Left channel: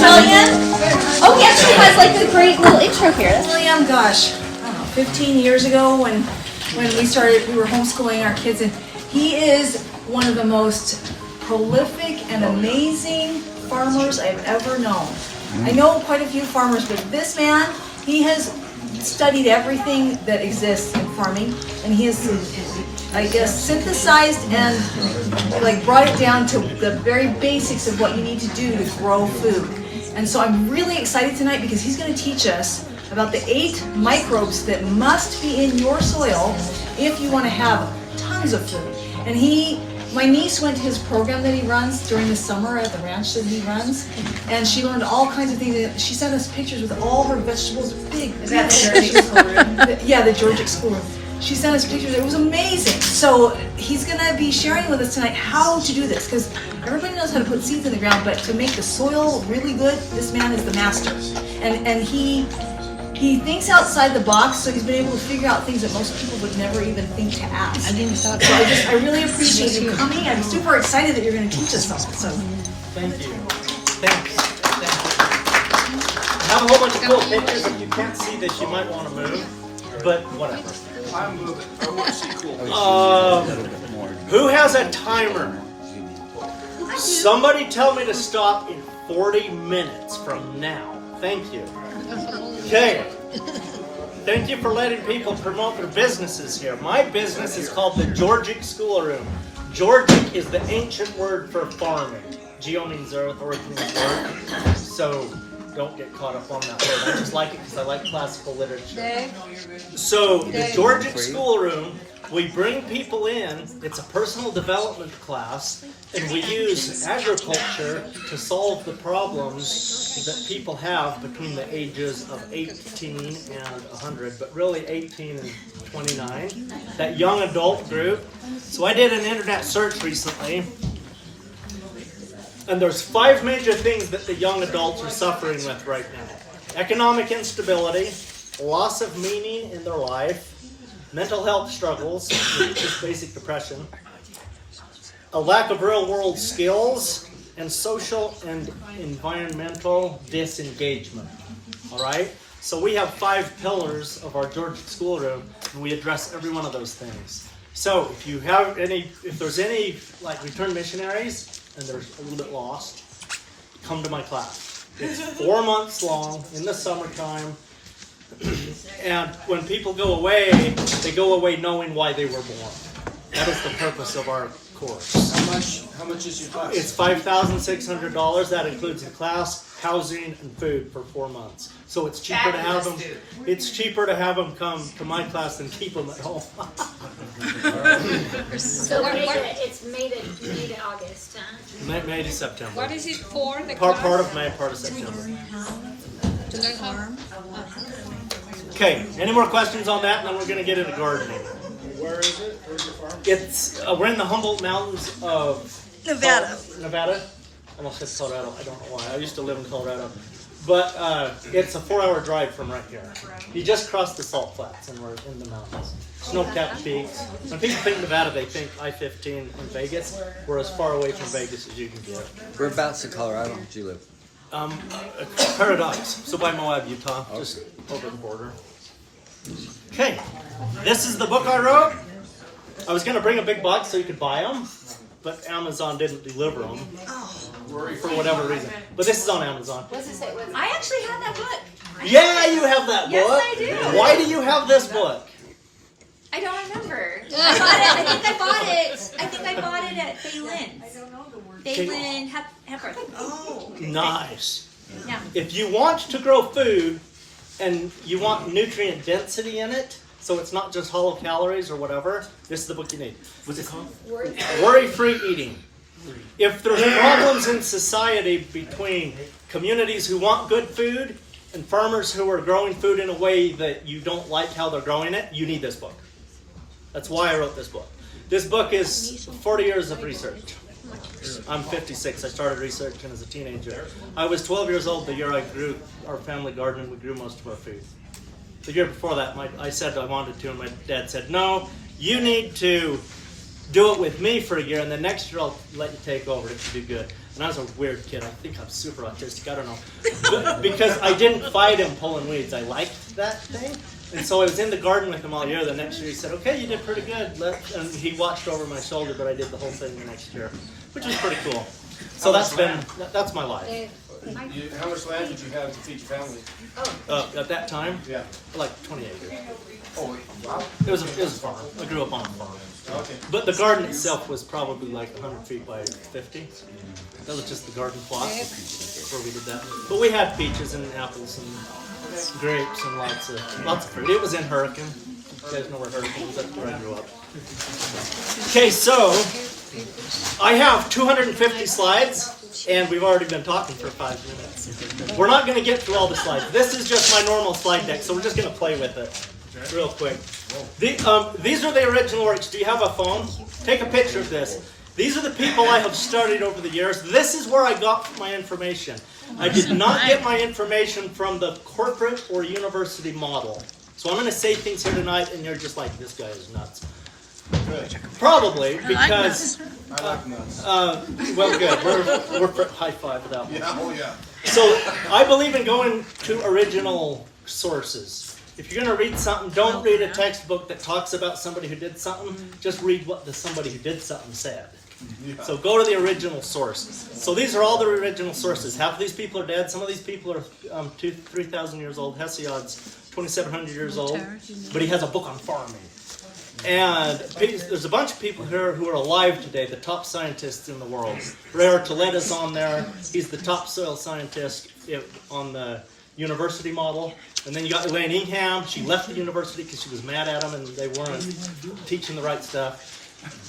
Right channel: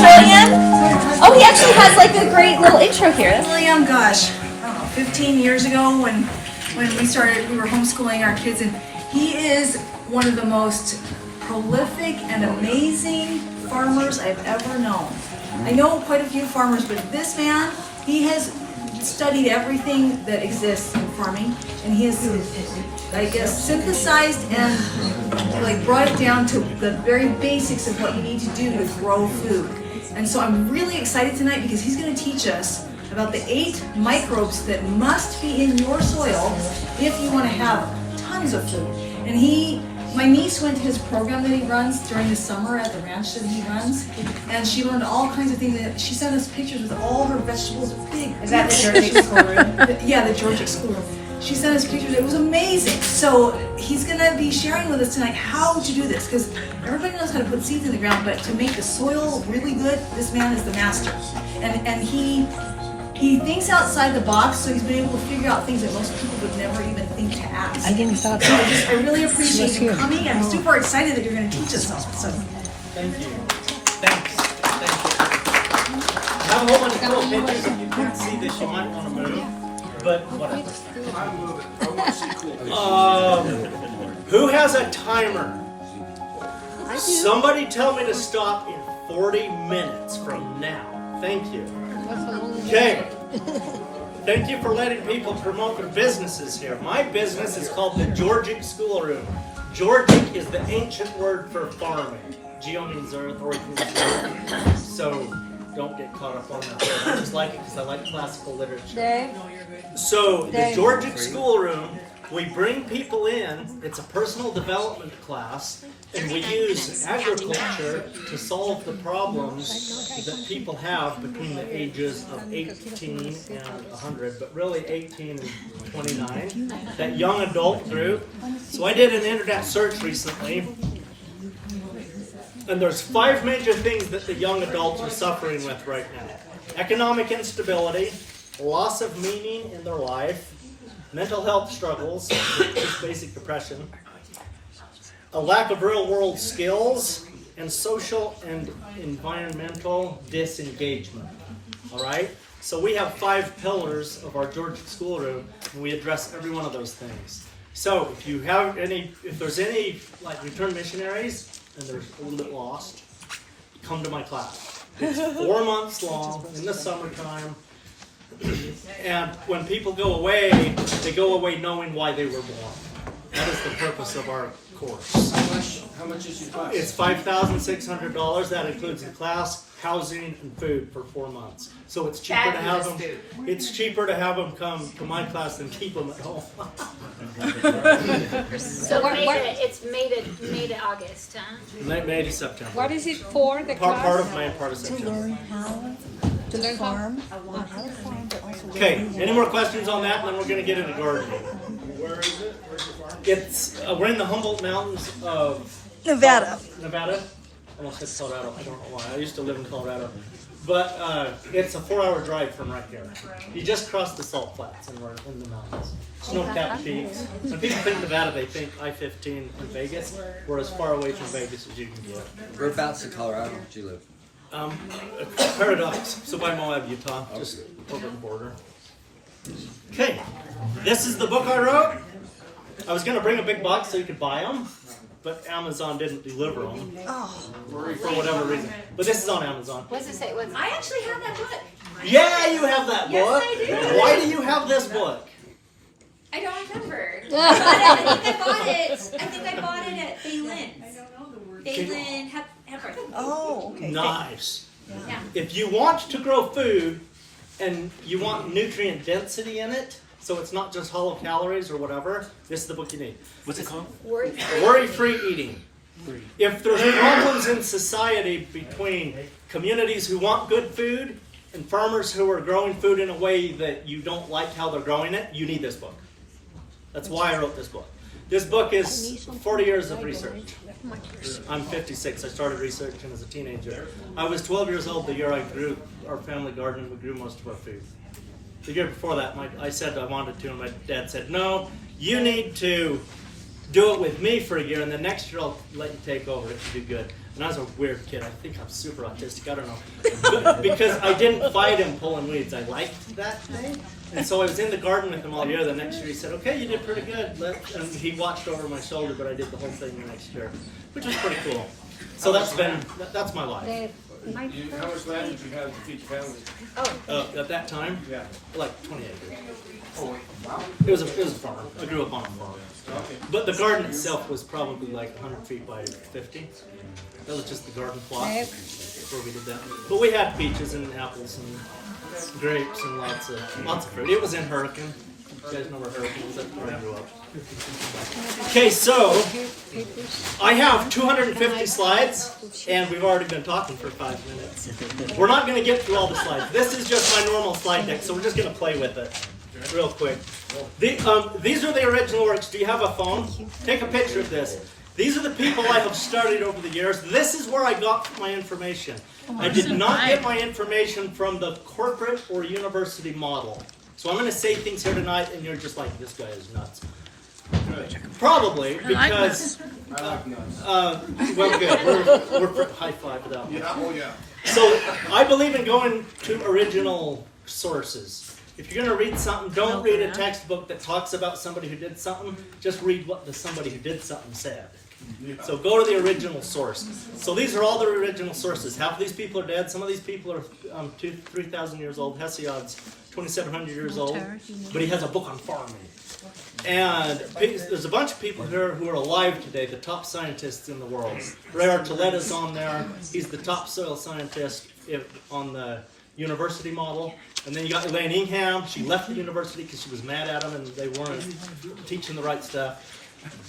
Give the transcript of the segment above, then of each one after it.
William? Oh, he actually has like the great little intro here. William, gosh, I don't know, 15 years ago when we were homeschooling our kids, and he is one of the most prolific and amazing farmers I've ever known. I know quite a few farmers, but this man, he has studied everything that exists in farming, and he has, I guess, synthesized and like brought it down to the very basics of what you need to do to grow food. And so I'm really excited tonight because he's going to teach us about the 8 microbes that must be in your soil if you want to have tons of food. And my niece went to his program that he runs during the summer at the ranch that he runs, and she learned all kinds of things. She sent us pictures with all her vegetables, big. Is that the Georgic schoolroom? Yeah, the Georgic schoolroom. She sent us pictures. It was amazing. So he's going to be sharing with us tonight how to do this, because everybody knows how to put seeds in the ground, but to make the soil really good, this man is the master. And he thinks outside the box, so he's been able to figure out things that most people would never even think to ask. So I really appreciate you coming. I'm super excited that you're going to teach us something. So thank you. Thanks. Thank you. I have a whole bunch of cool pictures that you can't see that you might want to move, but whatever. I'm moving. I want to see cool pictures. Who has a timer? Somebody tell me to stop in 40 minutes from now. Thank you. Okay. Thank you for letting people promote their businesses here. My business is called the Georgic Schoolroom. Georgic is the ancient word for farming. Geo means earth, org means earth. So don't get caught up on that word. I just like it because I like classical literature. So the Georgic Schoolroom, we bring people in. It's a personal development class, and we use agriculture to solve the problems that people have between the ages of 18 and 100, but really 18 and 29, that young adult group. So I did an internet search recently, and there's 5 major things that the young adults are suffering with right now. Economic instability, loss of meaning in their life, mental health struggles, just basic depression, a lack of real-world skills, and social and environmental disengagement. All right? So we have 5 pillars of our Georgic Schoolroom, and we address every one of those things. So if there's any like returned missionaries and they're a little bit lost, come to my class. It's 4 months long in the summertime. And when people go away, they go away knowing why they were born. That is the purpose of our course. How much is your class? It's $5,600. That includes the class, housing, and food for 4 months. So it's cheaper to have them. It's cheaper to have them come to my class than keep them at home. So it's May to August, huh? May to September. What is it for? The Part of May, part of September. To learn how? Okay, any more questions on that? And then we're going to get into gardening. Where is it? Where's your farm? It's we're in the Humboldt Mountains of Nevada. Nevada? I almost said Colorado. I don't know why. I used to live in Colorado. But it's a 4-hour drive from right here. You just cross the salt flats and we're in the mountains. Snow-capped peaks. When people think Nevada, they think I-15 and Vegas. We're as far away from Vegas as you can get. Whereabouts in Colorado do you live? Paradise. So by Moab, Utah. Just over the border. Okay. This is the book I wrote. I was going to bring a big box so you could buy them, but Amazon didn't deliver them for whatever reason. But this is on Amazon. What's it say? I actually have that book. Yeah, you have that book. Yes, I do. Why do you have this book? I don't remember. I think I bought it at Baylin's. Baylin Hepburn. Oh. Okay. Nice. Yeah. If you want to grow food and you want nutrient density in it, so it's not just hollow calories or whatever, this is the book you need. Worry-free eating. If there's problems in society between communities who want good food and farmers who are growing food in a way that you don't like how they're growing it, you need this book. That's why I wrote this book. This book is 40 years of research. I'm 56. I started researching as a teenager. I was 12 years old the year I grew our family garden and we grew most of our food. The year before that, I said I wanted to, and my dad said, no, you need to do it with me for a year, and the next year I'll let you take over. It should be good. And I was a weird kid. I think I'm super autistic. I don't know. Because I didn't fight him pulling weeds. I liked that thing. And so I was in the garden with him all year. The next year he said, okay, you did pretty good. And he watched over my shoulder, but I did the whole thing the next year, which was pretty cool. So that's my life. How much land did you have to feed your family? At that time, Yeah. like 20 acres. Oh, wow. It was a farm. I grew up on a farm. Okay. But the garden itself was probably like 100 feet by 50. That was just the garden plot where we did that. But we had peaches and apples and grapes and lots of fruit. It was in Hurricane. You guys know where Hurricane is? That's where I grew up. Okay, so I have 250 slides, and we've already been talking for 5 minutes. We're not going to get through all the slides. This is just my normal slide deck, so we're just going to play with it real quick. These are the original works. Do you have a phone? Take a picture of this. These are the people I have studied over the years. This is where I got my information. I did not get my information from the corporate or university model. So I'm going to say things here tonight, and you're just like, this guy is nuts. Probably, because... I like nuts. Well, good. We're high five for that one. Yeah, oh yeah. So I believe in going to original sources. If you're going to read something, don't read a textbook that talks about somebody who did something. Just read what somebody who did something said. So go to the original source. So these are all the original sources. Half of these people are dead. Some of these people are 3,000 years old. Hesiod's 2,700 years old. But he has a book on farming. And there's a bunch of people here who are alive today, the top scientists in the world. Ray Archuleta's on there. He's the top soil scientist on the university model. And then you got Elaine Ingham. She left the university because she was mad at them and they weren't teaching the right stuff.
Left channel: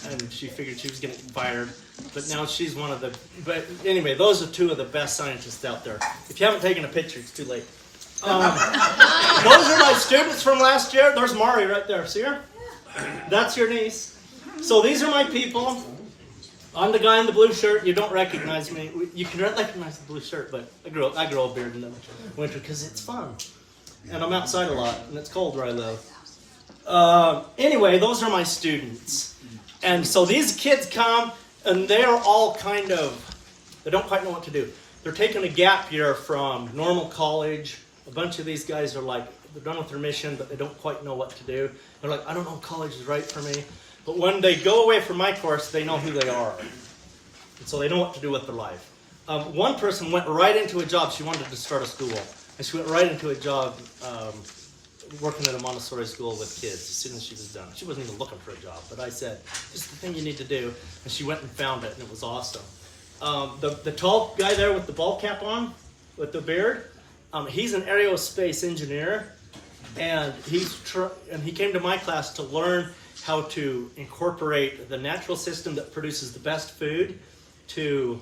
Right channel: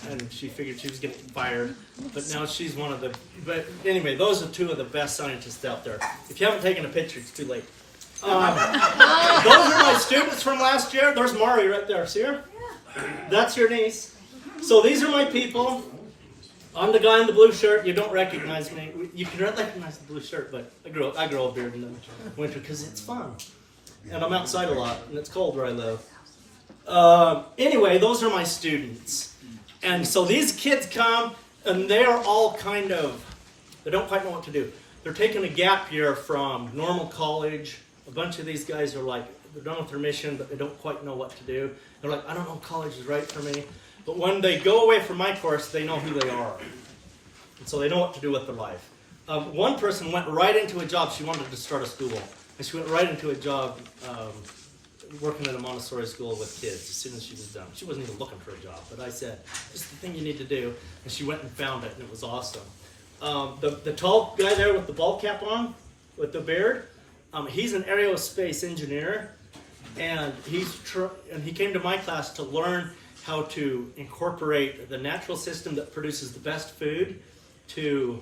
And she figured she was getting fired. But now she's one of the... But anyway, those are two of the best scientists out there. If you haven't taken a picture, it's too late. Those are my students from last year. There's Mari right there. See her? That's your niece. So these are my people. I'm the guy in the blue shirt. You don't recognize me. You can recognize the blue shirt, but I grow a beard in the winter because it's fun. And I'm outside a lot, and it's cold where I live. Anyway, those are my students. And so these kids come, and they're all kind of, they don't quite know what to do. They're taking a gap year from normal college. A bunch of these guys are like, they're done with their mission, but they don't quite know what to do. They're like, I don't know if college is right for me. But when they go away from my course, they know who they are. And so they know what to do with their life. One person went right into a job. She wanted to start a school. And she went right into a job working at a Montessori school with kids as soon as she was done. She wasn't even looking for a job. But I said, this is the thing you need to do. And she went and found it, and it was awesome. The tall guy there with the ball cap on, with the beard, he's an aerospace engineer. And he came to my class to learn how to incorporate the natural system that produces the best food to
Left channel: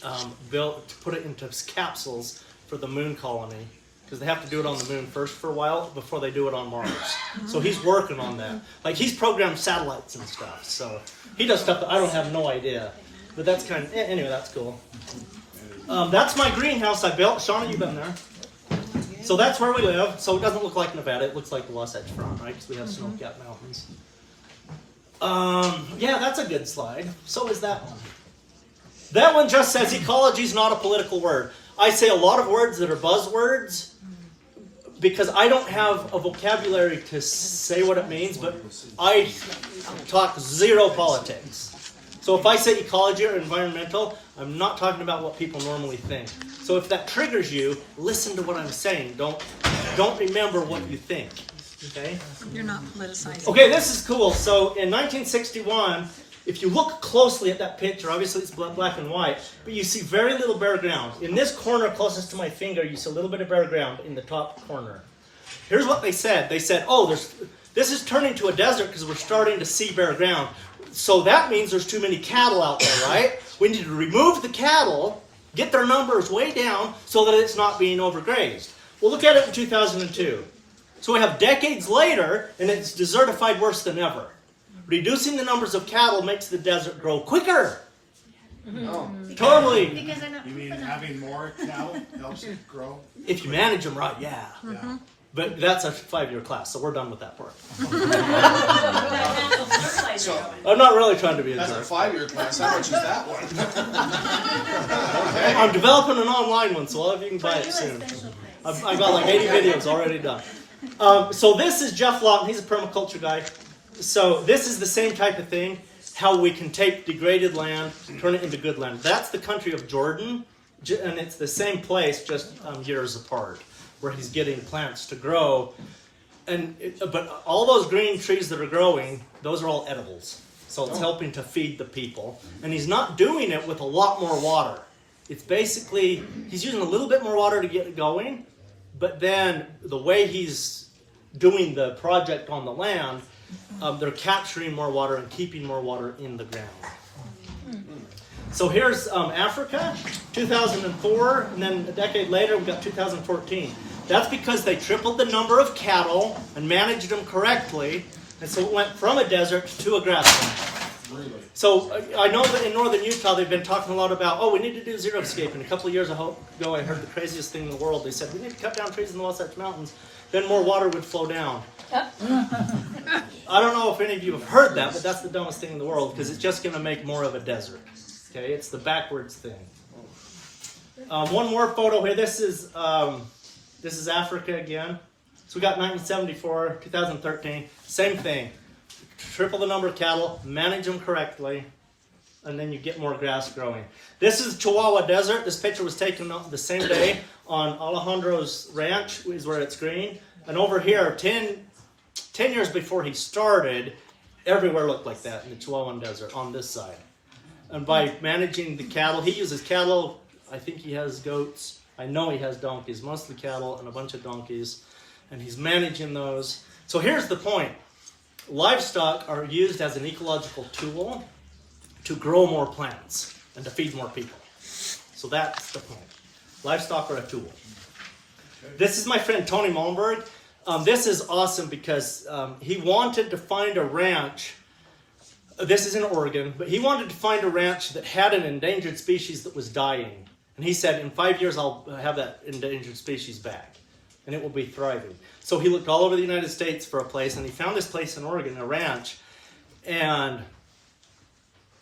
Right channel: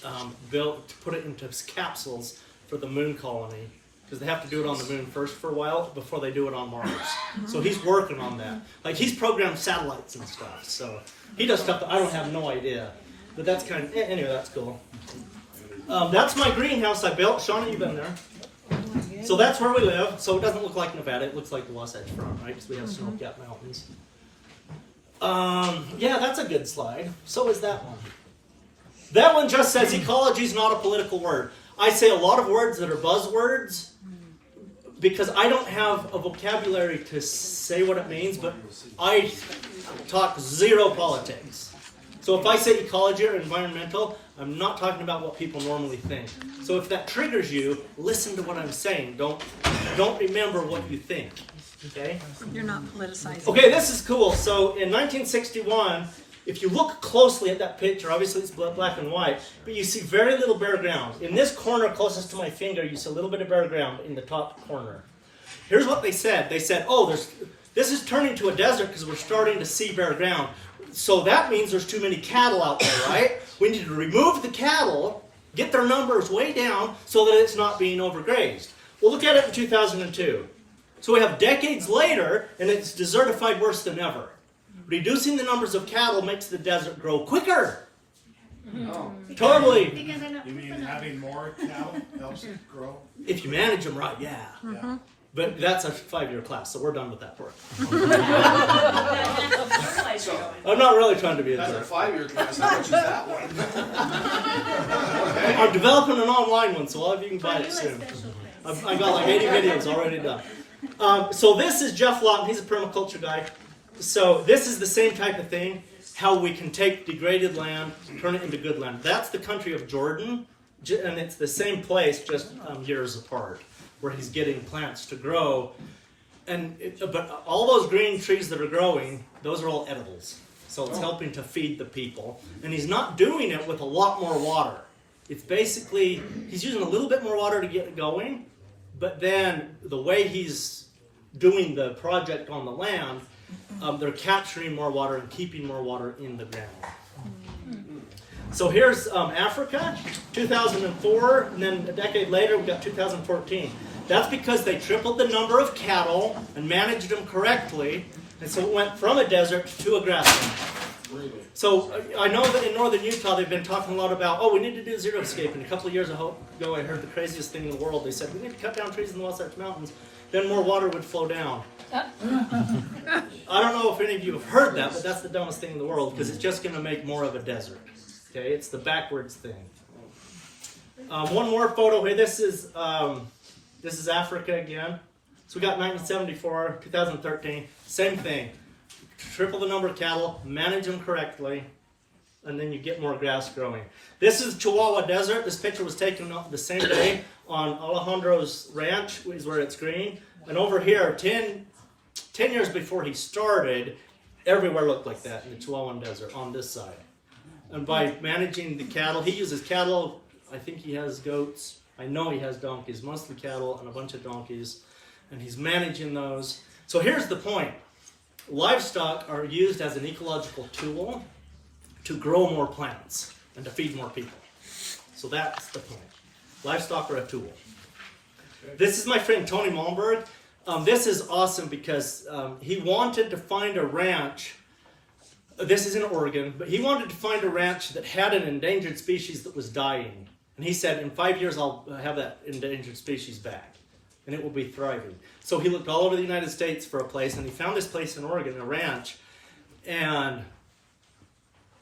put it into capsules for the moon colony, because they have to do it on the moon first for a while before they do it on Mars. So he's working on that. Like, he's programmed satellites and stuff. So he does stuff that I don't have no idea. But that's kind of, anyway, that's cool. That's my greenhouse I built. Shauna, you've been there. So that's where we live. So it doesn't look like Nevada. It looks like the Wasatch Front, right? Because we have snow-capped mountains. Yeah, that's a good slide. So is that one. That one just says ecology is not a political word. I say a lot of words that are buzzwords because I don't have a vocabulary to say what it means, but I talk zero politics. So if I say ecology or environmental, I'm not talking about what people normally think. So if that triggers you, listen to what I'm saying. Don't remember what you think. Okay? You're not politicizing. Okay, this is cool. So in 1961, if you look closely at that picture, obviously it's black and white, but you see very little bare ground. In this corner closest to my finger, you see a little bit of bare ground in the top corner. Here's what they said. They said, oh, this is turning to a desert because we're starting to see bare ground. So that means there's too many cattle out there, right? We need to remove the cattle, get their numbers way down so that it's not being overgrazed. Well, look at it in 2002. So we have decades later, and it's desertified worse than ever. Reducing the numbers of cattle makes the desert grow quicker. Oh. Totally. You mean having more cattle helps it grow? If you manage them right, yeah. But that's a 5-year class, so we're done with that work. So, I'm not really trying to be a that's a jerk. 5-year class. How much is that one? I'm developing an online one, so all of you can buy it soon. I've got like 80 videos already done. So this is Jeff Lawton. He's a permaculture guy. So this is the same type of thing, how we can take degraded land, turn it into good land. That's the country of Jordan, and it's the same place, just years apart, where he's getting plants to grow. But all those green trees that are growing, those are all edibles. So it's helping to feed the people. And he's not doing it with a lot more water. It's basically, he's using a little bit more water to get it going, but then the way he's doing the project on the land, they're capturing more water and keeping more water in the ground. So here's Africa, 2004, and then a decade later we've got 2014. That's because they tripled the number of cattle and managed them correctly, and so it went from a desert to a grassland. Really? So I know that in northern Utah they've been talking a lot about, we need to do xeriscape. And a couple of years ago I heard the craziest thing in the world. They said, we need to cut down trees in the Wasatch Mountains, then more water would flow down. I don't know if any of you have heard that, but that's the dumbest thing in the world, because it's just going to make more of a desert. Okay, it's the backwards thing. One more photo here. This is Africa again. So we got 1974, 2013, same thing. Triple the number of cattle, manage them correctly, and then you get more grass growing. This is Chihuahua Desert. This picture was taken the same day on Alejandro's ranch, is where it's green. And over here, 10 years before he started, everywhere looked like that in the Chihuahuan Desert on this side. And by managing the cattle, he uses cattle. I think he has goats. I know he has donkeys, mostly cattle and a bunch of donkeys. And he's managing those. So here's the point. Livestock are used as an ecological tool to grow more plants and to feed more people. So that's the point. Livestock are a tool. This is my friend Tony Malmberg. This is awesome because he wanted to find a ranch. This is in Oregon, but he wanted to find a ranch that had an endangered species that was dying. And he said, in 5 years, I'll have that endangered species back, and it will be thriving. So he looked all over the United States for a place, and he found this place in Oregon, a ranch, and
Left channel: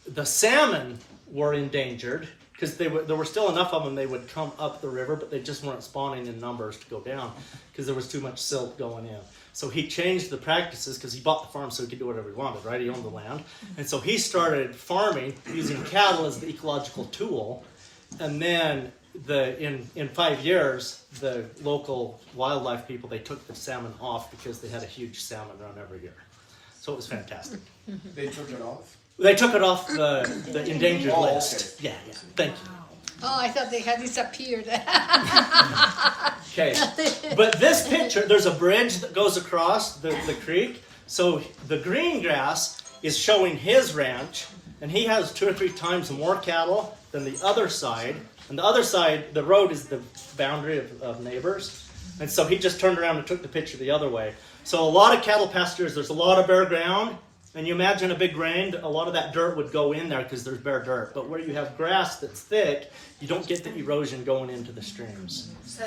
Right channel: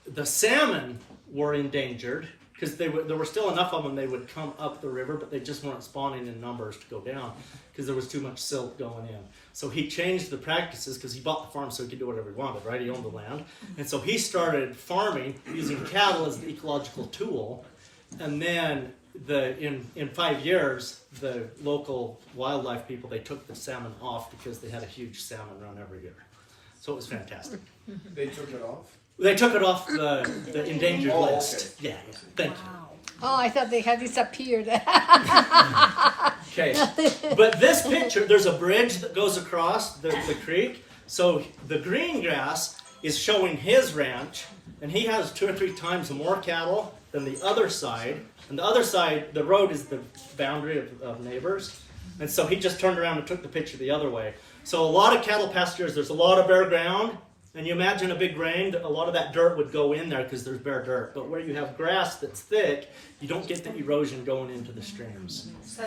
the salmon were endangered because there were still enough of them they would come up the river, but they just weren't spawning in numbers to go down because there was too much silt going in. So he changed the practices because he bought the farm so he could do whatever he wanted, right? He owned the land. And so he started farming using cattle as the ecological tool. And then in 5 years, the local wildlife people, they took the salmon off because they had a huge salmon run every year. So it was fantastic. They took it off? They took it off the endangered list. Okay. Yeah, thank you. Oh, I thought they had disappeared. Okay, but this picture, there's a bridge that goes across the creek. So the green grass is showing his ranch, and he has 2 or 3 times more cattle than the other side. And the other side, the road is the boundary of neighbors. And so he just turned around and took the picture the other way. So a lot of cattle pastures, there's a lot of bare ground. And you imagine a big rain, a lot of that dirt would go in there because there's bare dirt. But where you have grass that's thick, you don't get the erosion going into the streams. So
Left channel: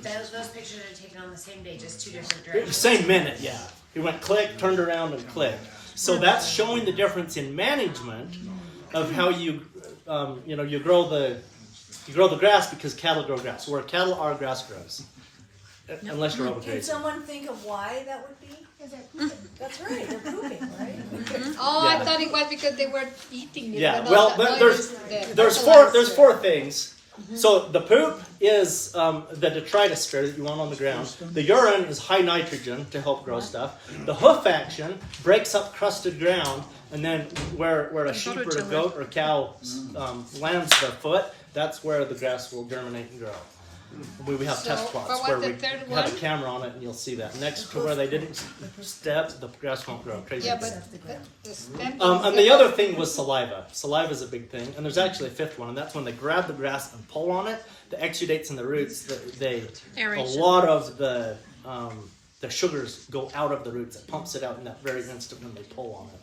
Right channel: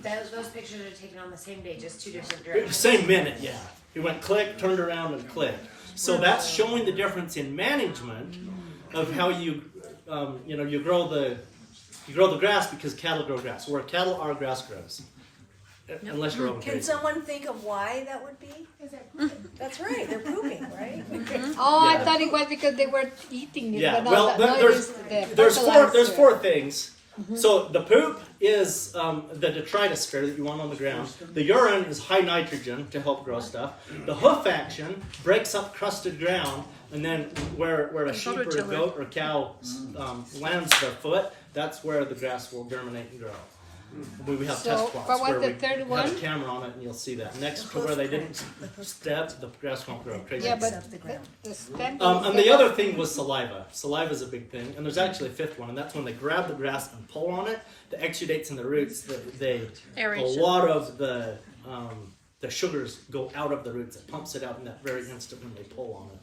those pictures are taken on the same day, just 2 different directions. Same minute, yeah. He went click, turned around, and clicked. So that's showing the difference in management of how you grow the grass because cattle grow grass. Where cattle are, grass grows. Unless you're Can overgrazing. someone think of why that would be? That's right, they're pooping, right? Oh, Yeah. I thought it was because they were eating it. Yeah, but well, not but the there's fertilizer. four things. So the poop is the detritus sphere that you want on the ground. The urine is high nitrogen to help grow stuff. The hoof action breaks up crusted ground, and then where a sheep or a goat or cow lands their foot, that's where the grass will germinate and grow. We have test So, plots what where was we the third have one? a camera on it, and you'll see that. Next to where they didn't step, the grass won't grow. Crazy. Yeah, but the stem And the other thing was saliva. Saliva is a big thing, and there's actually a 5th one, and that's when they grab the grass and pull on it. The exudates and the roots, a lot of the the sugars go out of the roots. It pumps it out in that very instant when they pull on it.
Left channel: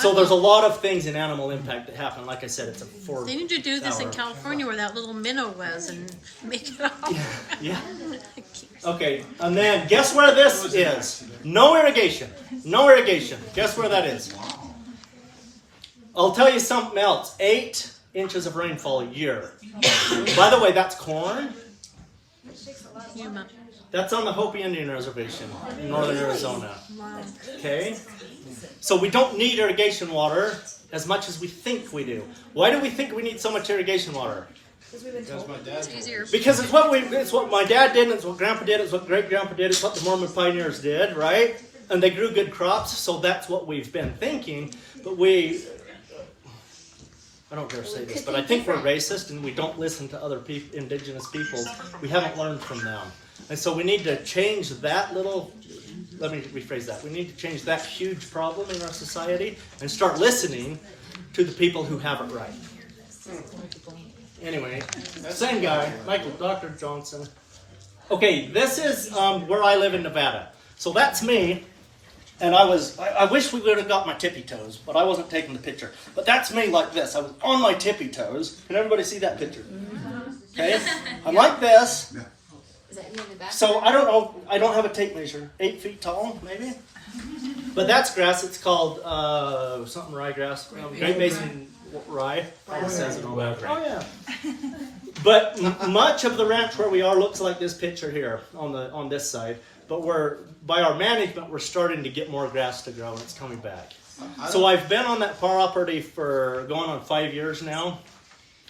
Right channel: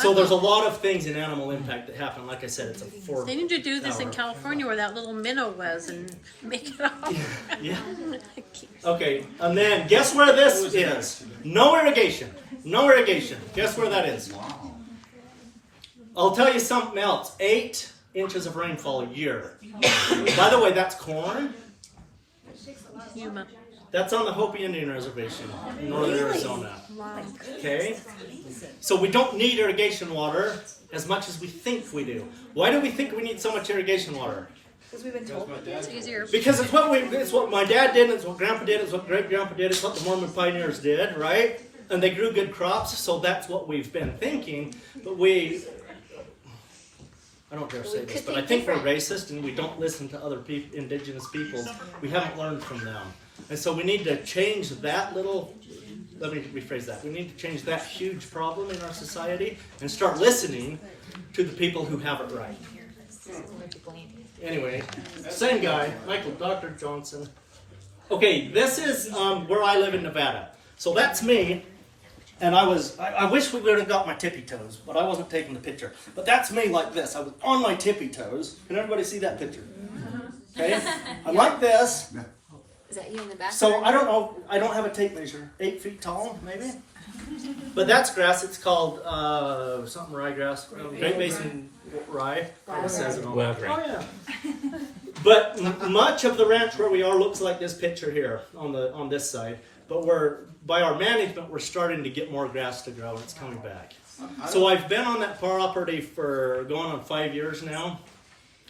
So there's a lot of things in animal impact that happen. Like I said, it's a 4 They need to do this in hour. California where that little minnow was and make it up. Yeah. Okay, and then guess where this is? No irrigation. No irrigation. Guess where that is? I'll tell you something else. 8 inches of rainfall a year. By the way, that's corn. Yuma. That's on the Hopi Indian Reservation in northern Arizona. Wow. Okay? So we don't need irrigation water as much as we think we do. Why do we think we need so much irrigation water? Because my dad. It's easier. Because it's what my dad did, it's what Grandpa did, it's what great-grandpa did, it's what the Mormon pioneers did, right? And they grew good crops, so that's what we've been thinking. But I don't dare say this, but I think we're racist and we don't listen to other indigenous peoples. We haven't learned from them. And so we need to change that let me rephrase that. We need to change that huge problem in our society and start listening to the people who have it right. Anyway, same guy, Dr. Johnson. Okay, this is where I live in Nevada. So that's me. And I wish we would have got my tippy toes, but I wasn't taking the picture. But that's me like this. I was on my tippy toes. Can everybody see that picture? Okay? I'm like this. Is that you in the back? So I don't know. I don't have a tape measure. 8 feet tall, maybe? But that's grass. It's called something ryegrass. Great Basin rye. Oh, it says it on there. Oh, yeah. But much of the ranch where we are looks like this picture here on this side. But by our management, we're starting to get more grass to grow, and it's coming back. So I've been on that property for going on 5 years now.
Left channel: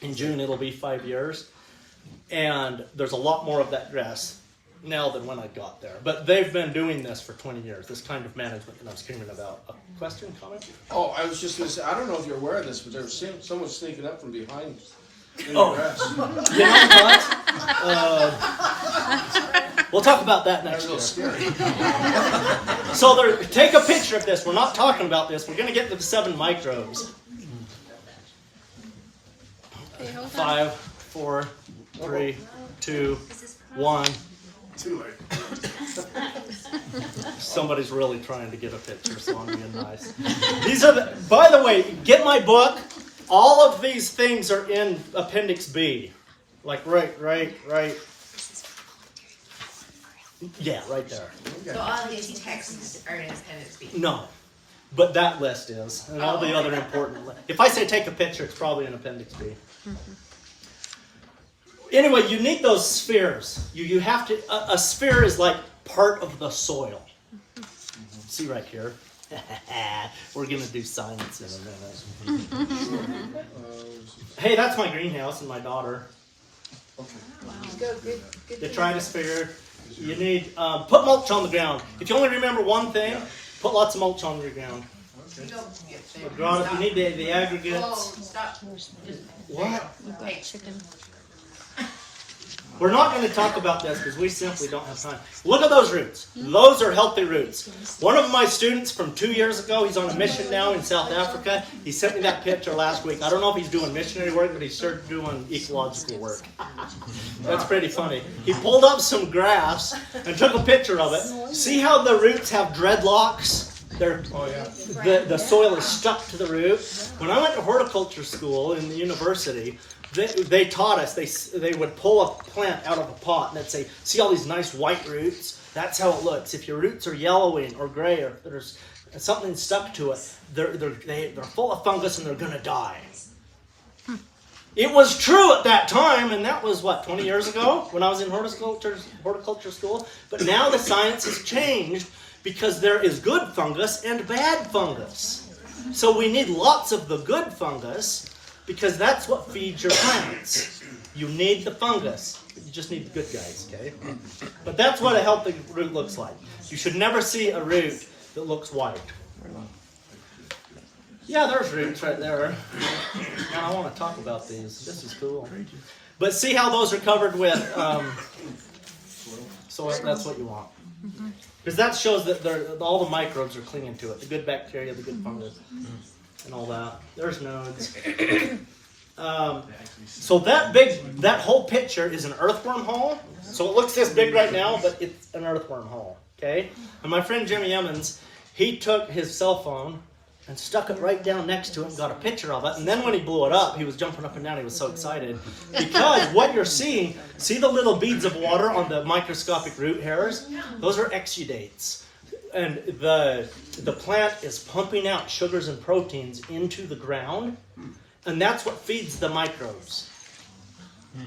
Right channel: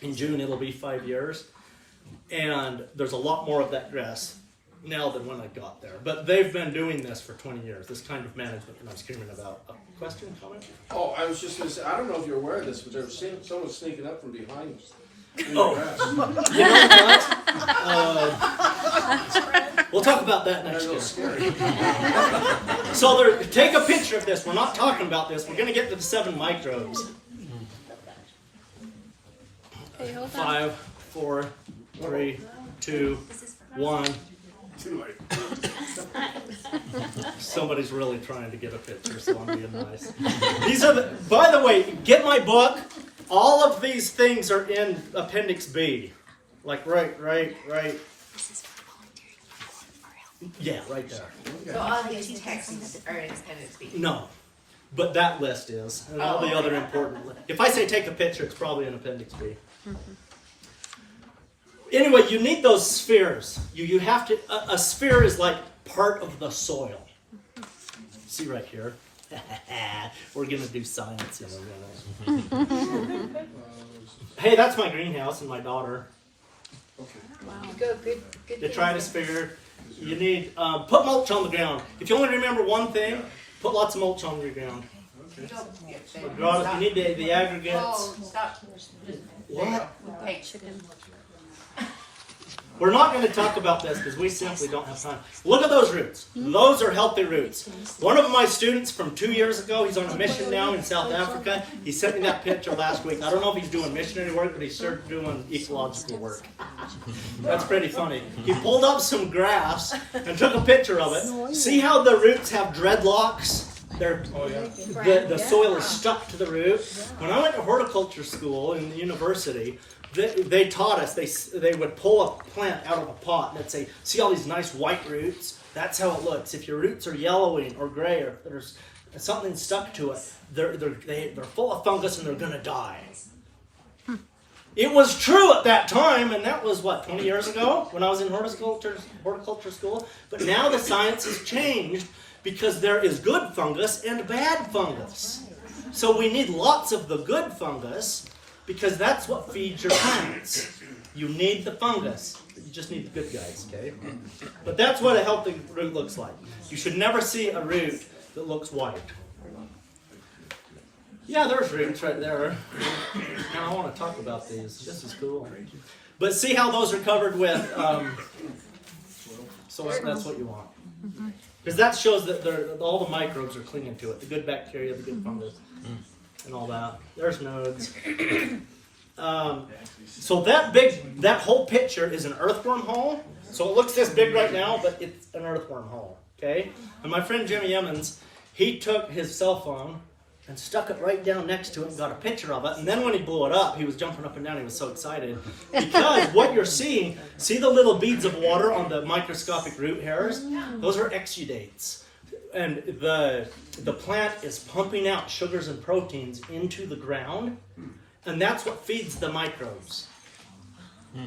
In June, it'll be 5 years. And there's a lot more of that grass now than when I got there. But they've been doing this for 20 years, this kind of management that I'm screaming about. A question, comment? Oh, I was just going to say, I don't know if you're aware of this, but there was someone sneaking up from behind us. Oh. You know what? We'll talk about that next year. So take a picture of this. We're not talking about this. We're going to get to the 7 microbes. Hey, hold on. 5, 4, 3, 2, 1. Too late. Somebody's really trying to get a picture, so I'm being nice. These are by the way, get my book. All of these things are in Appendix B. Like right. Yeah, right there. So all his texts are in Appendix B. No, but that list is, and all the other important lists. If I say take a picture, it's probably in Appendix B. Anyway, you need those spheres. You have to. A sphere is like part of the soil. See right here. We're gonna do science in a minute. Hey, that's my greenhouse and my daughter. Wow. Good. The tritosphere. You need put mulch on the ground. If you only remember one thing, put lots of mulch on the ground. But you need the aggregates. Oh, stop. What? Chicken. We're not going to talk about this because we simply don't have time. Look at those roots. Those are healthy roots. One of my students from 2 years ago, he's on a mission now in South Africa. He sent me that picture last week. I don't know if he's doing missionary work, but he's sure doing ecological work. That's pretty funny. He pulled up some grass and took a picture of it. See how the roots have dreadlocks? The soil is stuck to the root. When I went to horticulture school in the university, they taught us, they would pull a plant out of a pot and they'd say, see all these nice white roots? That's how it looks. If your roots are yellowing or gray or there's something stuck to it, they're full of fungus and they're going to die. It was true at that time, and that was, 20 years ago when I was in horticulture school? But now the science has changed because there is good fungus and bad fungus. So we need lots of the good fungus because that's what feeds your plants. You need the fungus. You just need the good guys, okay? But that's what a healthy root looks like. You should never see a root that looks white. Yeah, there's roots right there. And I want to talk about these. This is cool. But see how those are covered with soil? That's what you want. Because that shows that all the microbes are clinging to it. The good bacteria, the good fungus, and all that. There's nodes. So that whole picture is an earthworm hole. So it looks this big right now, but it's an earthworm hole. Okay? And my friend Jimmy Emmons, he took his cell phone and stuck it right down next to it and got a picture of it. And then when he blew it up, he was jumping up and down. He was so excited. Because what you're seeing, see the little beads of water on the microscopic root hairs? Those are exudates. And the plant is pumping out sugars and proteins into the ground. And that's what feeds the microbes.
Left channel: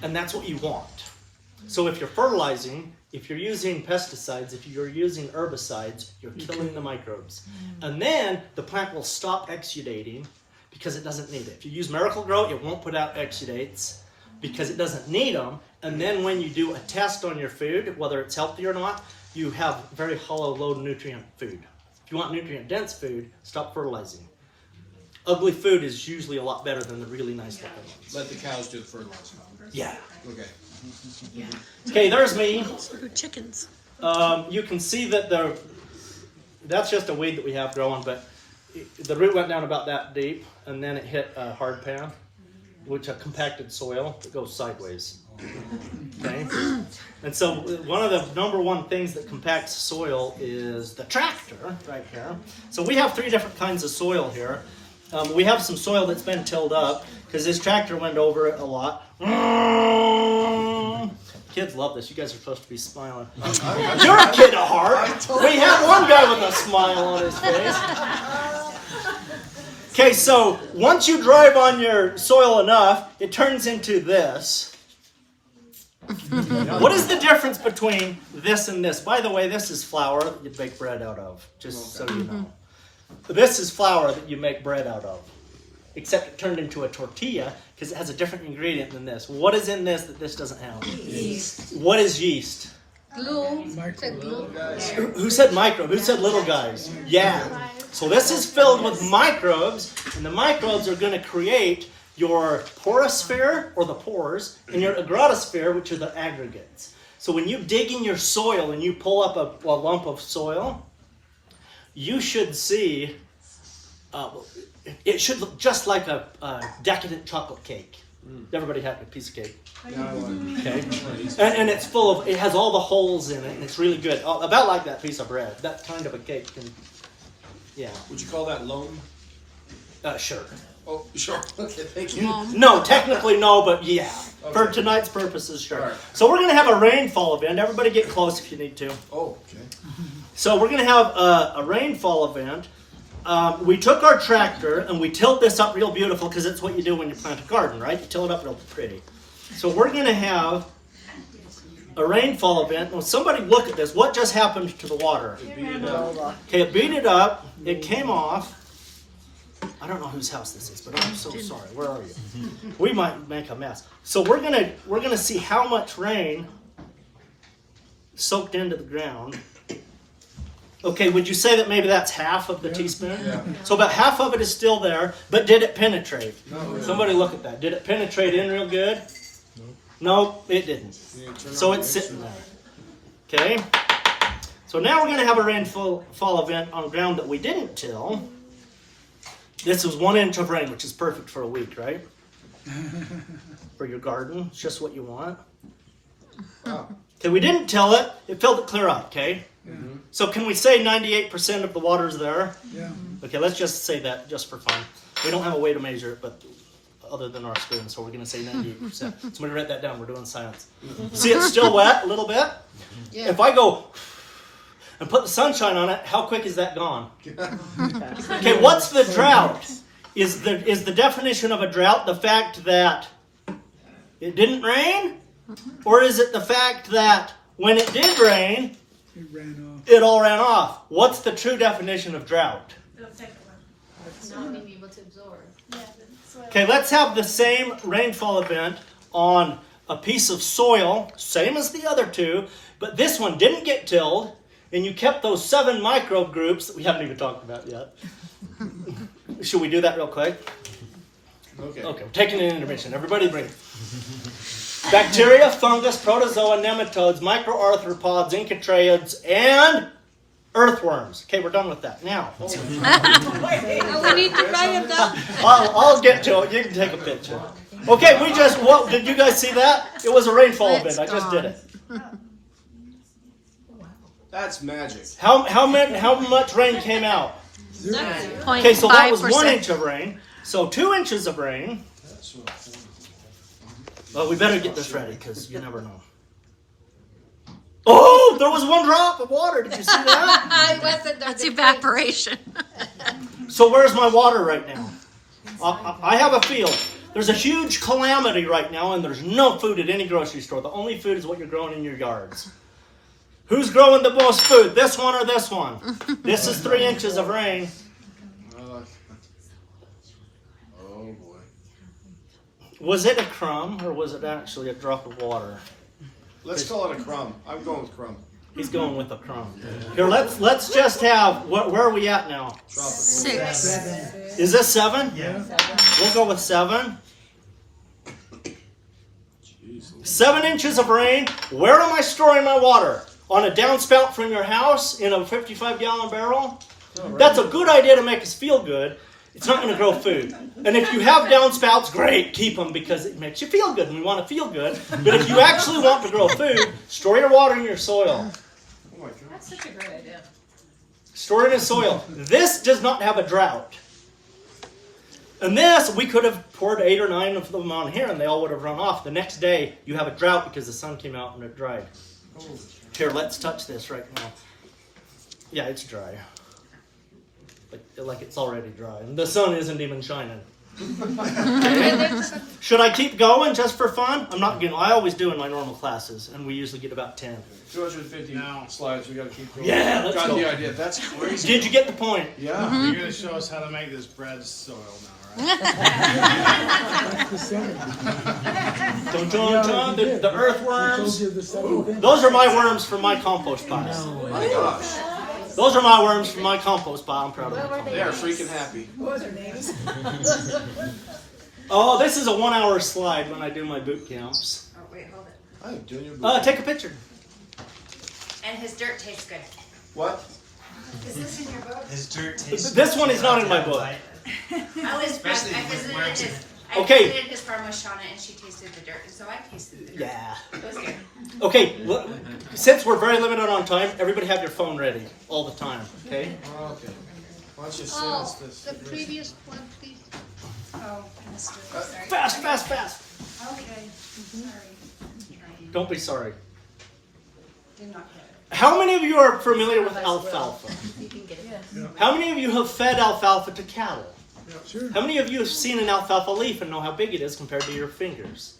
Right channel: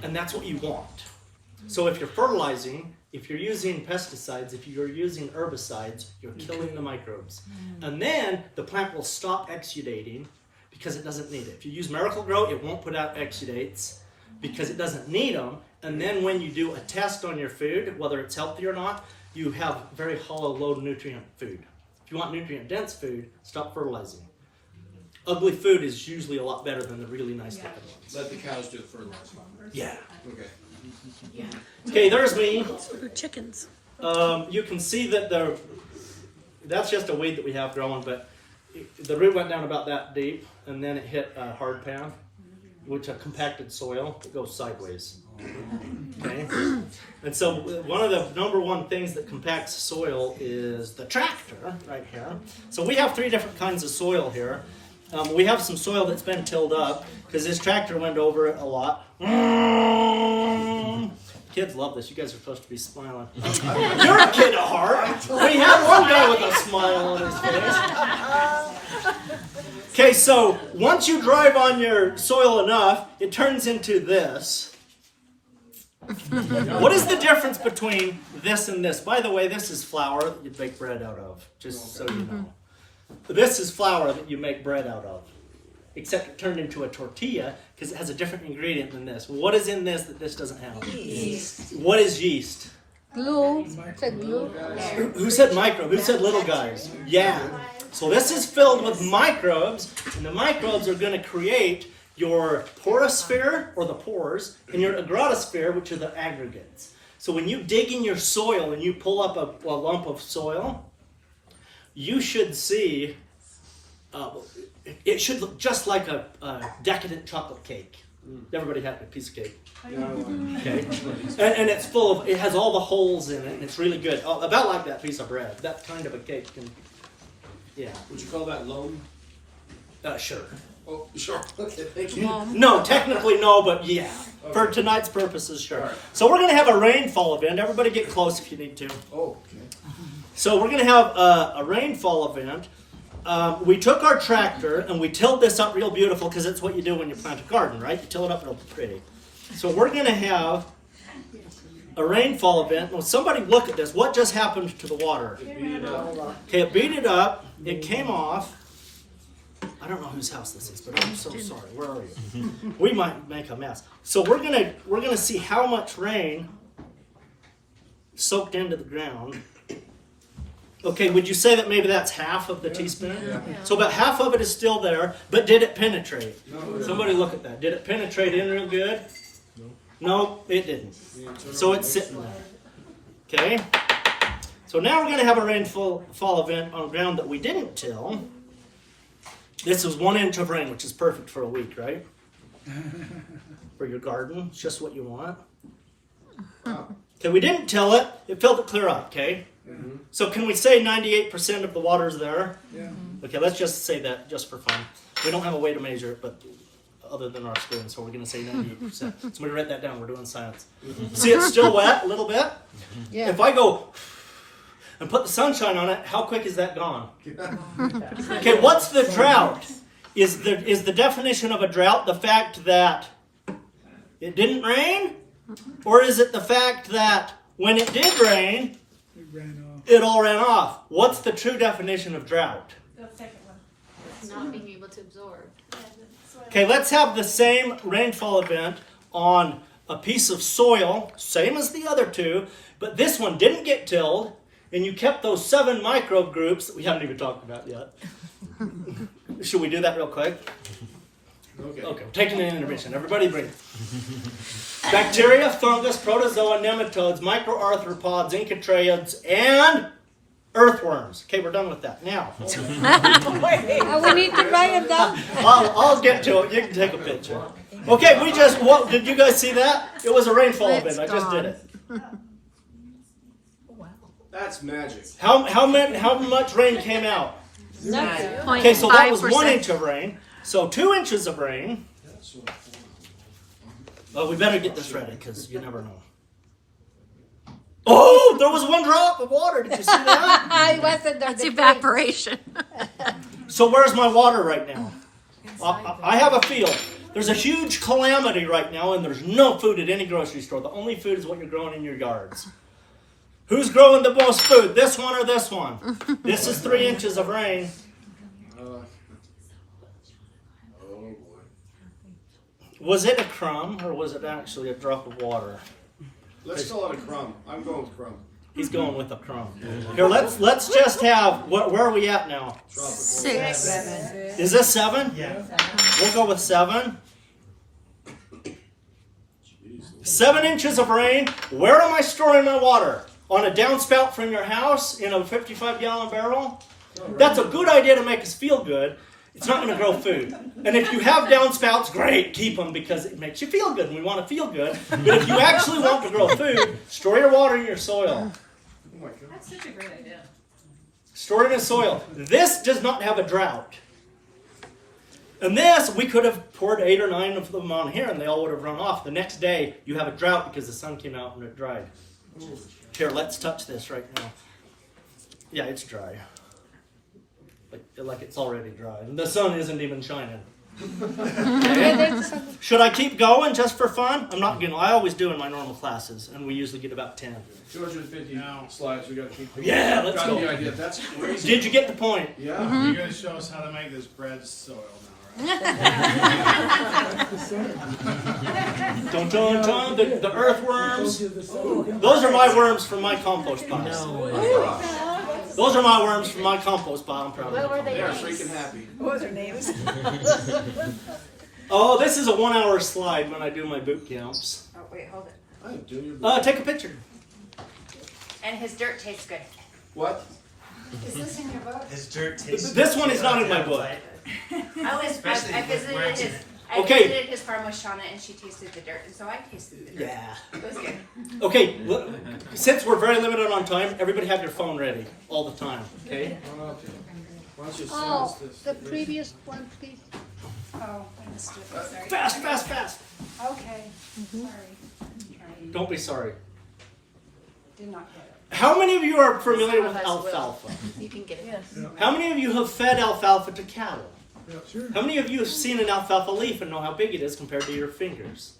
And that's what you want. So if you're fertilizing, if you're using pesticides, if you're using herbicides, you're killing the microbes. And then the plant will stop exudating because it doesn't need it. If you use Miracle-Gro, it won't put out exudates because it doesn't need them. And then when you do a test on your food, whether it's healthy or not, you have very hollow, low nutrient food. If you want nutrient-dense food, stop fertilizing. Ugly food is usually a lot better than the really nice looking ones. Let the cows do the fertilizing. Yeah. Okay. Okay, there's me. So do chickens. You can see that that's just a weed that we have growing, but the root went down about that deep, and then it hit a hard pan, which a compacted soil that goes sideways. Okay? And so one of the number one things that compacts soil is the tractor right here. So we have 3 different kinds of soil here. We have some soil that's been tilled up because this tractor went over it a lot. Kids love this. You guys are supposed to be smiling. You're a kid at heart. We have one guy with a smile on his face. Okay, so once you drive on your soil enough, it turns into this. What is the difference between this and this? By the way, this is flour that you bake bread out of, just so you know. This is flour that you make bread out of, except it turned into a tortilla because it has a different ingredient than this. What is in this that this doesn't have? Yeast. What is yeast? Glue. Glue. Who said microbe? Who said little guys? Yeah. So this is filled with microbes, and the microbes are going to create your porosphere, or the pores, and your agrotosphere, which are the aggregates. So when you dig in your soil and you pull up a lump of soil, you should see, it should look just like a decadent chocolate cake. Everybody had a piece of cake. Okay. And it's full of, it has all the holes in it, and it's really good. Oh, about like that piece of bread. That kind of a cake. Yeah. Would you call that loam? Sure. Oh, sure. Okay, thank you. No, technically no, but yeah. Okay. For tonight's purposes, sure. Right. So we're going to have a rainfall event. Everybody get close if you need to. Oh, okay. So we're going to have a rainfall event. We took our tractor and we tilled this up real beautiful because it's what you do when you plant a garden, right? You till it up real pretty. So we're going to have a rainfall event. Well, somebody look at this. What just happened to the water? It beat it up. Okay, it beat it up. It came off. I don't know whose house this is, but I'm so sorry. Where are you? We might make a mess. So we're gonna see how much rain soaked into the ground. Okay, would you say that maybe that's half of the teaspoon? Yeah. So about half of it is still there, but did it penetrate? No. Somebody look at that. Did it penetrate in real good? No, it didn't. So it's sitting there. Okay? So now we're going to have a rainfall event on ground that we didn't till. This is 1 inch of rain, which is perfect for a week, right? For your garden. It's just what you want. Okay, we didn't till it. It filled it clear up, okay? Mm-hmm. So can we say 98% of the water's there? Yeah. Okay, let's just say that just for fun. We don't have a way to measure it, but other than our spoon, so we're going to say 98%. Somebody write that down. We're doing science. See, it's still wet a little bit. Yeah. If I go and put the sunshine on it, how quick is that gone? Okay, what's the drought? Is the definition of a drought the fact that it didn't rain? Or is it the fact that when it did rain, it all ran off? What's the true definition of drought? Not being able to absorb. Okay, let's have the same rainfall event on a piece of soil, same as the other two, but this one didn't get tilled, and you kept those 7 microbe groups that we haven't even talked about yet. Should we do that real quick? Okay, we're taking an intermission. Everybody breathe. Bacteria, fungus, protozoa, nematodes, microarthropods, encotraids, and earthworms. Okay, we're done with that. Now. We need to write it down. I'll get to it. You can take a picture. Okay, did you guys see that? It was a rainfall event. I just did it. That's magic. How much rain came out? Okay, so that was 1 inch of rain. So 2 inches of rain. Well, we better get this ready because you never know. Oh, there was 1 drop of water. Did you see that? That's evaporation. So where's my water right now? I have a field. There's a huge calamity right now, and there's no food at any grocery store. The only food is what you're growing in your yards. Who's growing the most food? This one or this one? This is 3 inches of rain. Oh boy. Was it a crumb or was it actually a drop of water? Let's call it a crumb. I'm going with crumb. He's going with a crumb. Here, let's just have. Where are we at now? 6. Is this 7? Yeah. We'll go with 7. 7 inches of rain. Where am I storing my water? On a downspout from your house in a 55-gallon barrel? That's a good idea to make us feel good. It's not going to grow food. And if you have downspouts, great, keep them because it makes you feel good and we want to feel good. But if you actually want to grow food, store your water in your soil. That's such a great idea. Store it in soil. This does not have a drought. And this, we could have poured 8 or 9 of them on here and they all would have run off. The next day, you have a drought because the sun came out and it dried. Here, let's touch this right now. Yeah, it's dry. Like it's already dry. And the sun isn't even shining. Okay. Should I keep going just for fun? I'm not going to. I always do in my normal classes, and we usually get about 10. 250 slides. We got to keep going. Yeah, let's got go. the idea. That's crazy. Did you get the point? Yeah. You're going to show us how to make this bread soil now, right? Dun, dun, dun, the earthworms. Those are my worms from my compost pile. Oh my gosh. Those are my worms from my compost pile. I'm proud of them. They're freaking happy. What was their names? Oh, this is a 1-hour slide when I do my boot camps. Oh, wait, hold it. I am doing your book. Take a picture. And his dirt tastes good. What? Is this in your book? His dirt tastes This one is not in my book. I visited Okay. his farm with Shauna and she tasted the dirt, and so I tasted the dirt. Yeah. It was good. Okay, since we're very limited on time, everybody have your phone ready all the time, okay? Okay. Why don't you send Oh, us this? the previous one, please. Oh, I missed it. Sorry. Fast, fast, fast. Okay. Sorry. Don't be sorry. Did not get it. How many of you are familiar with alfalfa? You can get it. How many of you have fed alfalfa to cattle? How many of you have seen an alfalfa leaf and know how big it is compared to your fingers?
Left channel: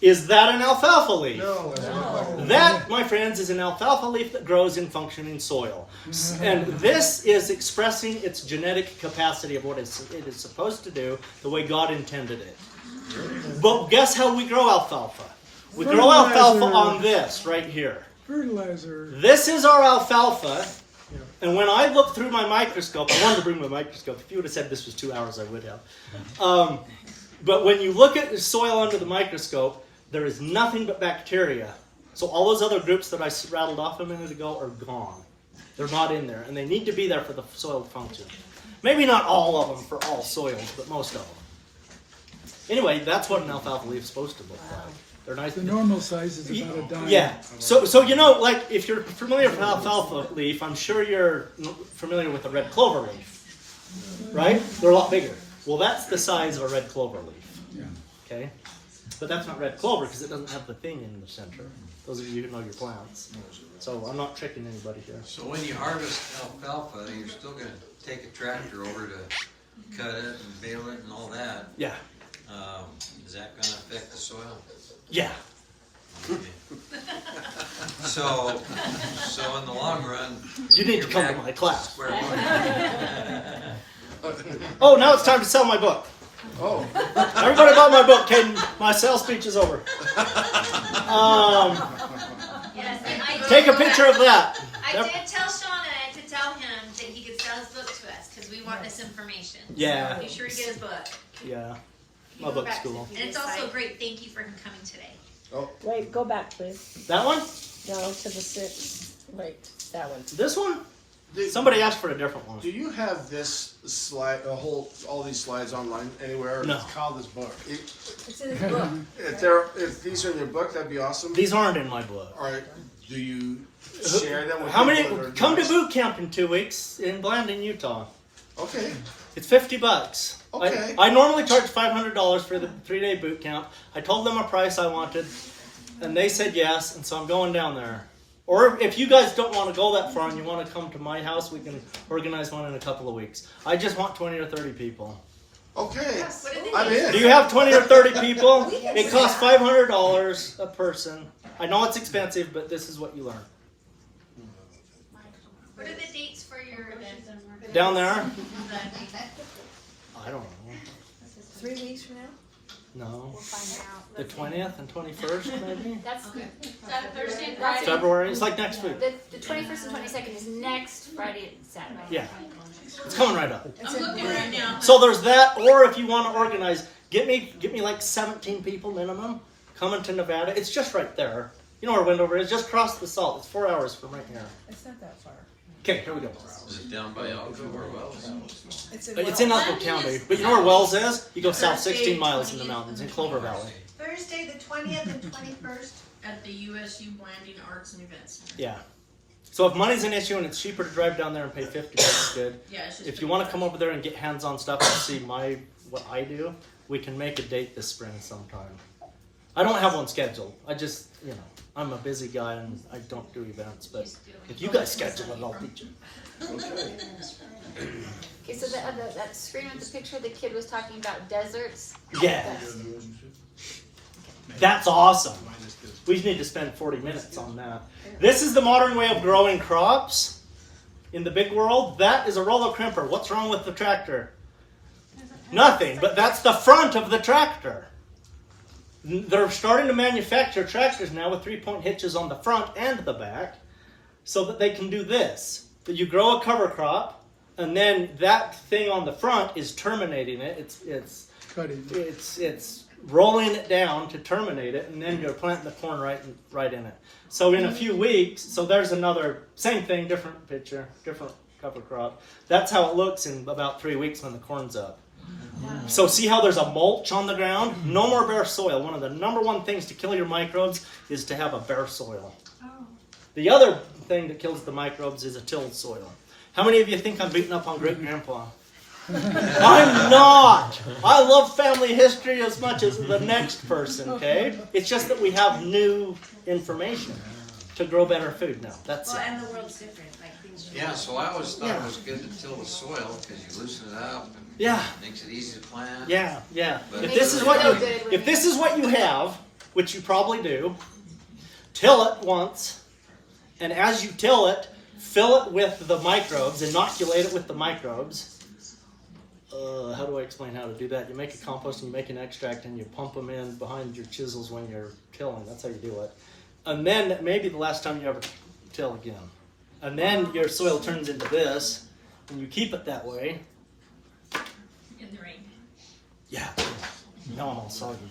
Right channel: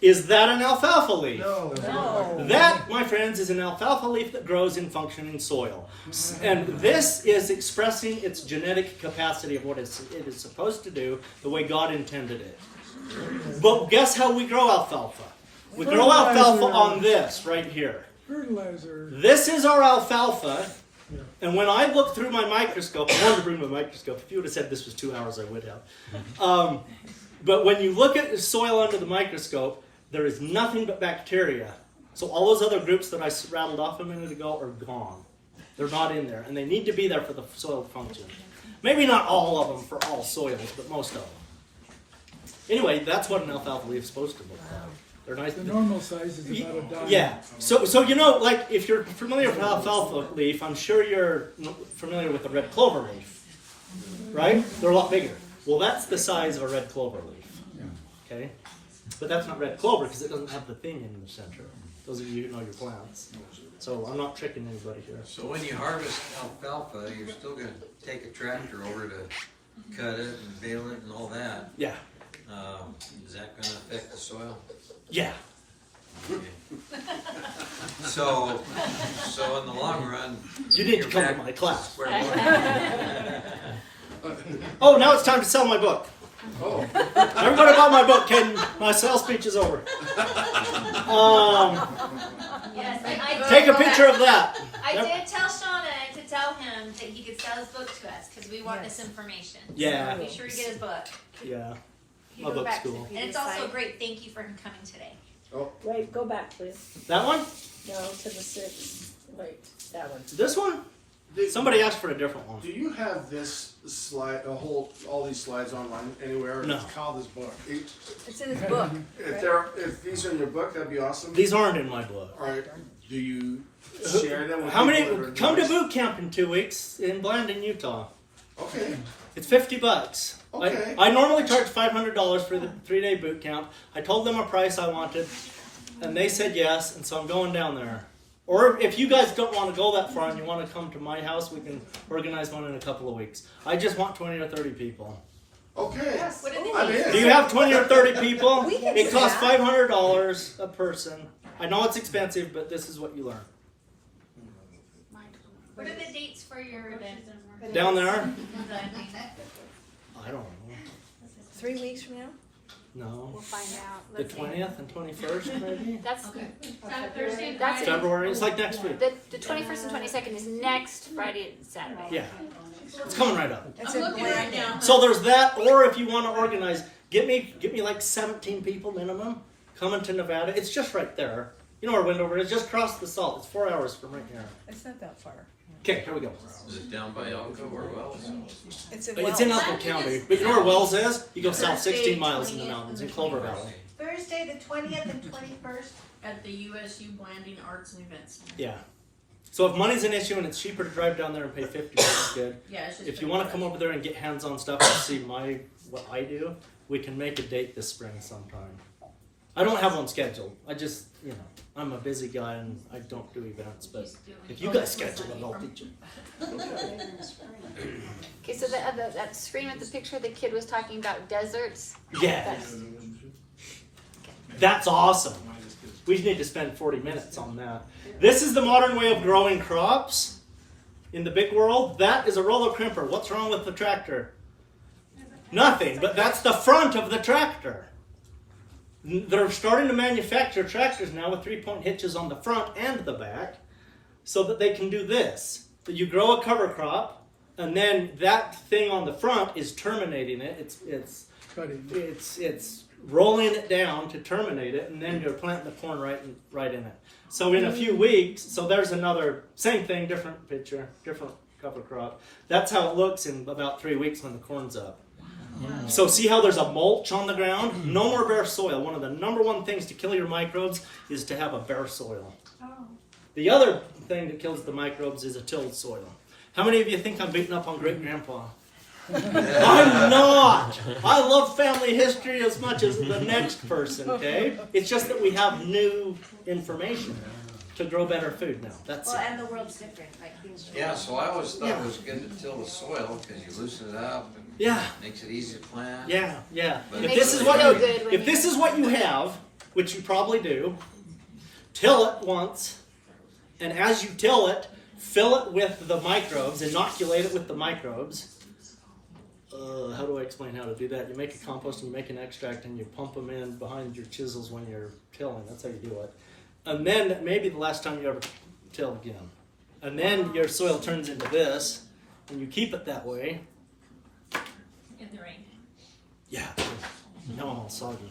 Is that an alfalfa leaf? No. That, my friends, is an alfalfa leaf that grows in functioning soil. And this is expressing its genetic capacity of what it is supposed to do the way God intended it. But guess how we grow alfalfa? We grow alfalfa on this right here. fertilizer. This is our alfalfa. And when I look through my microscope, I wanted to bring my microscope. If you would have said this was 2 hours, I would have. But when you look at the soil under the microscope, there is nothing but bacteria. So all those other groups that I rattled off a minute ago are gone. They're not in there, and they need to be there for the soil to function. Maybe not all of them for all soils, but most of them. Anyway, that's what an alfalfa leaf is supposed to look like. They're nice. The normal size is about a dime. Yeah. So you know, like if you're familiar with alfalfa leaf, I'm sure you're familiar with the red clover leaf, right? They're a lot bigger. Well, that's the size of a red clover leaf. Okay, but that's not red clover because it doesn't have the thing in the center. Those of you who know your plants. So I'm not tricking anybody here. So when you harvest alfalfa, you're still going to take a tractor over to cut it and bale it and all that. Yeah. Is that going to affect the soil? Yeah. Okay. So in the long run, You need to you're come to back my class. square one. Oh, now it's time to sell my book. Oh. Everybody bought my book. Okay, my sales speech is over. Yes, I Take a picture of that. I Yep. did tell Shauna to tell him that he could sell his book to us because we want this information. Yeah. So be sure to get his book. Yeah. My book's cool. And it's also a great thank you for him coming today. Wait, go back, please. That one? No, to the 6. Wait, that one. This one? Somebody asked for a different one. Do you have this slide, all these slides online anywhere? No. Call this book. It's in his book. If these are in your book, that'd be awesome. These aren't in my book. All right. Do you share them with How many? people that are Come to nice? boot camp in 2 weeks in Blandon, Utah. Okay. It's $50. Okay. I normally charge $500 for the 3-day boot camp. I told them a price I wanted, and they said yes, and so I'm going down there. Or if you guys don't want to go that far and you want to come to my house, we can organize one in a couple of weeks. I just want 20 or 30 people. Okay. What are the I'm dates? in. Do you have 20 or 30 people? It costs $500 a person. I know it's expensive, but this is what you learn. What are the dates for your event? Down there? I don't know. 3 weeks from now? No. We'll find out. The 20th and 21st, maybe? That's Thursday, That's February? It's like next week. the 21st and 22nd is next Friday and Saturday. Yeah. It's coming right up. I'm looking right now. So there's that, or if you want to organize, get me like 17 people minimum coming to Nevada. It's just right there. You know where Wendover is? Just across the salt. It's 4 hours from right here. It's not that far. Okay, here we go. Is it down by Elko or Wells? It's in Elko County. But you know where Wells is? You go south 16 miles in the mountains in Clover Valley. Thursday, the 20th and 21st at the USU Blanding Arts and Events Center. Yeah. So if money's an issue and it's cheaper to drive down there and pay $50, good. Yeah, it's just If you want to come over there and get hands-on stuff and see what I do, we can make a date this spring sometime. I don't have one scheduled. I just, I'm a busy guy and I don't do events. But if you guys schedule it, I'll teach you. Okay, so that screen with the picture of the kid was talking about deserts. Yes. That's awesome. We need to spend 40 minutes on that. This is the modern way of growing crops in the big world. That is a roller crimper. What's wrong with the tractor? Nothing, but that's the front of the tractor. They're starting to manufacture tractors now with 3-point hitches on the front and the back so that they can do this. But you grow a cover crop, and then that thing on the front is terminating it. It's rolling it down to terminate it, and then you're planting the corn right in it. So in a few weeks, so there's another, same thing, different picture, different cover crop. That's how it looks in about 3 weeks when the corn's up. So see how there's a mulch on the ground? No more bare soil. One of the number one things to kill your microbes is to have a bare soil. The other thing that kills the microbes is a tilled soil. How many of you think I'm beating up on great grandpa? I'm not. I love family history as much as the next person, okay? It's just that we have new information to grow better food now. That's it. And the world's different. Like things are Yeah, so I always thought it was good to till the soil because you loosen it up and makes it easy to plant. Yeah. But If this is what you have, which you probably do, till it once, and as you till it, fill it with the microbes, inoculate it with the microbes. How do I explain how to do that? You make a compost and you make an extract and you pump them in behind your chisels when you're tilling. That's how you do it. And then maybe the last time you ever till again. And then your soil turns into this, and you keep it that way. In the rain. Yeah. Now I'm all soggy.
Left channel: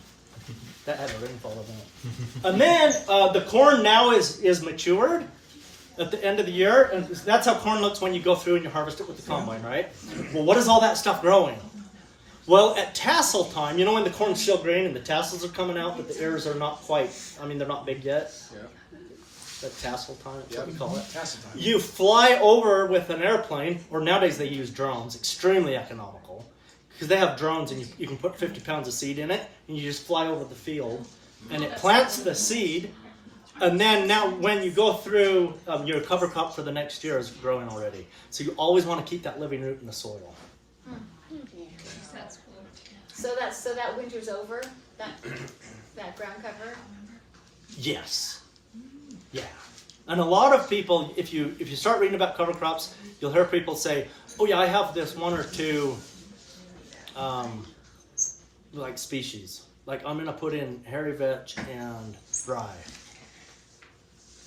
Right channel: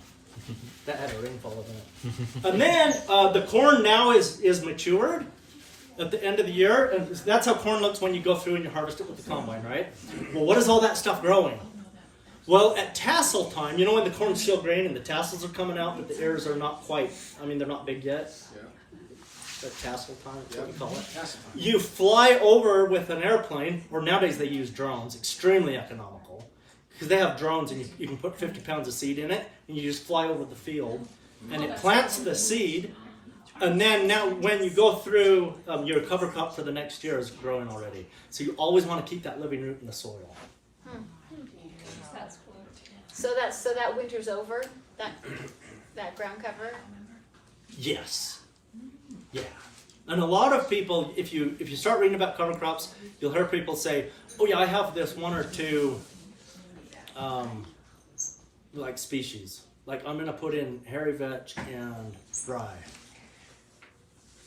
That had a rainfall event. And then the corn now is matured at the end of the year. And that's how corn looks when you go through and you harvest it with the combine, right? Well, what is all that stuff growing? Well, at tassel time, when the corn's still green and the tassels are coming out, but the ears are not quite, they're not big yet. Yeah. At tassel time, that's what we call it. Tassel time. You fly over with an airplane, or nowadays they use drones, extremely economical. Because they have drones and you can put 50 pounds of seed in it, and you just fly over the field, and it plants the seed, and then now when you go through, your cover crop for the next year is growing already. So you always want to keep that living root in the soil. That's cool. So that winter's over. That ground cover. Yes. Yeah. And a lot of people, if you start reading about cover crops, you'll hear people say, "Oh yeah, I have this one or two, like species. Like I'm gonna put in hairy vetch and rye."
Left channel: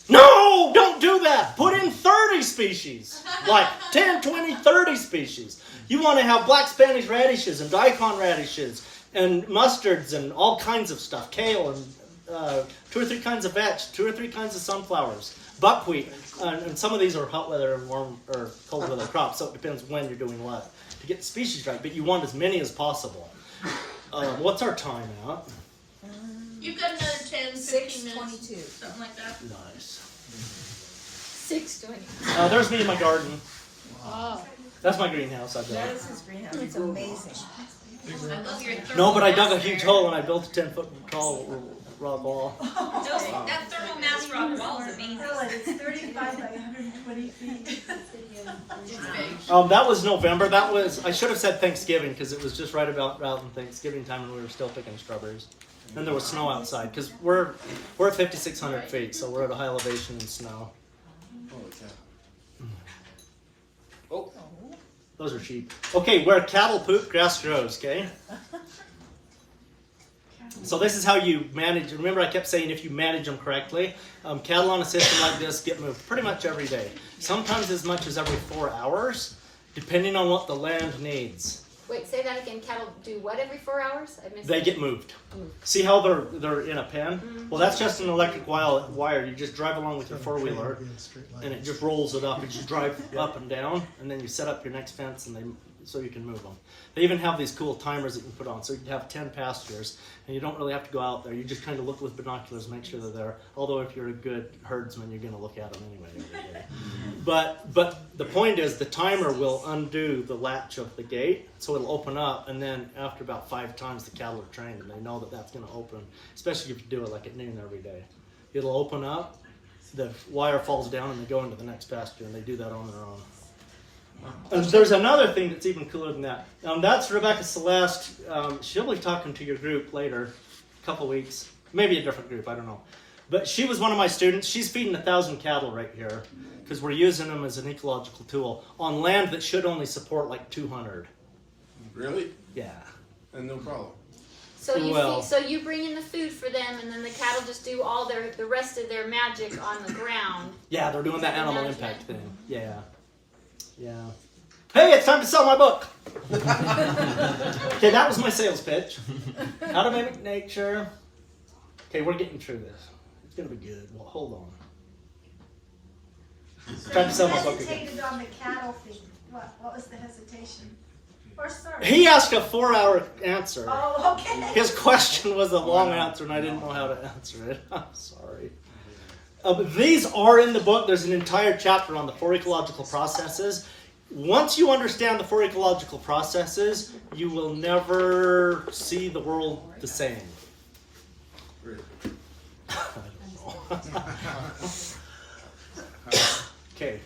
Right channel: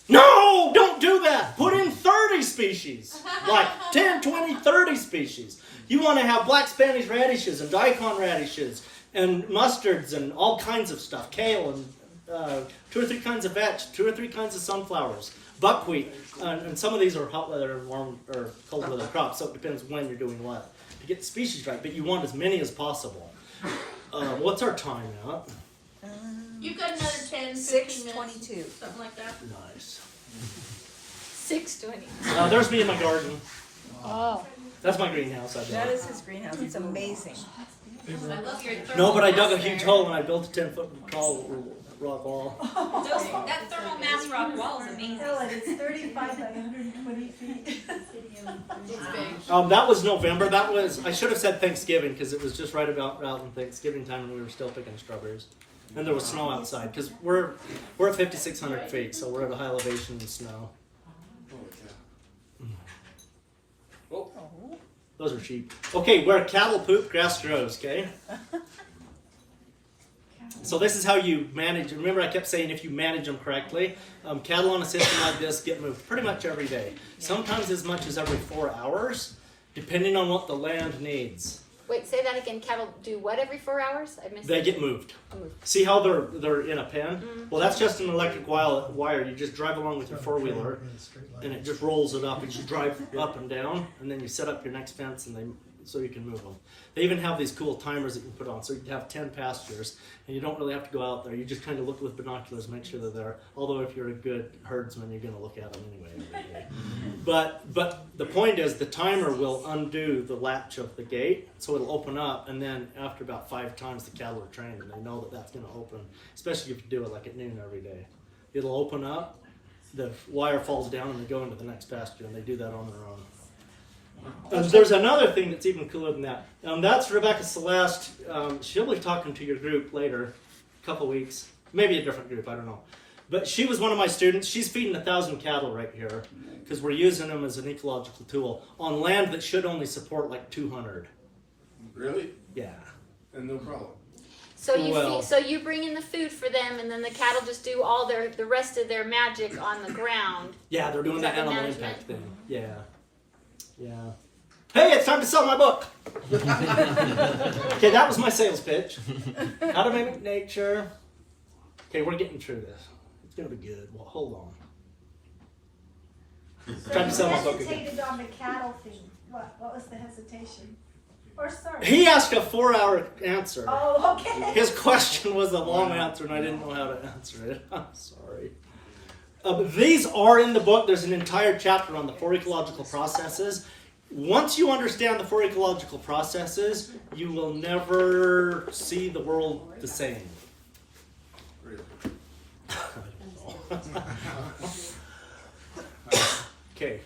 No, don't do that. Put in 30 species, like 10, 20, 30 species. You want to have black Spanish radishes and daikon radishes and mustards and all kinds of stuff, kale and 2 or 3 kinds of vetch, 2 or 3 kinds of sunflowers, buckwheat, and some of these are hot weather and warm or cold weather crops, so it depends when you're doing what to get the species right. But you want as many as possible. What's our time at? You've got another 10, 15 minutes. 6:22. Something like that. Nice. 620. There's me in my garden. Oh. That's my greenhouse I That built. is his greenhouse. It's amazing. I love your No, but I dug a thermal huge mass hole and I built a 10-foot tall rock wall. that thermal mass rock wall is amazing. It's 35 by 120 feet. That was November. I should have said Thanksgiving because it was just right about out in Thanksgiving time and we were still picking strawberries. And there was snow outside because we're at 5,600 feet, so we're at a high elevation in snow. Oh, Those are sheep. Okay, where cattle poop, grass grows, okay? So this is how you manage. Remember I kept saying if you manage them correctly, cattle on a system like this get moved pretty much every day. Sometimes as much as every 4 hours, depending on what the land needs. Wait, say that again. Cattle do what every 4 hours? I missed They that. get moved. See how they're in a pen? Well, that's just an electric wire. You just drive along with your four-wheeler, and it just rolls it up. And you drive up and down, and then you set up your next fence, and so you can move them. They even have these cool timers that you can put on, so you can have 10 pastures, and you don't really have to go out there. You just kind of look with binoculars, make sure they're there. Although if you're a good herdsman, you're going to look at them anyway every day. But the point is, the timer will undo the latch of the gate, so it'll open up, and then after about 5 times, the cattle are trained, and they know that that's going to open, especially if you do it like at noon every day. It'll open up, the wire falls down, and they go into the next pasture, and they do that on their own. And there's another thing that's even cooler than that. That's Rebecca Celeste. She'll be talking to your group later, a couple weeks. Maybe a different group, I don't know. But she was one of my students. She's feeding 1,000 cattle right here because we're using them as an ecological tool on land that should only support like 200. really? Yeah. And no problem. So you Well- so you bring in the food for them, and then the cattle just do all the rest of their magic on the ground. Yeah, they're doing that animal Management. impact thing. Yeah. Yeah. Hey, it's time to sell my book. Okay, that was my sales pitch. How to mimic nature. Okay, we're getting through this. It's gonna be good. Well, hold on. Time to sell my book again. Hesitated on the cattle thing. What was the hesitation? Or sorry? He asked a 4-hour answer. Oh, okay. His question was a long answer, and I didn't know how to answer it. I'm sorry. These are in the book. There's an entire chapter on the 4 ecological processes. Once you understand the 4 ecological processes, you will never see the world the same. Okay.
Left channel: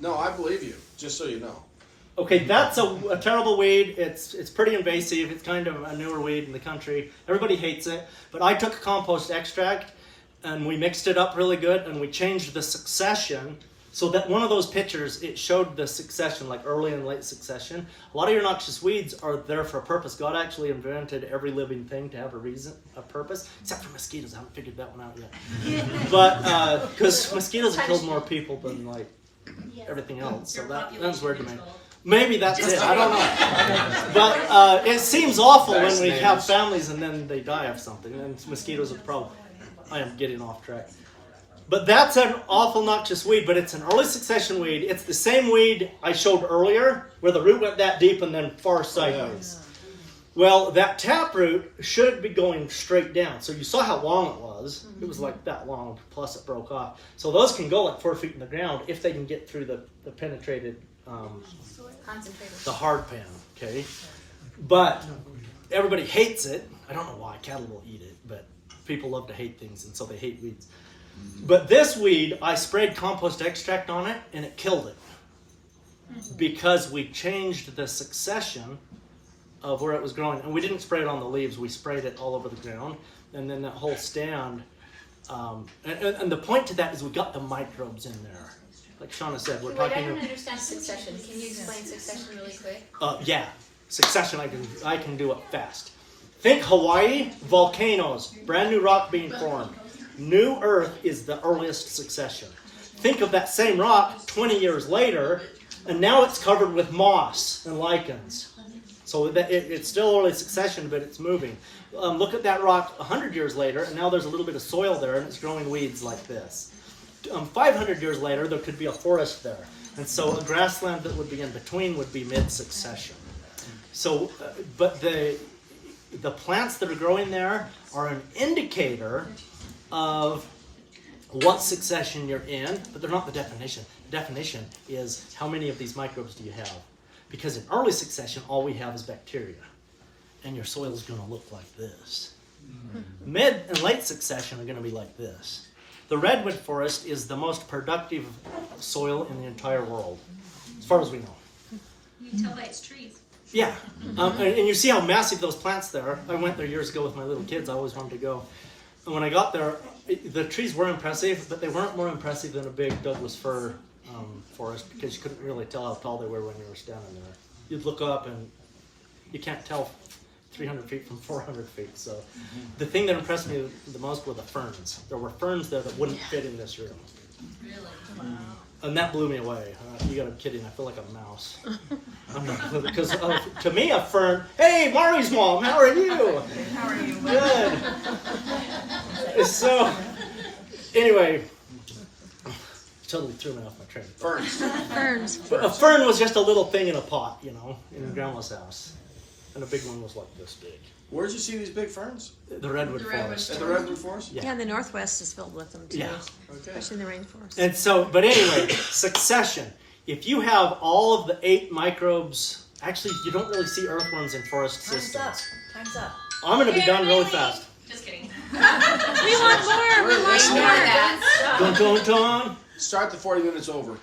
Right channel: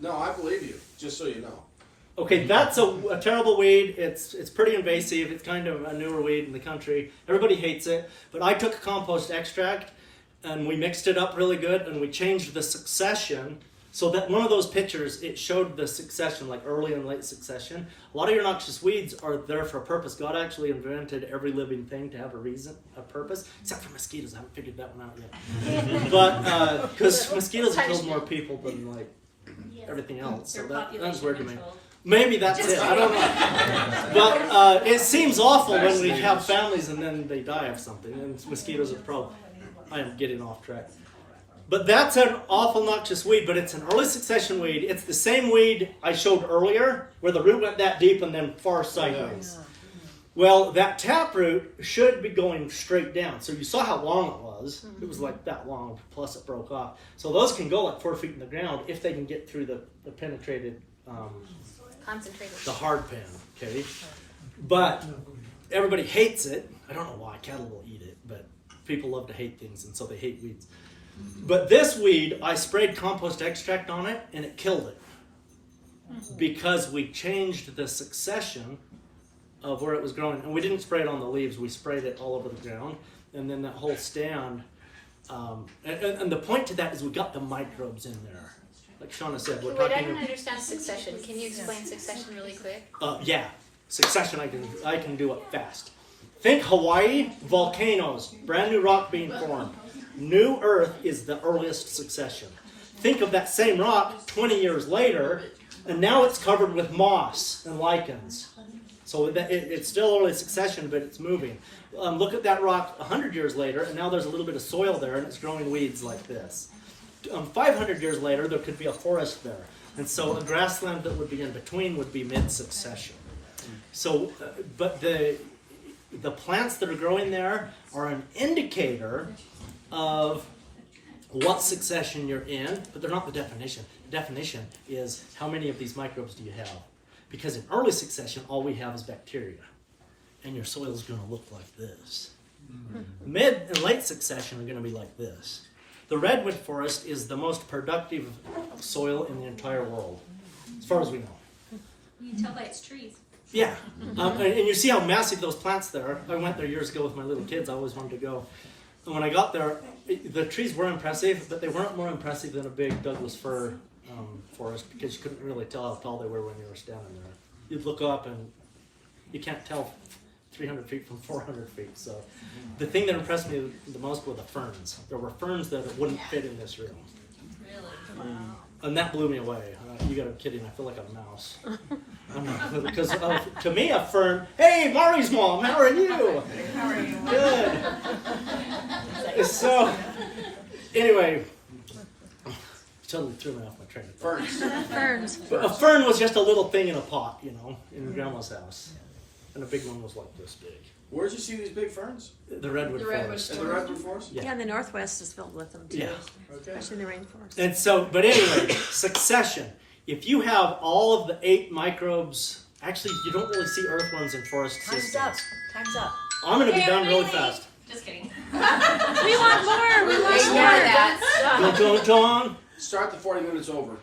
No, I believe you, just so you know. Okay, that's a terrible weed. It's pretty invasive. It's kind of a newer weed in the country. Everybody hates it. But I took a compost extract, and we mixed it up really good, and we changed the succession so that one of those pictures, it showed the succession, like early and late succession. A lot of your noxious weeds are there for a purpose. God actually invented every living thing to have a reason, a purpose, except for mosquitoes. I haven't figured that one out yet. But, because mosquitoes have killed more people than, like, everything else. So that's weird to me. Maybe that's it. I don't know. But it seems awful when we have families and then they die of something. And mosquitoes are the problem. I am getting off track. But that's an awful noxious weed, but it's an early succession weed. It's the same weed I showed earlier, where the root went that deep and then far sideways. Well, that taproot should be going straight down. So you saw how long it was. It was like that long, plus it broke off. So those can go like 4 feet in the ground if they can get through the penetrated, Concentrated. the hard pan, okay? But everybody hates it. I don't know why. Cattle will eat it, but people love to hate things, and so they hate weeds. But this weed, I sprayed compost extract on it, and it killed it. Because we changed the succession of where it was growing. And we didn't spray it on the leaves. We sprayed it all over the ground. And then that whole stand. And the point to that is we got the microbes in there. Like Shauna said, we're Wait, talking... I don't understand succession. Can you explain succession really quick? Yeah, succession, I can do it fast. Think Hawaii, volcanoes, brand new rock being formed. New Earth is the earliest succession. Think of that same rock 20 years later, and now it's covered with moss and lichens. So it's still early succession, but it's moving. Look at that rock 100 years later, and now there's a little bit of soil there, and it's growing weeds like this. 500 years later, there could be a forest there. And so a grassland that would be in between would be mid-succession. So, but the plants that are growing there are an indicator of what succession you're in, but they're not the definition. The definition is how many of these microbes do you have? Because in early succession, all we have is bacteria. And your soil is going to look like this. Mid and late succession are going to be like this. The redwood forest is the most productive soil in the entire world, as far as we know. You can tell by its trees. Yeah, and you see how massive those plants there are. I went there years ago with my little kids. I always wanted to go. And when I got there, the trees were impressive, but they weren't more impressive than a big Douglas fir forest, because you couldn't really tell how tall they were when you were standing there. You'd look up and you can't tell 300 feet from 400 feet. So the thing that impressed me the most were the ferns. There were ferns that wouldn't fit in this room. Really? Wow. And that blew me away. You gotta be kidding. I feel like a mouse. Because to me, a fern. Hey, Marley's mom, how are you? How are you? Good. So, anyway, totally threw me off my train of thought. Ferns. Ferns. But a fern was just a little thing in a pot, you know, in Grandma's house. And a big one was like this big. Where'd you see these big ferns? The redwood forest. In the redwood forest? Yeah. Yeah, the Northwest is filled with them too, Yeah. Okay. especially in the rainforest. And so, but anyway, succession. If you have all of the 8 microbes, actually, you don't really see earthworms in forest systems. Time's up. I'm going to be done really fast. Just kidding. We want more. We want more. Dun, dun, dun. Start the 40 minutes over.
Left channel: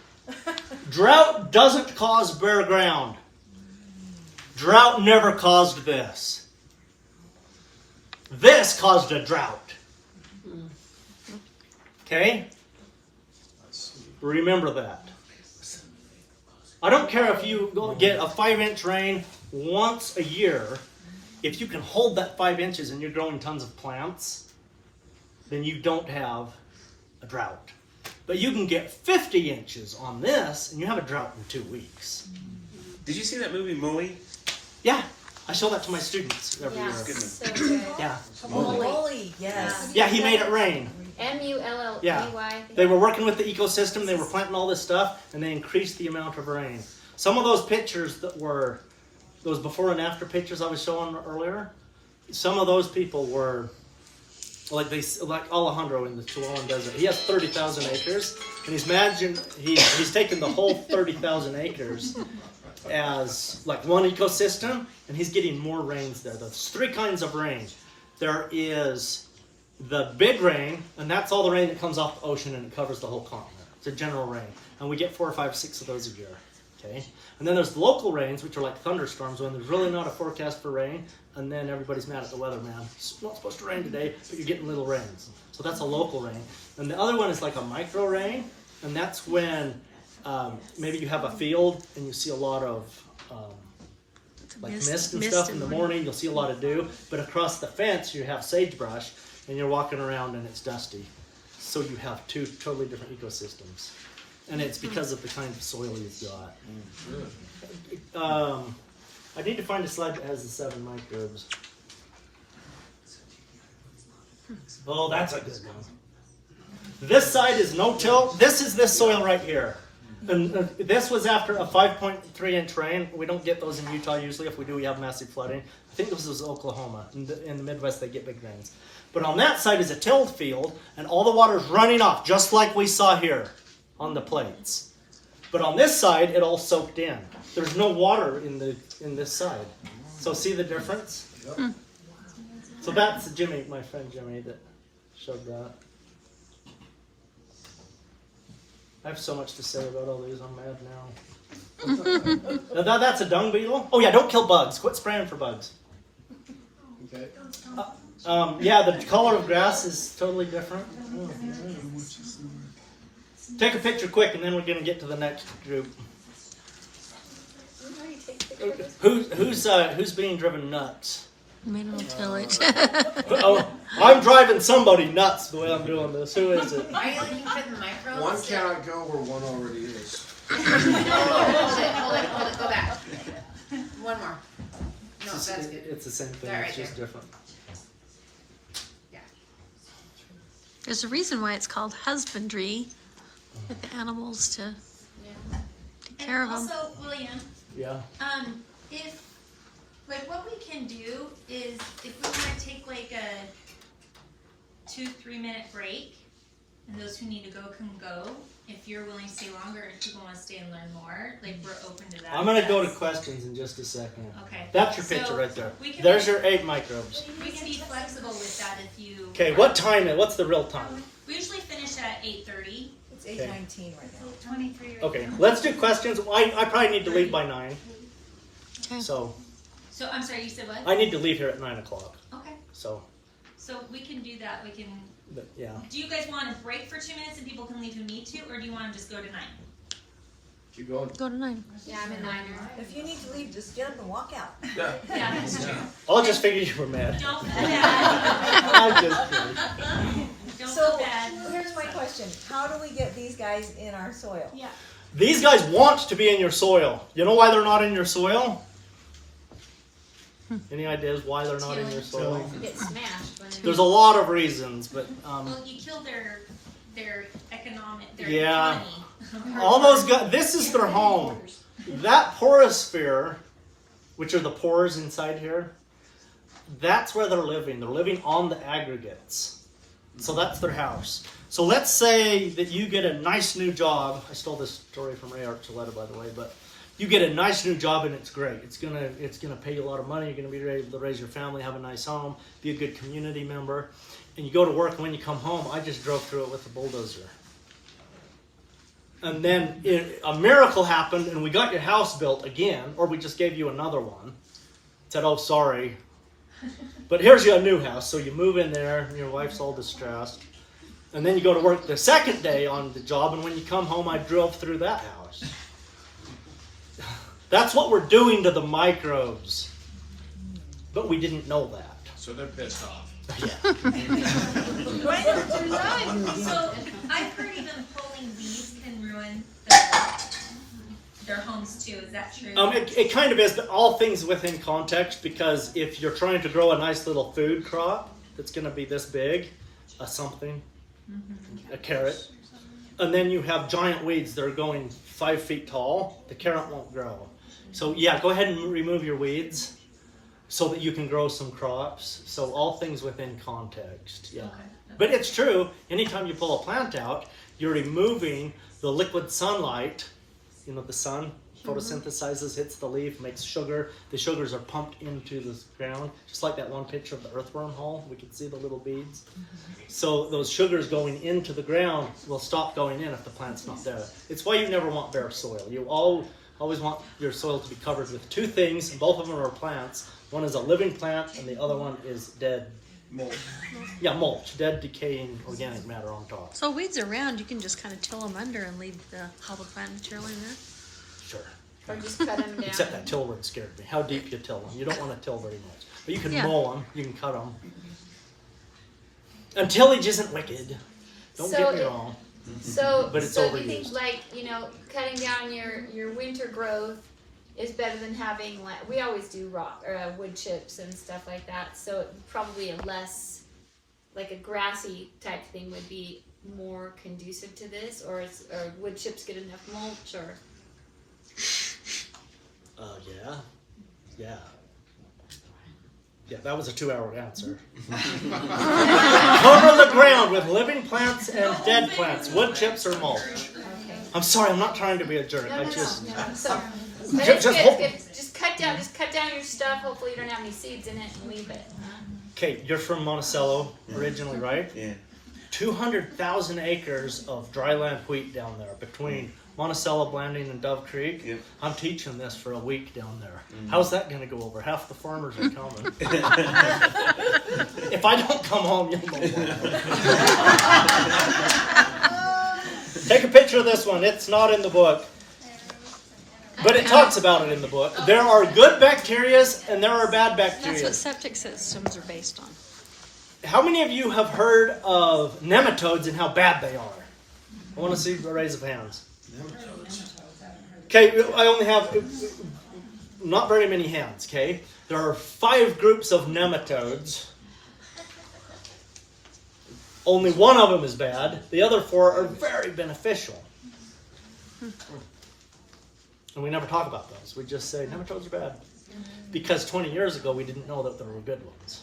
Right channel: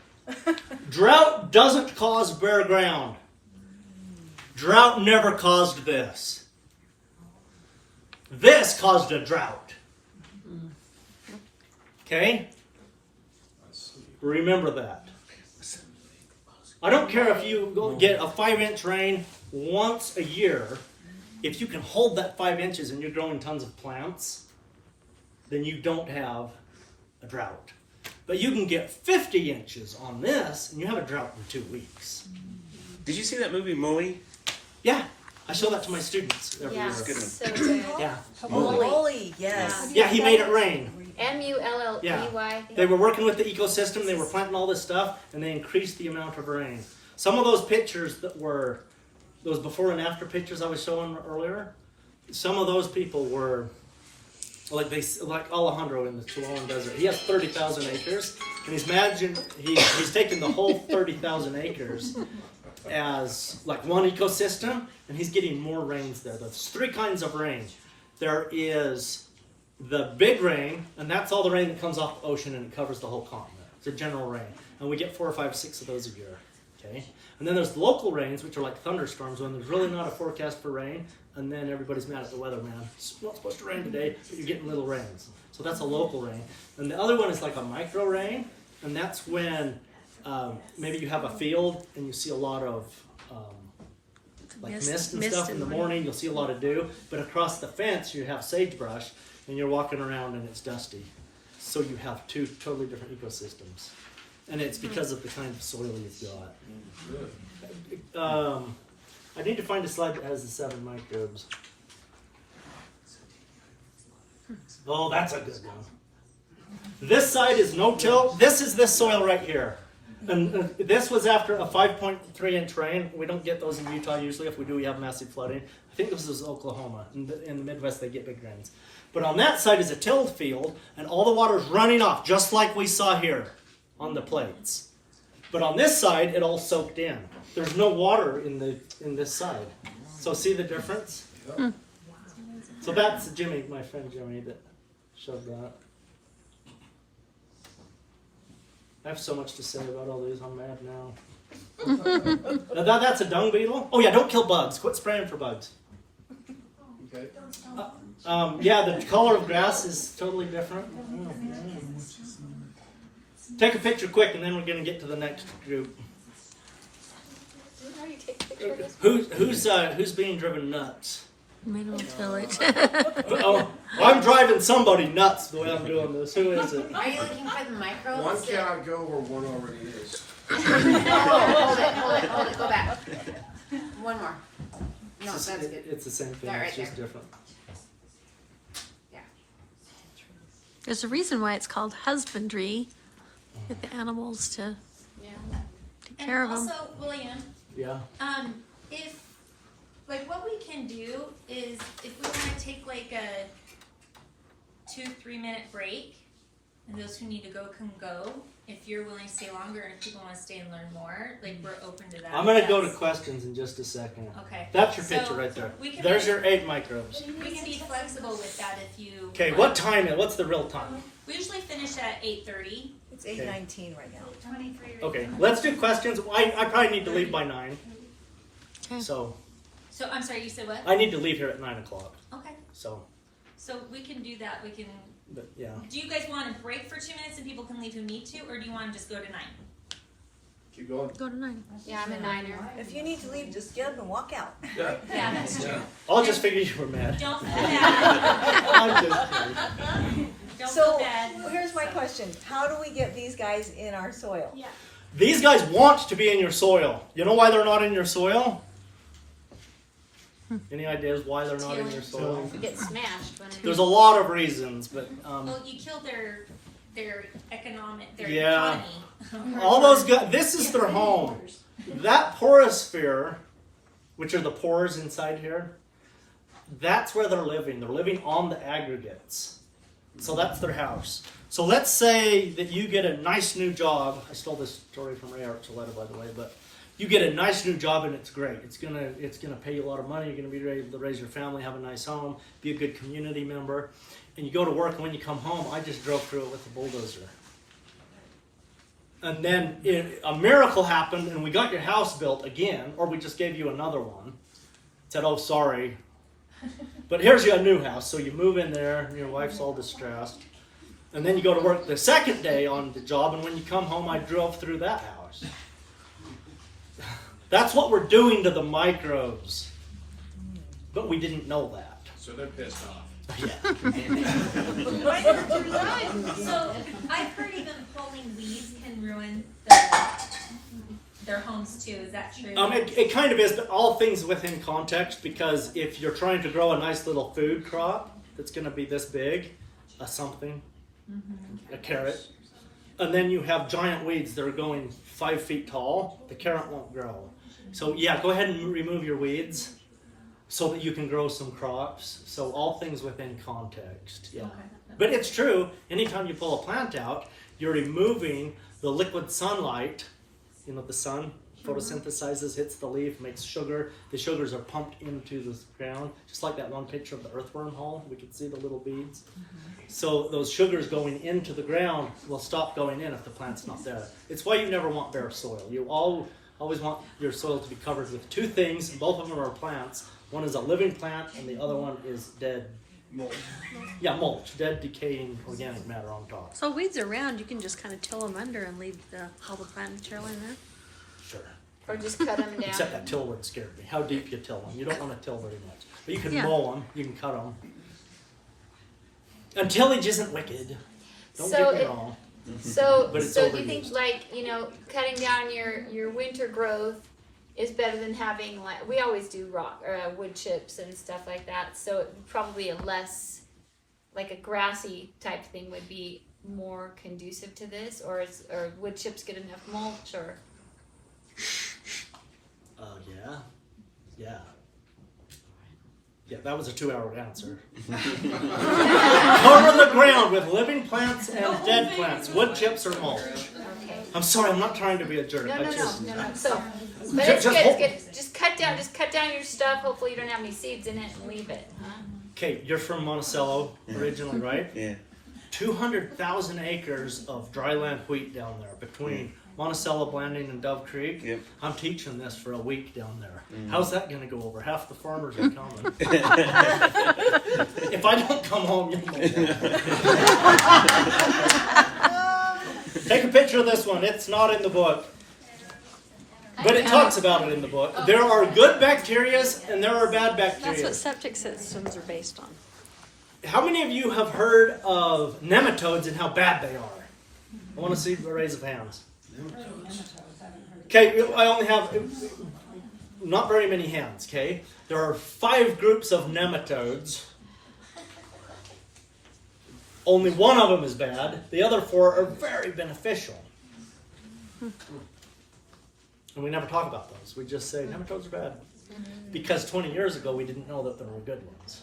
Drought doesn't cause bare ground. Drought never caused this. This caused a drought. Okay? Remember that. I don't care if you go get a 5-inch rain once a year. If you can hold that 5 inches and you're growing tons of plants, then you don't have a drought. But you can get 50 inches on this and you have a drought in 2 weeks. Did you see that movie Mooey? Yeah, I show that to my students every year. So good. Yeah, Holy, yes. yeah, he made it rain. MULLEY. Yeah. They were working with the ecosystem, they were planting all this stuff, and they increased the amount of rain. Some of those pictures that were, those before and after pictures I was showing earlier, some of those people were, like Alejandro in the Chihuahuan Desert. He has 30,000 acres, and he's taken the whole 30,000 acres as like one ecosystem, and he's getting more rains there. There's 3 kinds of rain. There is the big rain, and that's all the rain that comes off the ocean and it covers the whole continent. It's a general rain, and we get 4 or 5, 6 of those a year. Okay, and then there's the local rains, which are like thunderstorms when there's really not a forecast for rain, and then everybody's mad at the weatherman. It's not supposed to rain today, but you're getting little rains. So that's a local rain. And the other one is like a micro rain, and that's when maybe you have a field and you see a lot of like mist and stuff in the morning. You'll see a lot of dew, but across the fence you have sagebrush, and you're walking around and it's dusty. So you have 2 totally different ecosystems, and it's because of the kind of soil you've got. I need to find a slide that has the 7 microbes. Oh, that's a good one. This side is no-till. This is this soil right here. And this was after a 5.3-inch rain. We don't get those in Utah usually. If we do, we have massive flooding. I think this is Oklahoma. In the Midwest, they get big rains. But on that side is a tilled field, and all the water's running off, just like we saw here on the plates. But on this side, it all soaked in. There's no water in this side. So see the difference? Hmm. So that's Jimmy, my friend Jimmy, that showed that. I have so much to say about all these. I'm mad now. That's a dung beetle. Oh yeah, don't kill bugs. Quit spraying for bugs. Okay. Yeah, the color of grass is totally different. Take a picture quick, and then we're going to get to the next group. Who's being driven nuts? Mineral tillage. Oh, I'm driving somebody nuts the way I'm doing this. Who is it? Are you looking for the microbes? One cannot go where one already is. Hold it, go back. One more. No, that's good. It's the same thing. That It's right just there. different. There's a reason why it's called husbandry. Get the animals to take care of them. Also, William, Yeah. if like what we can do is if we want to take like a 2-3 minute break, and those who need to go can go. If you're willing to stay longer and people want to stay and learn more, like we're open to that. I'm gonna go to questions in just a second. Okay. That's your So, picture right there. we can There's be- your 8 microbes. We can be flexible with that if you. Okay, what time? What's the real time? We usually finish at 8:30. It's 8:19 right now. 23. Okay, let's do questions. I probably need to leave by 9. Okay. So So I'm sorry, you said what? I need to leave here at 9 o'clock. Okay. So, So we can do that. We can. but yeah. Do you guys want to break for 2 minutes and people can leave and meet too, or do you want to just go to 9? Keep going. Go to 9. Yeah, I'm a niner. If you need to leave, just get up and walk out. Yeah, that's true. I'll just figure you were mad. Don't feel bad. I'm just kidding. Don't So, feel bad. here's my question. How do we get these guys in our soil? Yeah. These guys want to be in your soil. You know why they're not in your soil? Any ideas why they're not in your soil? You get smashed when There's a lot of reasons, but Well, you kill their economic, their Yeah. economy. all those guys, this is their home. That porosphere, which are the pores inside here, that's where they're living. They're living on the aggregates. So that's their house. So let's say that you get a nice new job. I stole this story from Ray Archuleta, by the way, but you get a nice new job and it's great. It's gonna pay you a lot of money. You're gonna be able to raise your family, have a nice home, be a good community member. And you go to work, and when you come home, I just drove through it with a bulldozer. And then a miracle happened, and we got your house built again, or we just gave you another one. Said, oh, sorry. But here's your new house. So you move in there, and your wife's all distressed. And then you go to work the second day on the job, and when you come home, I drove through that house. That's what we're doing to the microbes. But we didn't know that. So they're pissed off. Yeah. So I've heard even pulling weeds can ruin their homes too. Is that true? It kind of is, but all things within context, because if you're trying to grow a nice little food crop that's going to be this big, a carrot, and then you have giant weeds that are going 5 feet tall, the carrot won't grow. So yeah, go ahead and remove your weeds so that you can grow some crops. So all things within context, yeah. But it's true, anytime you pull a plant out, you're removing the liquid sunlight. You know, the sun photosynthesizes, hits the leaf, makes sugar. The sugars are pumped into the ground, just like that one picture of the earthworm hole. We could see the little beads. So those sugars going into the ground will stop going in if the plant's not there. It's why you never want bare soil. You always want your soil to be covered with 2 things, and both of them are plants. One is a living plant, and the other one is dead. Mulch. Yeah, mulch, dead decaying organic matter on top. So weeds are round, you can just kind of till them under and leave all the plant material in there. Sure. Or just cut them down. Except that till word scared me. How deep you till them? You don't want to till very much. But you can Yeah. mow them. You can cut them. And tillage isn't wicked. Don't get me wrong. So, But it's so do you think, overused. like, cutting down your winter growth is better than having, like, we always do wood chips and stuff like that. So probably a less, like a grassy type thing would be more conducive to this, or wood chips get enough mulch, or? Yeah, that was a 2-hour answer. Cover the ground with living plants and dead plants, wood chips or mulch. I'm sorry, I'm not trying to be a jerk. No, I no, just no. So, but Just it's hope- good. Just cut down your stuff. Hopefully you don't have any seeds in it, and leave it. Okay, you're from Monticello originally, right? Yeah. 200,000 acres of dryland wheat down there between Monticello, Blanding, and Dove Creek. Yep. I'm teaching this for a week down there. How's that going to go over? Half the farmers are coming. If I don't come home, you'll know why. Take a picture of this one. It's not in the book. But it talks about it in the book. There are good bacteria and there are bad That's bacteria. what septic systems are based on. How many of you have heard of nematodes and how bad they are? I want to see a raise of hands. Okay, I only have not very many hands, okay? There are 5 groups of nematodes. Only one of them is bad. The other 4 are very beneficial. And we never talk about those. We just say nematodes are bad. Because 20 years ago we didn't know that there were good ones.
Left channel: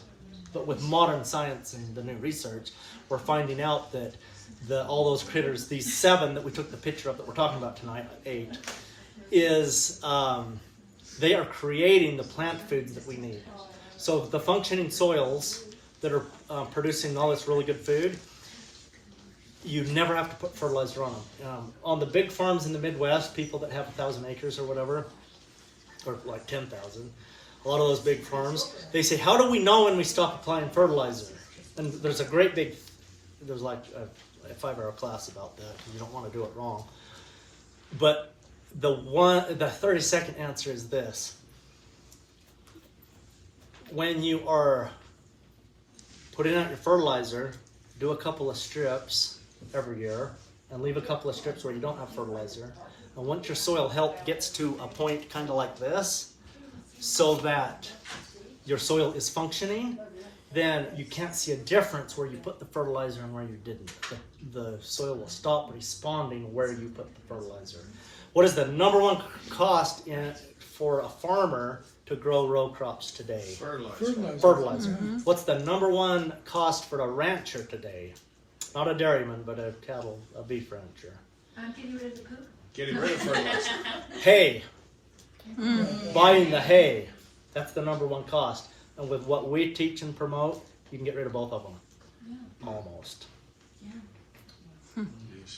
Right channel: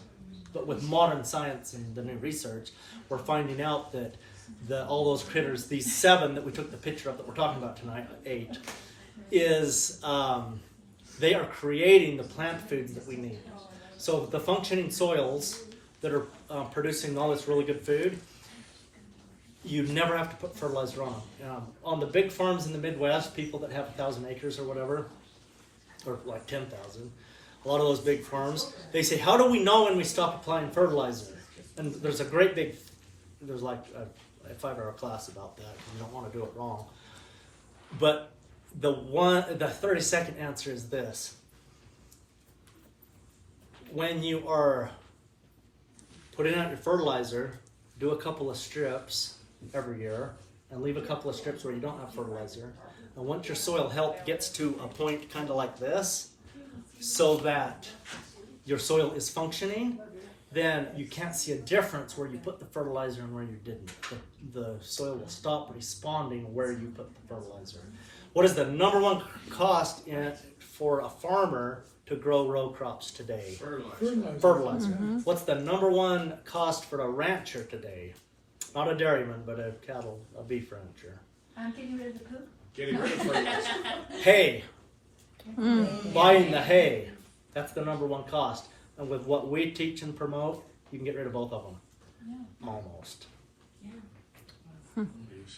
But with modern science and the new research, we're finding out that all those critters, these 7 that we took the picture of that we're talking about tonight, 8, is they are creating the plant foods that we need. So the functioning soils that are producing all this really good food, you never have to put fertilizer on them. On the big farms in the Midwest, people that have 1,000 acres or whatever, or like 10,000, a lot of those big farms, they say, how do we know when we stop applying fertilizer? And there's a great big, there's like a 5-hour class about that. You don't want to do it wrong. But the 30-second answer is this. When you are putting out your fertilizer, do a couple of strips every year and leave a couple of strips where you don't have fertilizer. And once your soil health gets to a point kind of like this, so that your soil is functioning, then you can't see a difference where you put the fertilizer and where you didn't. The soil will stop responding where you put the fertilizer. What is the number one cost for a farmer to grow row crops today? Fertilizer. Mm-hmm. What's the number one cost for a rancher today? Not a dairyman, but a beef rancher. I'm getting rid of the poop. Getting rid of fertilizer. Hay. Buying the hay. That's the number one cost. And with what we teach and promote, you can get rid of both of them. Yeah. Almost. Yeah.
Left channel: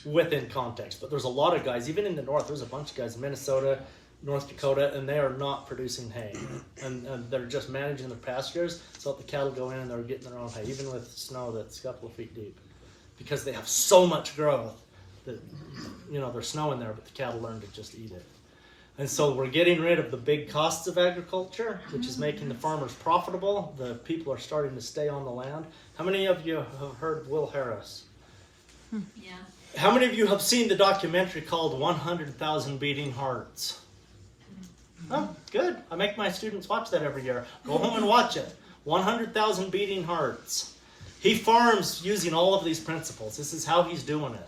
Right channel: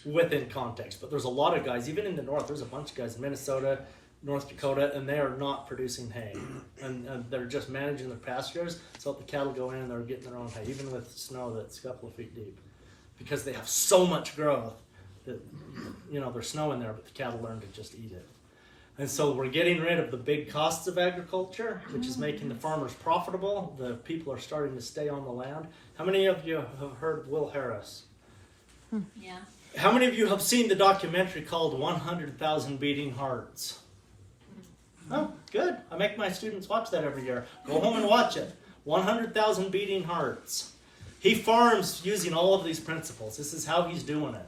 Within context. But there's a lot of guys, even in the north, there's a bunch of guys in Minnesota, North Dakota, and they are not producing hay. And they're just managing their pastures so that the cattle go in and they're getting their own hay, even with snow that's a couple of feet deep. Because they have so much growth that, there's snow in there, but the cattle learn to just eat it. And so we're getting rid of the big costs of agriculture, which is making the farmers profitable. The people are starting to stay on the land. How many of you have heard of Will Harris? Yeah. How many of you have seen the documentary called 100,000 Beating Hearts? Oh, good. I make my students watch that every year. Go home and watch it. 100,000 Beating Hearts. He farms using all of these principles. This is how he's doing it.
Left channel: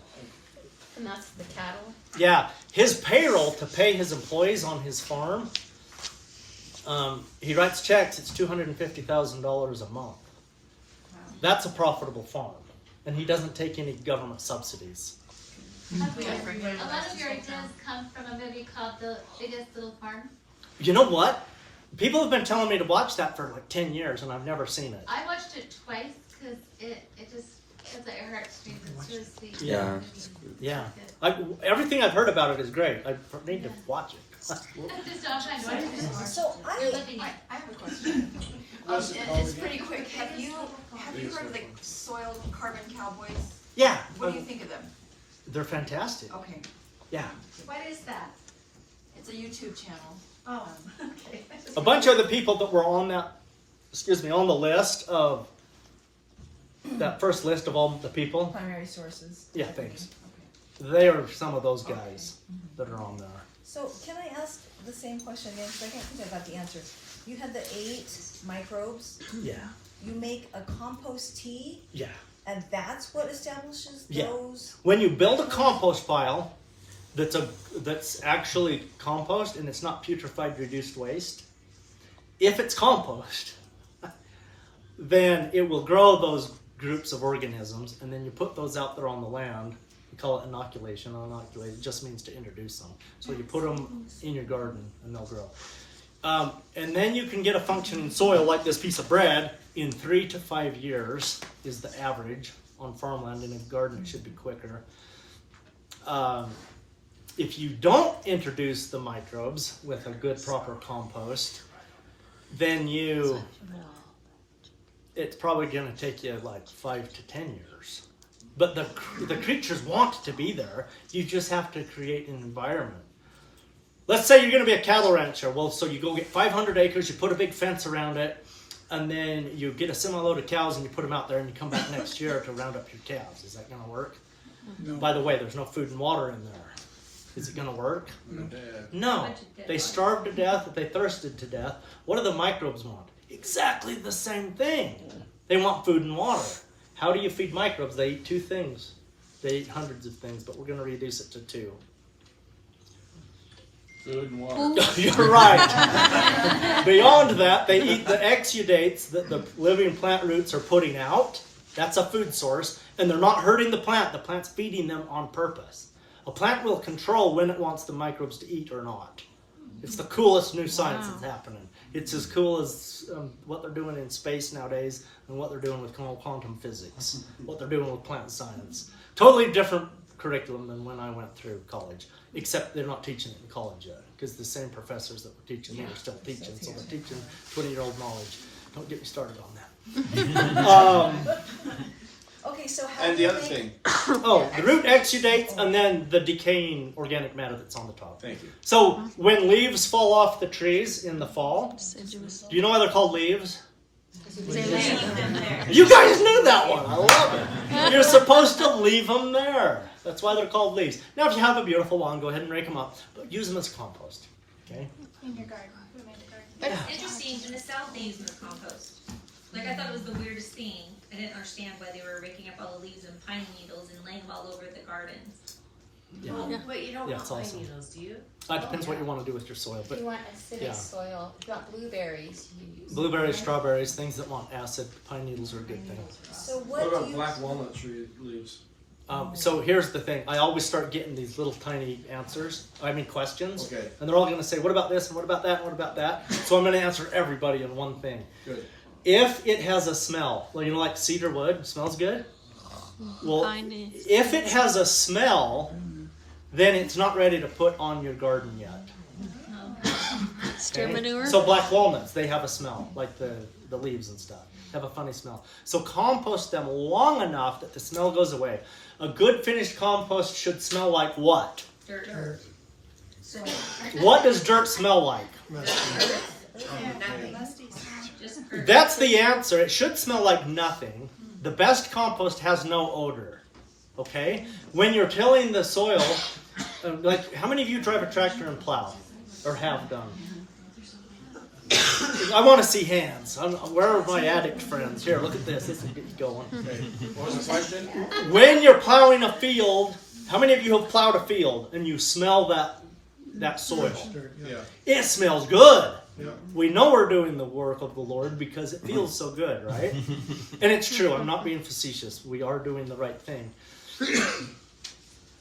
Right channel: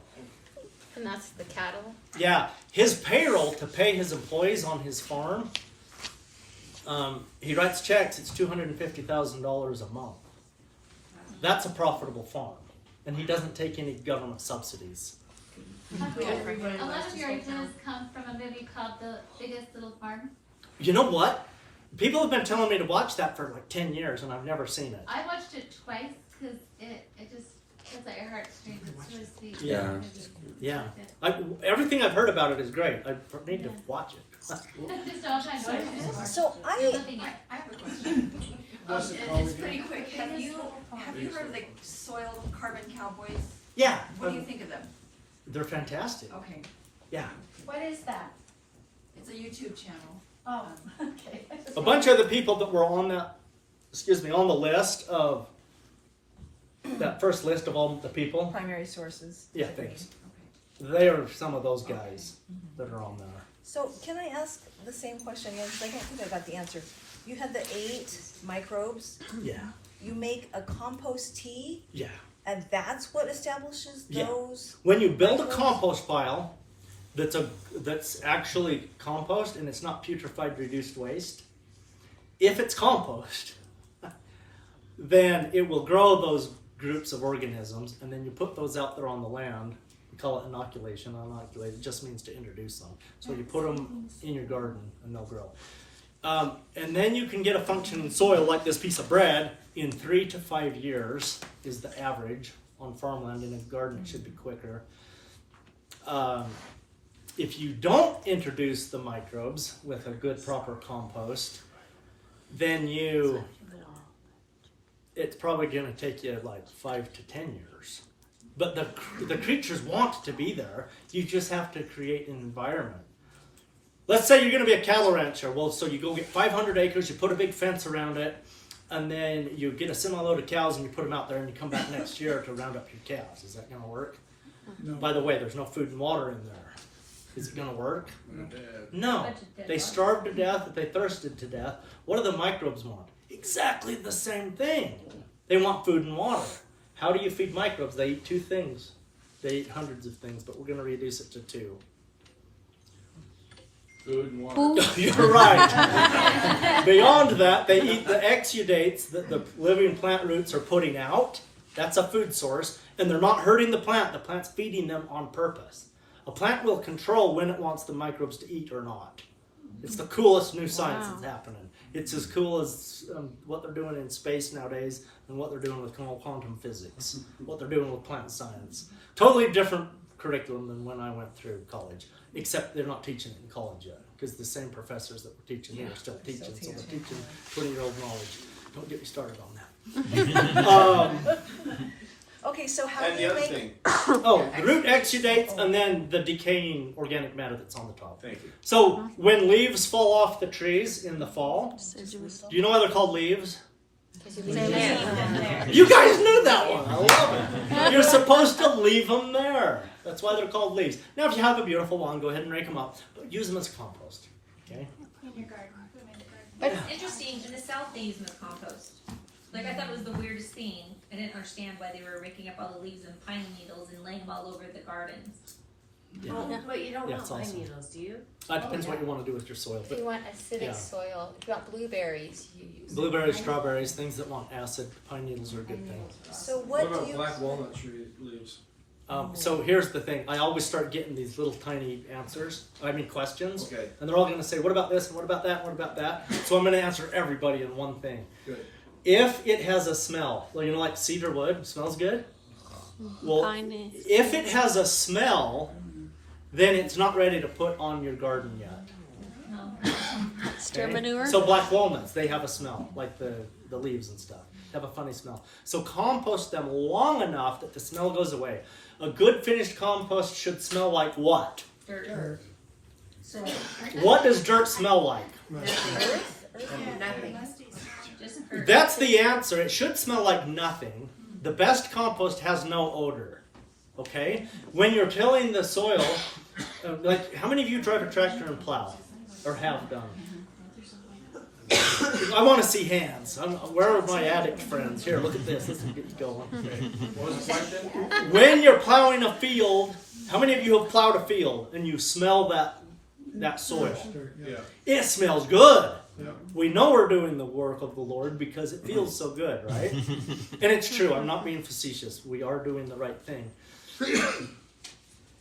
And that's the cattle. Yeah, his payroll to pay his employees on his farm, he writes checks, it's $250,000 a month. That's a profitable farm. And he doesn't take any government subsidies. A lot of your ideas come from a movie called The Biggest Little Farm. You know what? People have been telling me to watch that for like 10 years and I've never seen it. I watched it twice because it just gets at your heartstrings. It's really sweet. Yeah. Yeah. Everything I've heard about it is great. I need to watch it. Just don't find noise. So You're living it. I have a question. It's pretty quick. Have you heard of the soil carbon cowboys? Yeah. What do you think of them? They're fantastic. Okay. Yeah. What is that? It's a YouTube channel. Oh, okay. A bunch of the people that were on that, on the list of, that first list of all the people. Primary sources. Yeah, thanks. They are some of those guys that are on there. So can I ask the same question again? Because I don't think I got the answer. You had the 8 microbes. Yeah. You make a compost tea. Yeah. And that's what establishes Yeah. those. When you build a compost pile that's actually compost and it's not putrefied reduced waste, if it's compost, then it will grow those groups of organisms, and then you put those out there on the land. We call it inoculation. Inoculate just means to introduce them. So you put them in your garden and they'll grow. And then you can get a functioning soil like this piece of bread in 3 to 5 years is the average on farmland. In a garden it should be quicker. If you don't introduce the microbes with a good proper compost, then it's probably going to take you like 5 to 10 years. But the creatures want to be there. You just have to create an environment. Let's say you're going to be a cattle rancher. Well, so you go get 500 acres, you put a big fence around it, and then you get a semi-load of cows and you put them out there and you come back next year to round up your cows. Is that going to work? No. By the way, there's no food and water in there. Is it going to work? No. They starved to death, they thirsted to death. What do the microbes want? Exactly the same thing. They want food and water. How do you feed microbes? They eat 2 things. They eat hundreds of things, but we're going to reduce it to 2. Food and water. You're right. Beyond that, they eat the exudates that the living plant roots are putting out, That's a food source, and they're not hurting the plant. The plant's feeding them on purpose. A plant will control when it wants the microbes to eat or not. It's the coolest new science that's happening. It's as cool as what they're doing in space nowadays and what they're doing with quantum physics, what they're doing with plant science. Totally different curriculum than when I went through college, except they're not teaching it in college yet, because the same professors that were teaching here are still teaching, so they're teaching 20-year-old knowledge. Don't get me started on that. Okay, so how And do the you other make... thing, Oh, the root exudates and then the decaying organic matter that's on the top. thank you. So when leaves fall off the trees in the fall, Deciduous. do you know why they're called leaves? They leave. You guys knew that one. I love it. You're supposed to leave them there. That's why they're called leaves. Now, if you have a beautiful lawn, go ahead and rake them up, but use them as compost. Okay? In your garden. It's interesting, in the South they use them as compost. Like, I thought it was the weirdest thing. I didn't understand why they were raking up all the leaves and pine needles and laying them all over the gardens. Yeah. But you don't Yeah, want it's pine awesome. needles, do you? That depends what you want to do with your soil. If But you want acidic yeah. soil, if you want blueberries, you use blueberries, strawberries, things that want acid, pine needles are a good thing. So What what do about you... black walnut tree leaves? So here's the thing. I always start getting these little tiny questions. Okay, And they're all going to say, what about this, and what about that, and what about that? So I'm going to answer everybody in one thing. good. If it has a smell, well, you know, like cedar wood, it smells good? Well, Pine is- if it has a smell, then it's not ready to put on your garden yet. Steer Okay? manure. So black walnuts, they have a smell, like the leaves and stuff. Have a funny smell. So compost them long enough that the smell goes away. A good finished compost should smell like what? Dirt. What does dirt smell like? That's the answer. It should smell like nothing. The best compost has no odor. Okay? When you're tilling the soil, like how many of you drive a tractor and plow? Or have done? I want to see hands. Where are my addict friends? Here, look at this. This will get you going. What was the question? When you're plowing a field, how many of you have plowed a field and you smell that soil? Yeah. It smells good. Yeah. We know we're doing the work of the Lord because it feels so good, right? And it's true. I'm not being facetious. We are doing the right thing.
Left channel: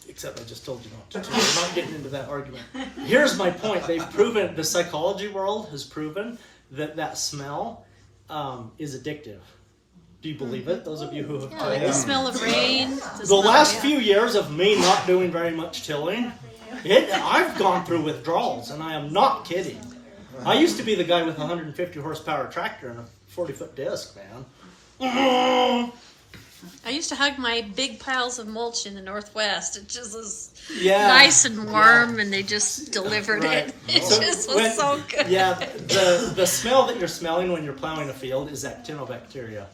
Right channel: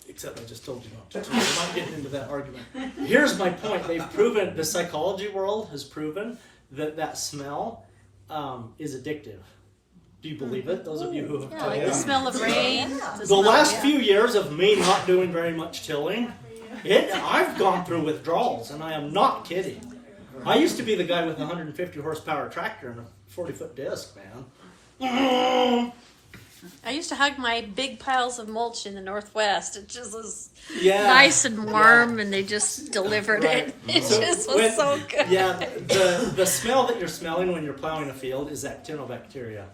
Except I just told you not to. We're not getting into that argument. Here's my point. They've proven, the psychology world has proven that smell is addictive. Do you believe it? Those of you who have Yeah, like the tilled? smell of rain. The last few years of me not doing very much tilling, I've gone through withdrawals, and I am not kidding. I used to be the guy with a 150 horsepower tractor and a 40-foot disc, man. I used to hug my big piles of mulch in the Northwest. It just was Yeah. nice and warm, and they just delivered Right. it. It So just was when- so good. Yeah, the smell that you're smelling when you're plowing a field is actinobacteria.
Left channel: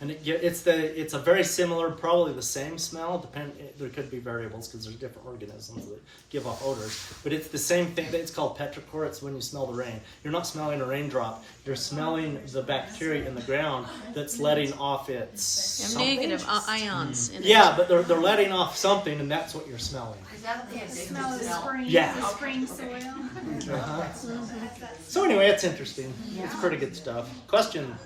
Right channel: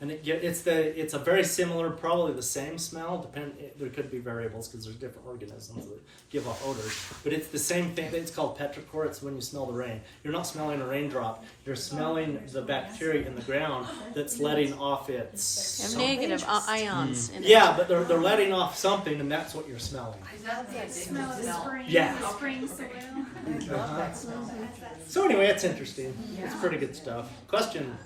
And it's a very similar, probably the same smell. There could be variables because there's different organisms that give off odors. But it's the same thing. It's called petrichor. It's when you smell the rain. You're not smelling a raindrop. You're smelling the bacteria in the ground that's letting off its Have something. negative ions in it. Yeah, but they're letting off something, and that's what you're smelling. Is that the Smell of spring. Yeah. The spring soil. Uh-huh. So anyway, it's interesting. It's pretty good stuff. Question.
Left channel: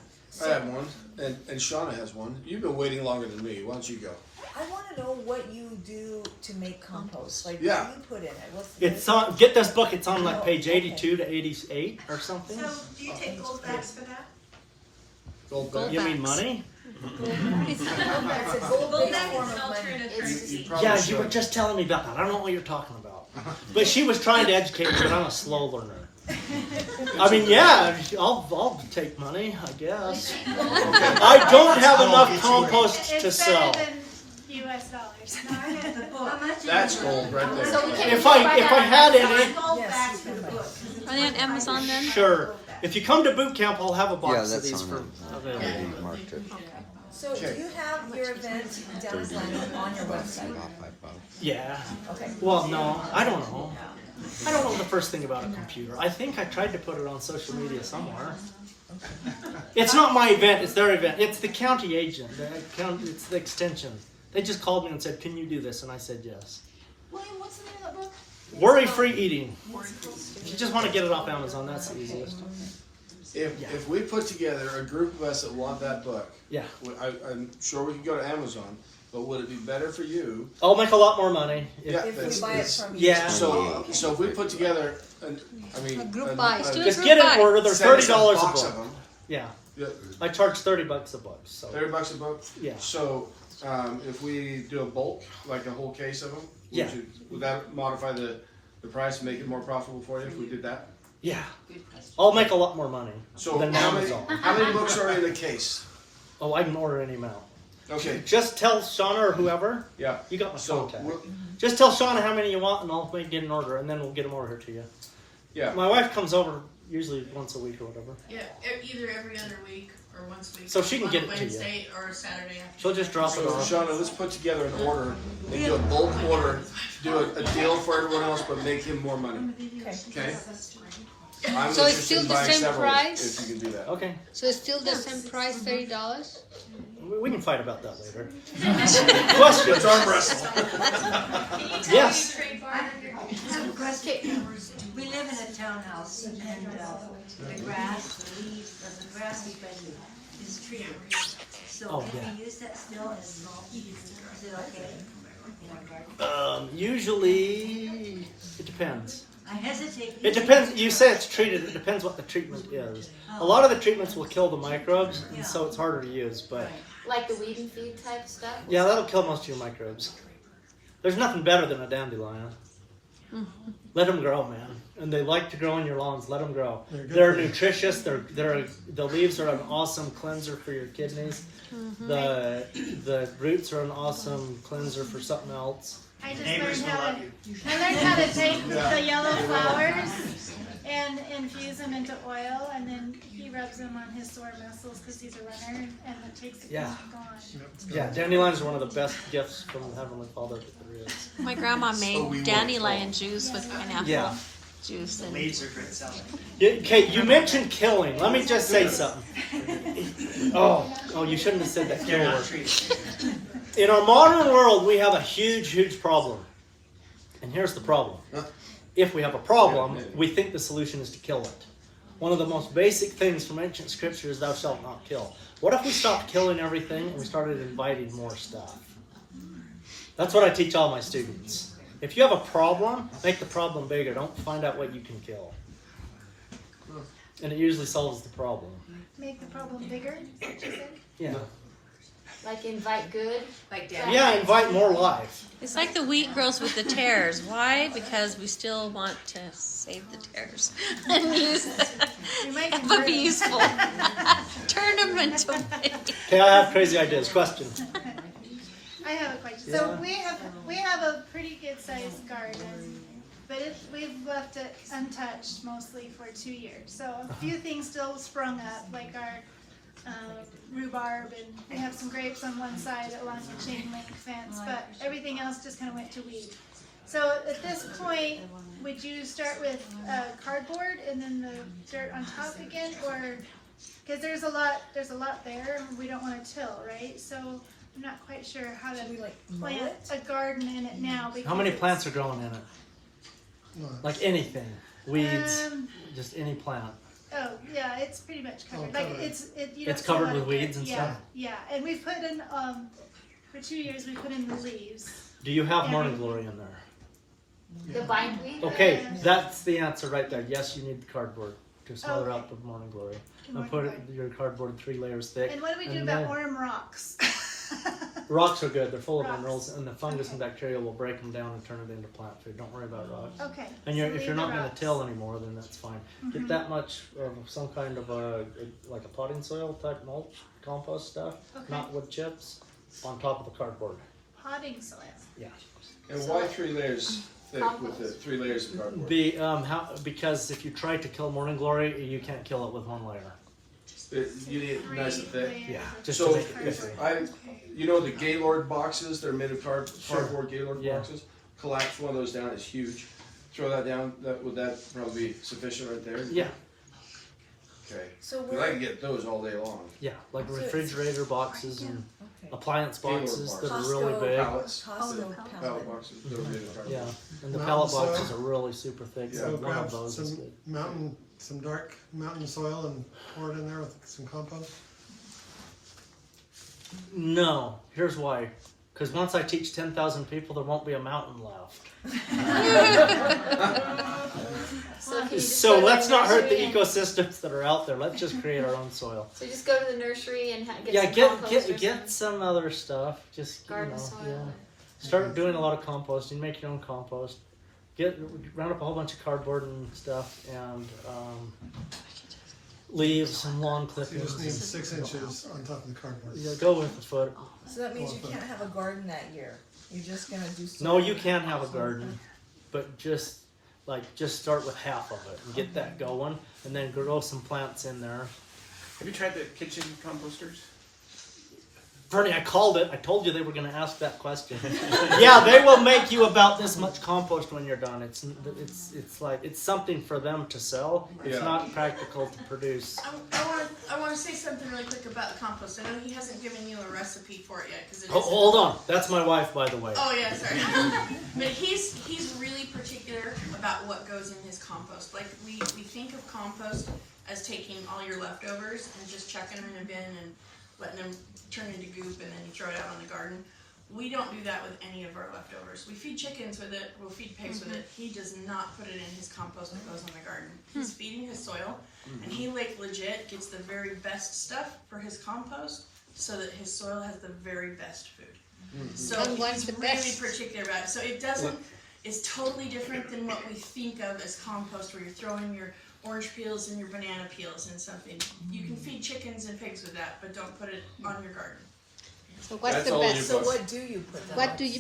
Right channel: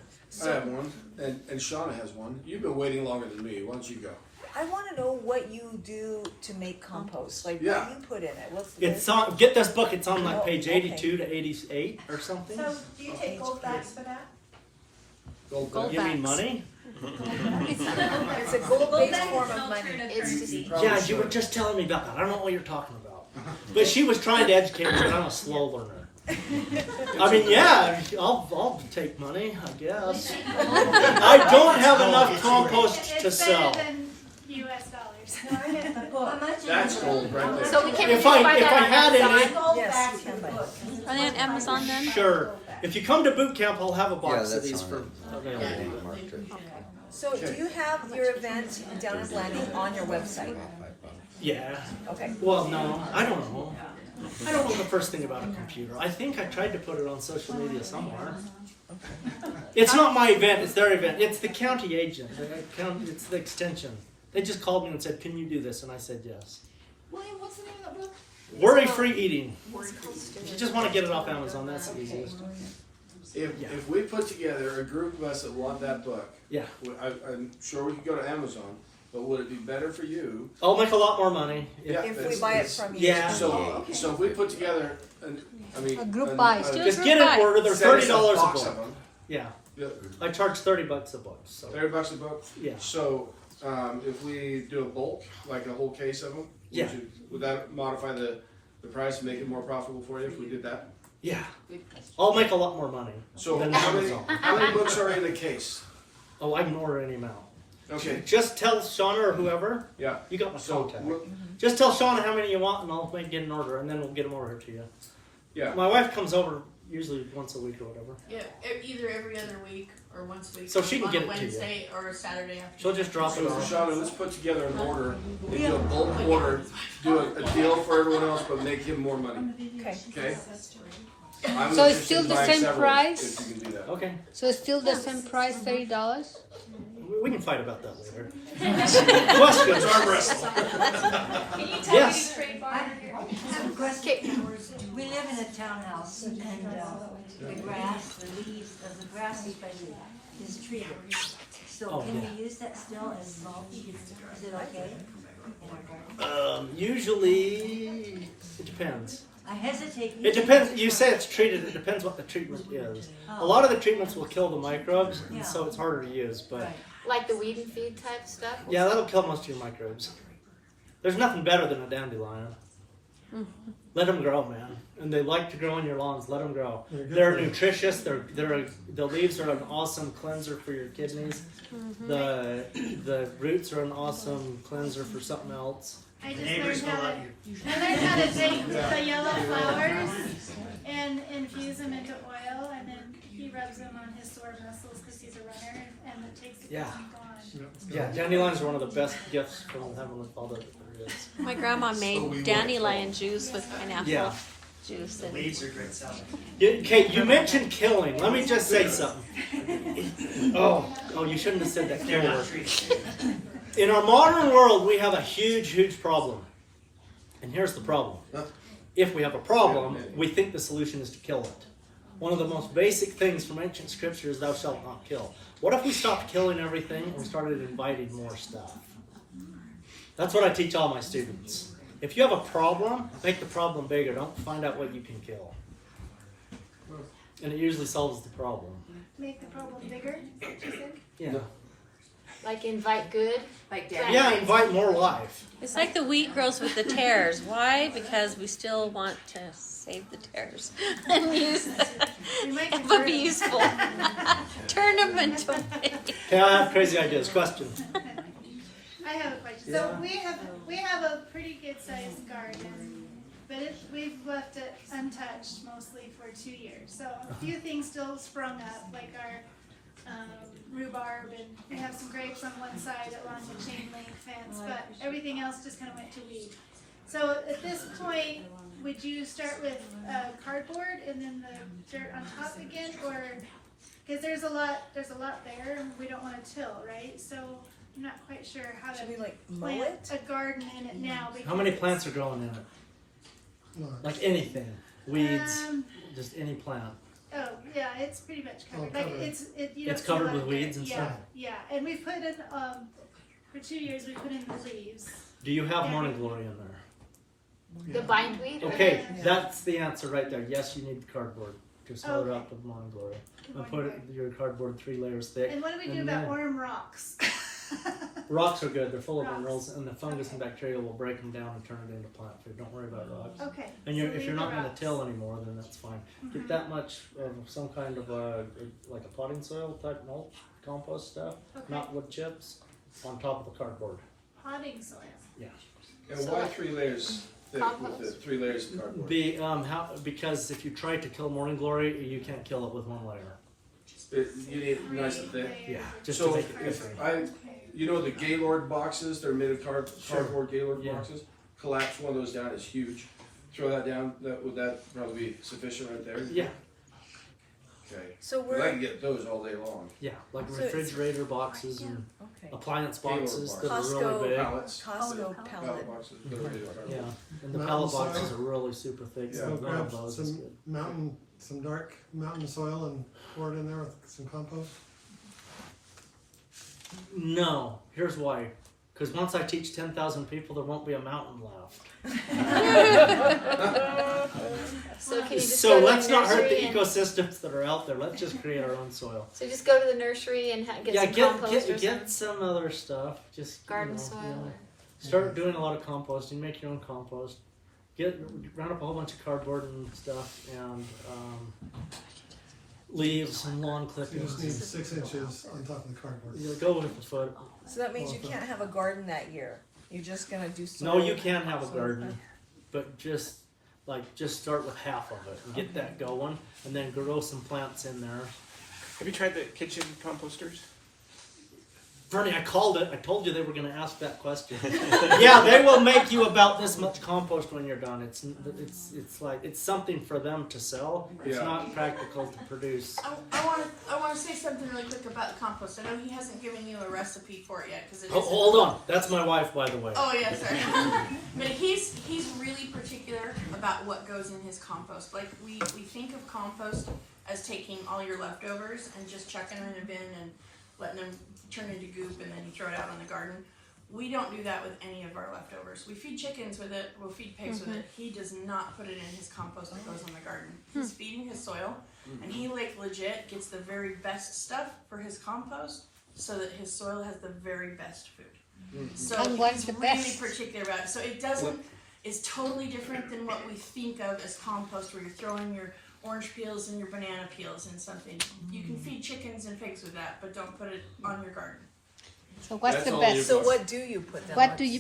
I have one, and Shauna has one. You've been waiting longer than me. Why don't you go? I want to know what you do to make compost. Like, Yeah. what do you put in it? What's It's on. Get this book. It's on like page 82 to 88 or something. So, do you take gold backs for that? Gold Give me backs. money. It's a Gold gold-based back form is of an money. alternative It's currency. Probably Yeah, you should. were just telling me about that. I don't know what you're talking about. But she was trying to educate me, but I'm a slow learner. I mean, yeah, I'll take money, I guess. I don't have enough compost to sell. US dollars. That's gold right there. So we can't If I had any, Gold Yes. backs for the book. Are they on Amazon then? sure. If you come to boot camp, I'll have a box of that's these on for it. available. Marked it. So, do you have your event down at Landing on your website? Yeah. Okay. Well, no, I don't know. I don't know the first thing about a computer. I think I tried to put it on social media somewhere. It's not my event, it's their event. It's the county agent. It's the extension. They just called me and said, can you do this? And I said yes. William, what's the name of that book? Worry-free eating. If you just want to get it off Amazon, that's the easiest. If we put together a group of us that want that book, Yeah. I'm sure we could go to Amazon, but would it be better for you? I'll make a lot more money. If we buy it from you. Yeah. So if we put together, group buy. Let's do a Just group get buy. it order. They're $30 a box book. of them. Yeah. Yeah, I charge $30 a book. So. $30 a book. Yeah. So if we do a bulk, like a whole case of them, Yeah. would that modify the price and make it more profitable for you if we did that? Yeah. I'll make a lot more money So than how Amazon. many books are in a case? Oh, I can order any amount. Okay. Just tell Shauna or whoever. Yeah. You got my So contact. we'll- Just tell Shauna how many you want, and I'll get an order, and then we'll get them over here to you. Yeah. My wife comes over usually once a week or whatever. Yeah, either every other week or once a week. So she can on get a it to you. Wednesday or a Saturday afternoon. She'll just drop it So off. Shauna, let's put together an order and do a bulk order, do a deal for everyone else, but make him more money. Okay? I'm So it's interested still in the buying same several price? if you can do that. Okay. So it's still the same price, $30? We can fight about that later. Question. It's arm wrestle. Yes. We live in a townhouse and the grass, the leaves, the grassy thing is treated. So can we use that still as mulch? Is it okay? Usually, it depends. I hesitate. It depends. You say it's treated. It depends what the treatment is. A lot of the treatments will kill the microbes, and so it's harder to use. But Like the weed and feed type stuff? yeah, that'll kill most of your microbes. There's nothing better than a dandelion. Let them grow, man. And they like to grow in your lawns. Let them grow. They're nutritious. The leaves are an awesome cleanser for your kidneys. The roots are an awesome cleanser for something else. I just learned how to take the yellow flowers and infuse them into oil, and then he rubs them on his sore muscles because he's a runner, and it takes the pain gone. Yeah, dandelions are one of the best gifts from the Heavenly Father that there is. My grandma made dandelion juice with pineapple juice and. Okay, you mentioned killing. Let me just say something. Oh, you shouldn't have said that kill word. In our modern world, we have a huge problem. And here's the problem. If we have a problem, we think the solution is to kill it. One of the most basic things from ancient scripture is thou shalt not kill. What if we stopped killing everything and we started inviting more stuff? That's what I teach all my students. If you have a problem, make the problem bigger. Don't find out what you can kill. And it usually solves the problem. Make the problem bigger, is what you said? Yeah. Like invite good? Like Yeah, invite more life. It's like the wheat grows with the tares. Why? Because we still want to save the tares and use them, but be useful. Turn them into wheat. Okay, I have crazy ideas. Question. I have a question. So we have a pretty good sized garden, but we've left it untouched mostly for 2 years. So a few things still sprung up, like our rhubarb, and we have some grapes on one side along the chain link fence, but everything else just kind of went to weed. So at this point, would you start with cardboard and then the dirt on top again, or because there's a lot there and we don't want to till, right? So I'm not quite sure how to plant a garden in it now. How many plants are growing in it? Like anything, weeds, just any plant. Oh yeah, it's pretty much covered. Like It's covered with weeds and stuff. Yeah, and we put in for 2 years we put in the leaves. Do you have morning glory in there? The bindweed? Okay, that's the answer right there. Yes, you need the cardboard to smother up with morning glory. And put your cardboard 3 layers thick. And what do we do about worm rocks? Rocks are good. They're full of minerals, and the fungus and bacteria will break them down and turn it into plant food. Don't worry about rocks. Okay. And so if you're not going to rocks. till anymore, then that's fine. Get that much of some kind of like a potting soil type mulch, compost stuff, not wood chips, on top of the cardboard. Potting soil. Yeah. And why 3 layers thick with the 3 layers of cardboard? Because if you try to kill morning glory, you can't kill it with 1 layer. You need it nice and thick. Yeah. Just So to make it crispy. you know the Gaylord boxes? They're made of cardboard Gaylord boxes. Collapse one of those down. It's huge. Throw that down. Would that probably be sufficient right there? Yeah. Okay. So Because I can get those all day long. Yeah, like refrigerator boxes and appliance boxes that are boxes. really big. Pallets. Pallet boxes. that are made of cardboard. Yeah, and the Mountain pallet soil. boxes are really super thick. So So one grab of those is good. some dark mountain soil and pour it in there with some compost. No, here's why. Because once I teach 10,000 people, there won't be a mountain left. So can you just So go to let's not hurt the nursery and- ecosystems that are out there. Let's just create our own soil. So just go to the nursery and get Yeah, some get compost or get some other stuff. Just garden you know, soil. yeah. Start doing a lot of composting. Make your own compost. Round up a whole bunch of cardboard and stuff, and leaves and lawn You clippings. just need 6 inches on top of the cardboard. Yeah, go with the foot. So that means you can't have a garden that year. You're just gonna do. No, you can have a garden, but just start with half of it and get that going, and then grow some plants in there. Have you tried the kitchen composters? Bernie, I called it. I told you they were going to ask that question. Yeah, they will make you about this much compost when you're done. It's something for them to sell. It's Yeah. not practical to produce. I want to say something really quick about the compost. I know he hasn't given you a recipe for it yet because Hold on, that's my wife, by the way. Oh yeah, sorry. But he's really particular about what goes in his compost. Like we think of compost as taking all your leftovers and just chucking them in a bin and letting them turn into goop and then you throw it out on the garden. We don't do that with any of our leftovers. We feed chickens with it, we'll feed pigs with it. He does not put it in his compost that goes on the garden. He's feeding his soil and he legit gets the very best stuff for his compost so that his soil has the very best food. So And what's he's the really best? particular about it. So it doesn't, it's totally different than what we think of as compost where you're throwing your orange peels and your banana peels in something. You can feed chickens and pigs with that, but don't put it on your garden. So what's That's the all in best? your So what do you put them?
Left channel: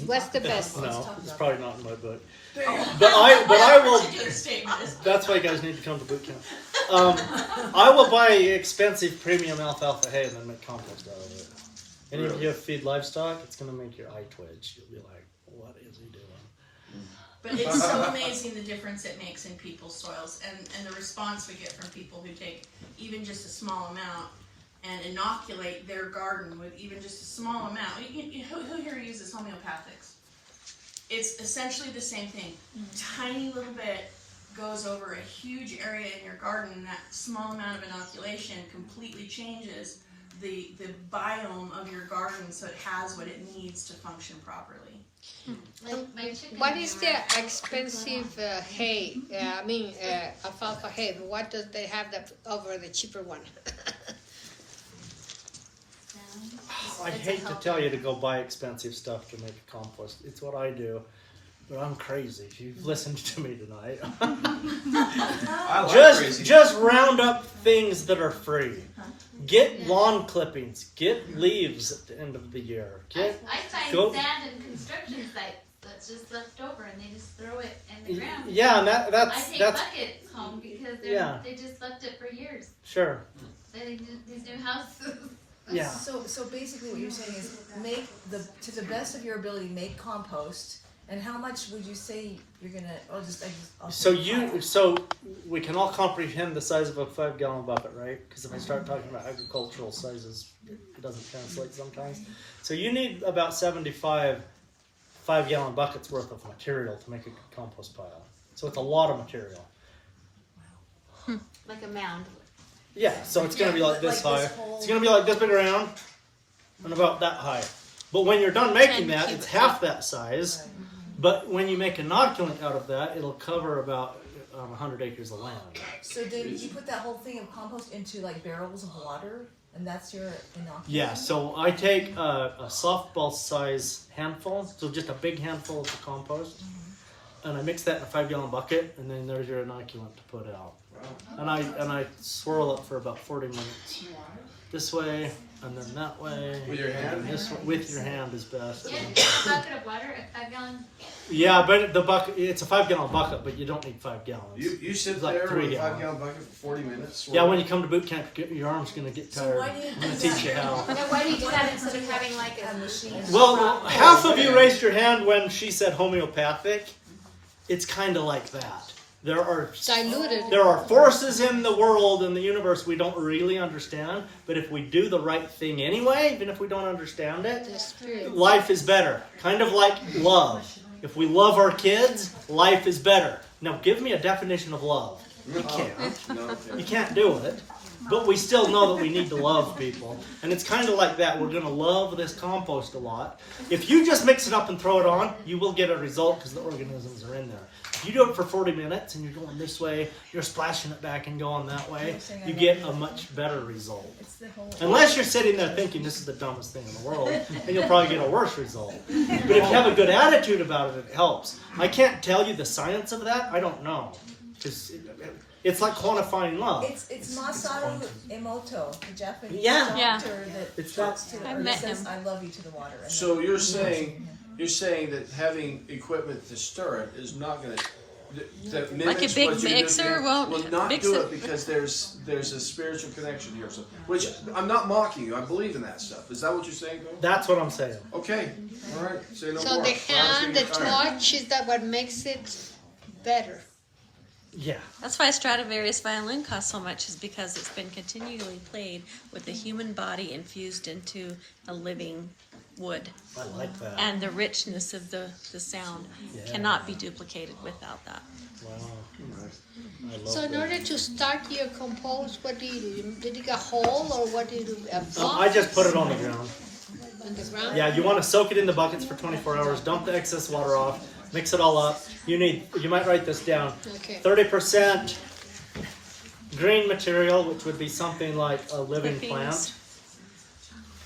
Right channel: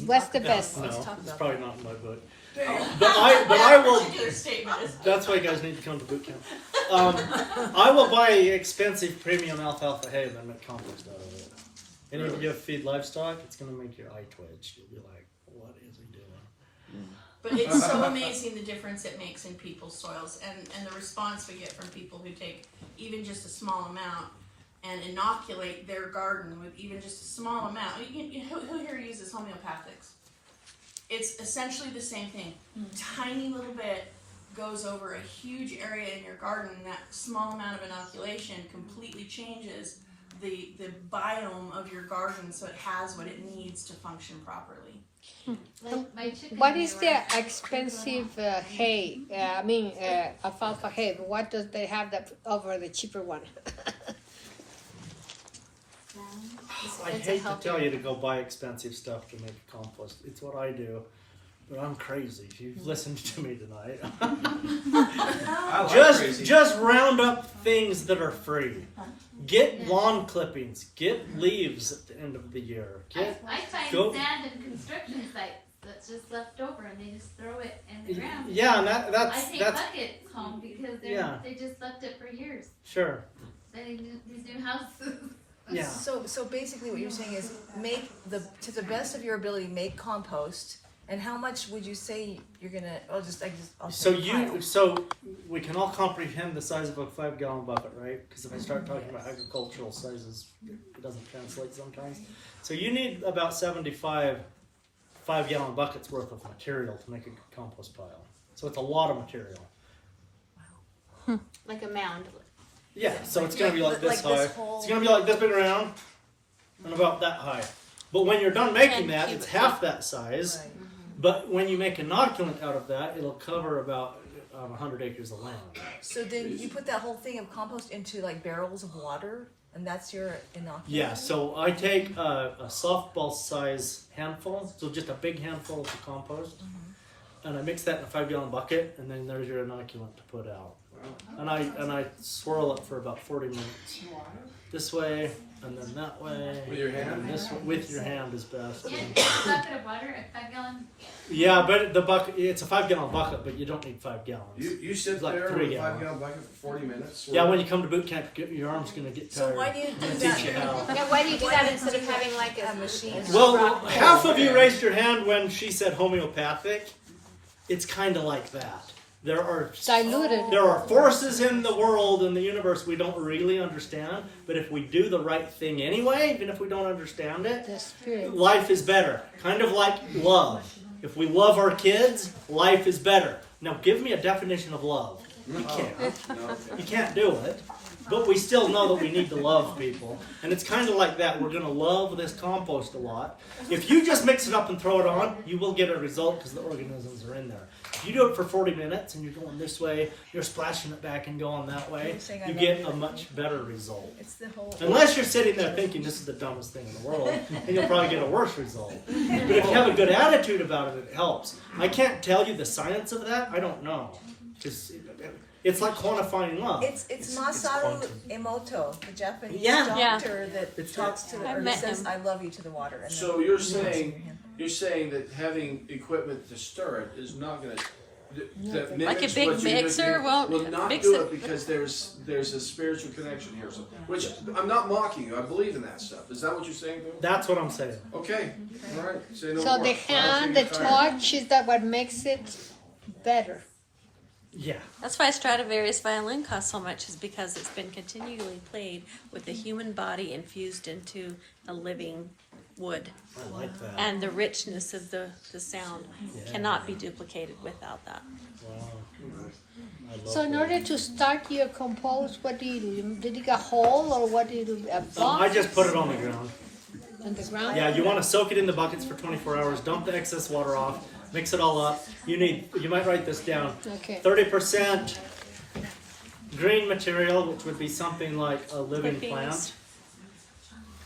What's the best? No, it's probably not in my book. There you go. But I will. Particular statement is. That's why you guys need to come to boot camp. I will buy expensive premium alfalfa hay and then make compost out of it. And if you feed livestock, it's going to make your eye twitch. You'll be like, what is he doing? But it's so amazing the difference it makes in people's soils and the response we get from people who take even just a small amount and inoculate their garden with even just a small amount. Who here uses homeopathics? It's essentially the same thing. Tiny little bit goes over a huge area in your garden, and that small amount of inoculation completely changes the biome of your garden so it has what it needs to function properly. What is the expensive hay? Alfalfa hay. What does they have that over the cheaper one? I hate to tell you to go buy expensive stuff to make compost. It's what I do. But I'm crazy. You've listened to me tonight. I like crazy. Just round up things that are free. Get lawn clippings. Get leaves at the end of the year. I find go- sand in construction sites that's just left over and they just throw it in the ground. Yeah, and I that's take buckets home because they just left it for years. sure. These new houses. Yeah. So basically what you're saying is make to the best of your ability, make compost. And how much would you say you're gonna? So we can all comprehend the size of a 5-gallon bucket, right? Because if I start talking about agricultural sizes, it doesn't translate sometimes. So you need about 75 5-gallon buckets worth of material to make a good compost pile. So it's a lot of material. Like a mound. Yeah, so it's gonna be like this high. It's gonna be like this big around and about that high. But when you're done making that, it's half that size. But when you make inoculant out of that, it'll cover about 100 acres of land. So then you put that whole thing of compost into like barrels of water, and that's your inoculant? Yeah, so I take a softball size handful, so just a big handful of the compost, and I mix that in a 5-gallon bucket, and then there's your inoculant to put out. And I swirl it for about 40 minutes. This way, and then that way. With your hand? And this way, with your hand is best. Yeah, a bucket of water, a 5-gallon. Yeah, but the bucket, it's a 5-gallon bucket, but you don't need 5 gallons. You sit It's like there 3 with a gallon. 5-gallon bucket for 40 minutes. Yeah, when you come to boot camp, your arm's going to get tired. So why do you I'm do gonna that? teach you how. And why do you do that instead of having like a machine? Well, half of you raised your hand when she said homeopathic. It's kind of like that. There are Diluted. There are forces in the world, in the universe, we don't really understand. But if we do the right thing anyway, even if we don't understand it, life is better. Kind of like love. If we love our kids, life is better. Now, give me a definition of love. You can't. You can't do it. But we still know that we need to love people. And it's kind of like that. We're going to love this compost a lot. If you just mix it up and throw it on, you will get a result because the organisms are in there. If you do it for 40 minutes and you're going this way, you're splashing it back and going that way, you get a much better result. Unless you're sitting there thinking this is the dumbest thing in the world, then you'll probably get a worse result. But if you have a good attitude about it, it helps. I can't tell you the science of that. I don't know. It's like quantifying love. It's Masaru Emoto, the Japanese Yeah. doctor that talks to I've or met says, him. I love you to the water. And So you're saying that having equipment to stir it is not going to Like a big mixer won't will not mix do it. it because there's a spiritual connection here. So, which I'm not mocking you. I believe in that stuff. Is that what you're saying, Bill? That's what I'm saying. Okay. All right. Say no So more. the hand, the touch is that what makes it better. Yeah. That's why Stradivarius violin costs so much, is because it's been continually played with the human body infused into a living wood. I like that. And the richness of the sound cannot be duplicated without that. Wow. I love So in that. order to start your compost, what do you do? You dig a hole or what do you do? A box I just put it on the ground. on the ground? Yeah, you want to soak it in the buckets for 24 hours, dump the excess water off, mix it all up. You might write this down. Okay. 30% green material, which would be something like a living Clippings. plant.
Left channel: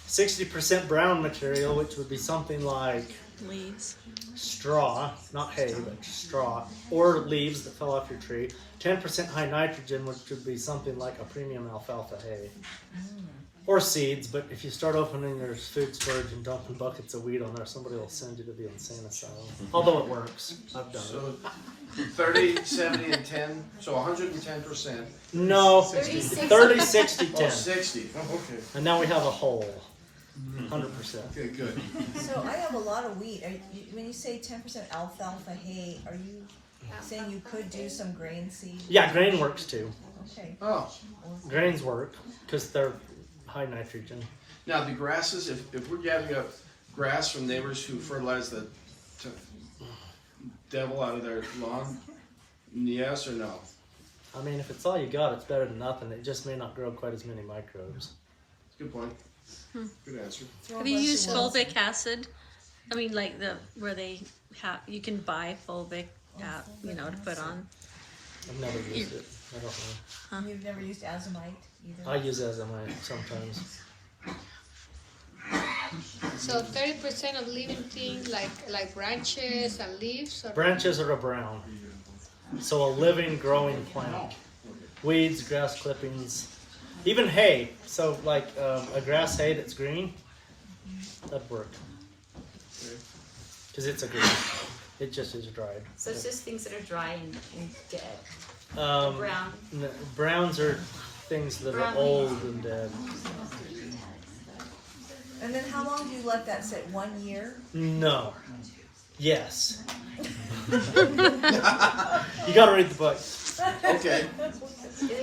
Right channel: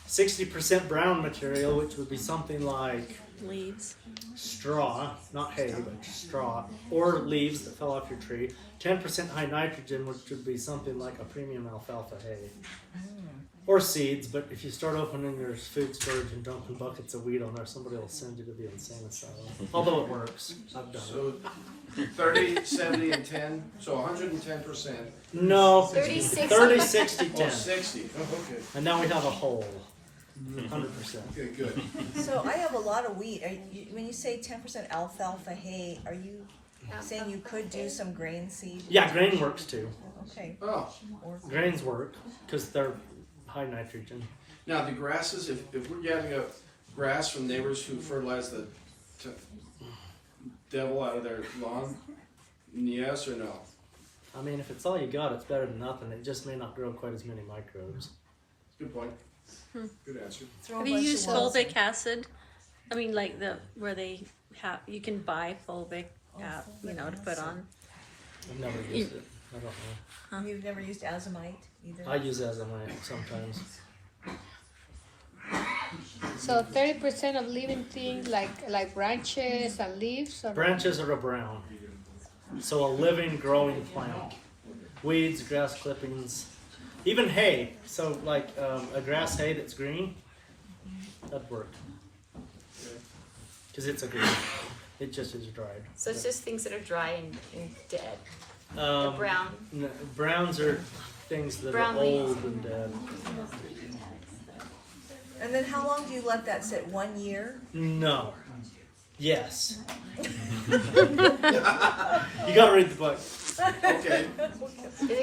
60% brown material, which would be something like Leaves. straw, not hay, but straw, or leaves that fell off your tree. 10% high nitrogen, which would be something like a premium alfalfa hay. Or seeds, but if you start opening your food storage and dumping buckets of wheat on there, somebody will send you to the insane asylum. Although it works. I've done it. So 30, 70, and 10. So 110%. No. 30, 60, 10. 60. Oh, okay. And now we have a whole. 100%. Okay, good. So I have a lot of wheat. When you say 10% alfalfa hay, are you saying you could do some grain seed? Yeah, grain works too. Okay. Oh. Grains work because they're high nitrogen. Now the grasses, if we're gathering up grass from neighbors who fertilize the devil out of their lawn, yes or no? I mean, if it's all you got, it's better than nothing. It just may not grow quite as many microbes. Good point. Good answer. Have you used fulvic acid? I mean, like where they have, you can buy fulvic, to put on. I've never used it. I don't know. You've never used azomite either? I use azomite sometimes. So 30% of living things like branches and leaves? Or Branches are a brown. So a living, growing plant. Weeds, grass clippings, even hay. So like a grass hay that's green, that'd work. Because it's a green. It just is dried. So it's just things that are dry and dead. Brown. No, browns are things that Brown are old and dead. And then how long do you let that sit? 1 year? No. Yes. You gotta read the book. Okay.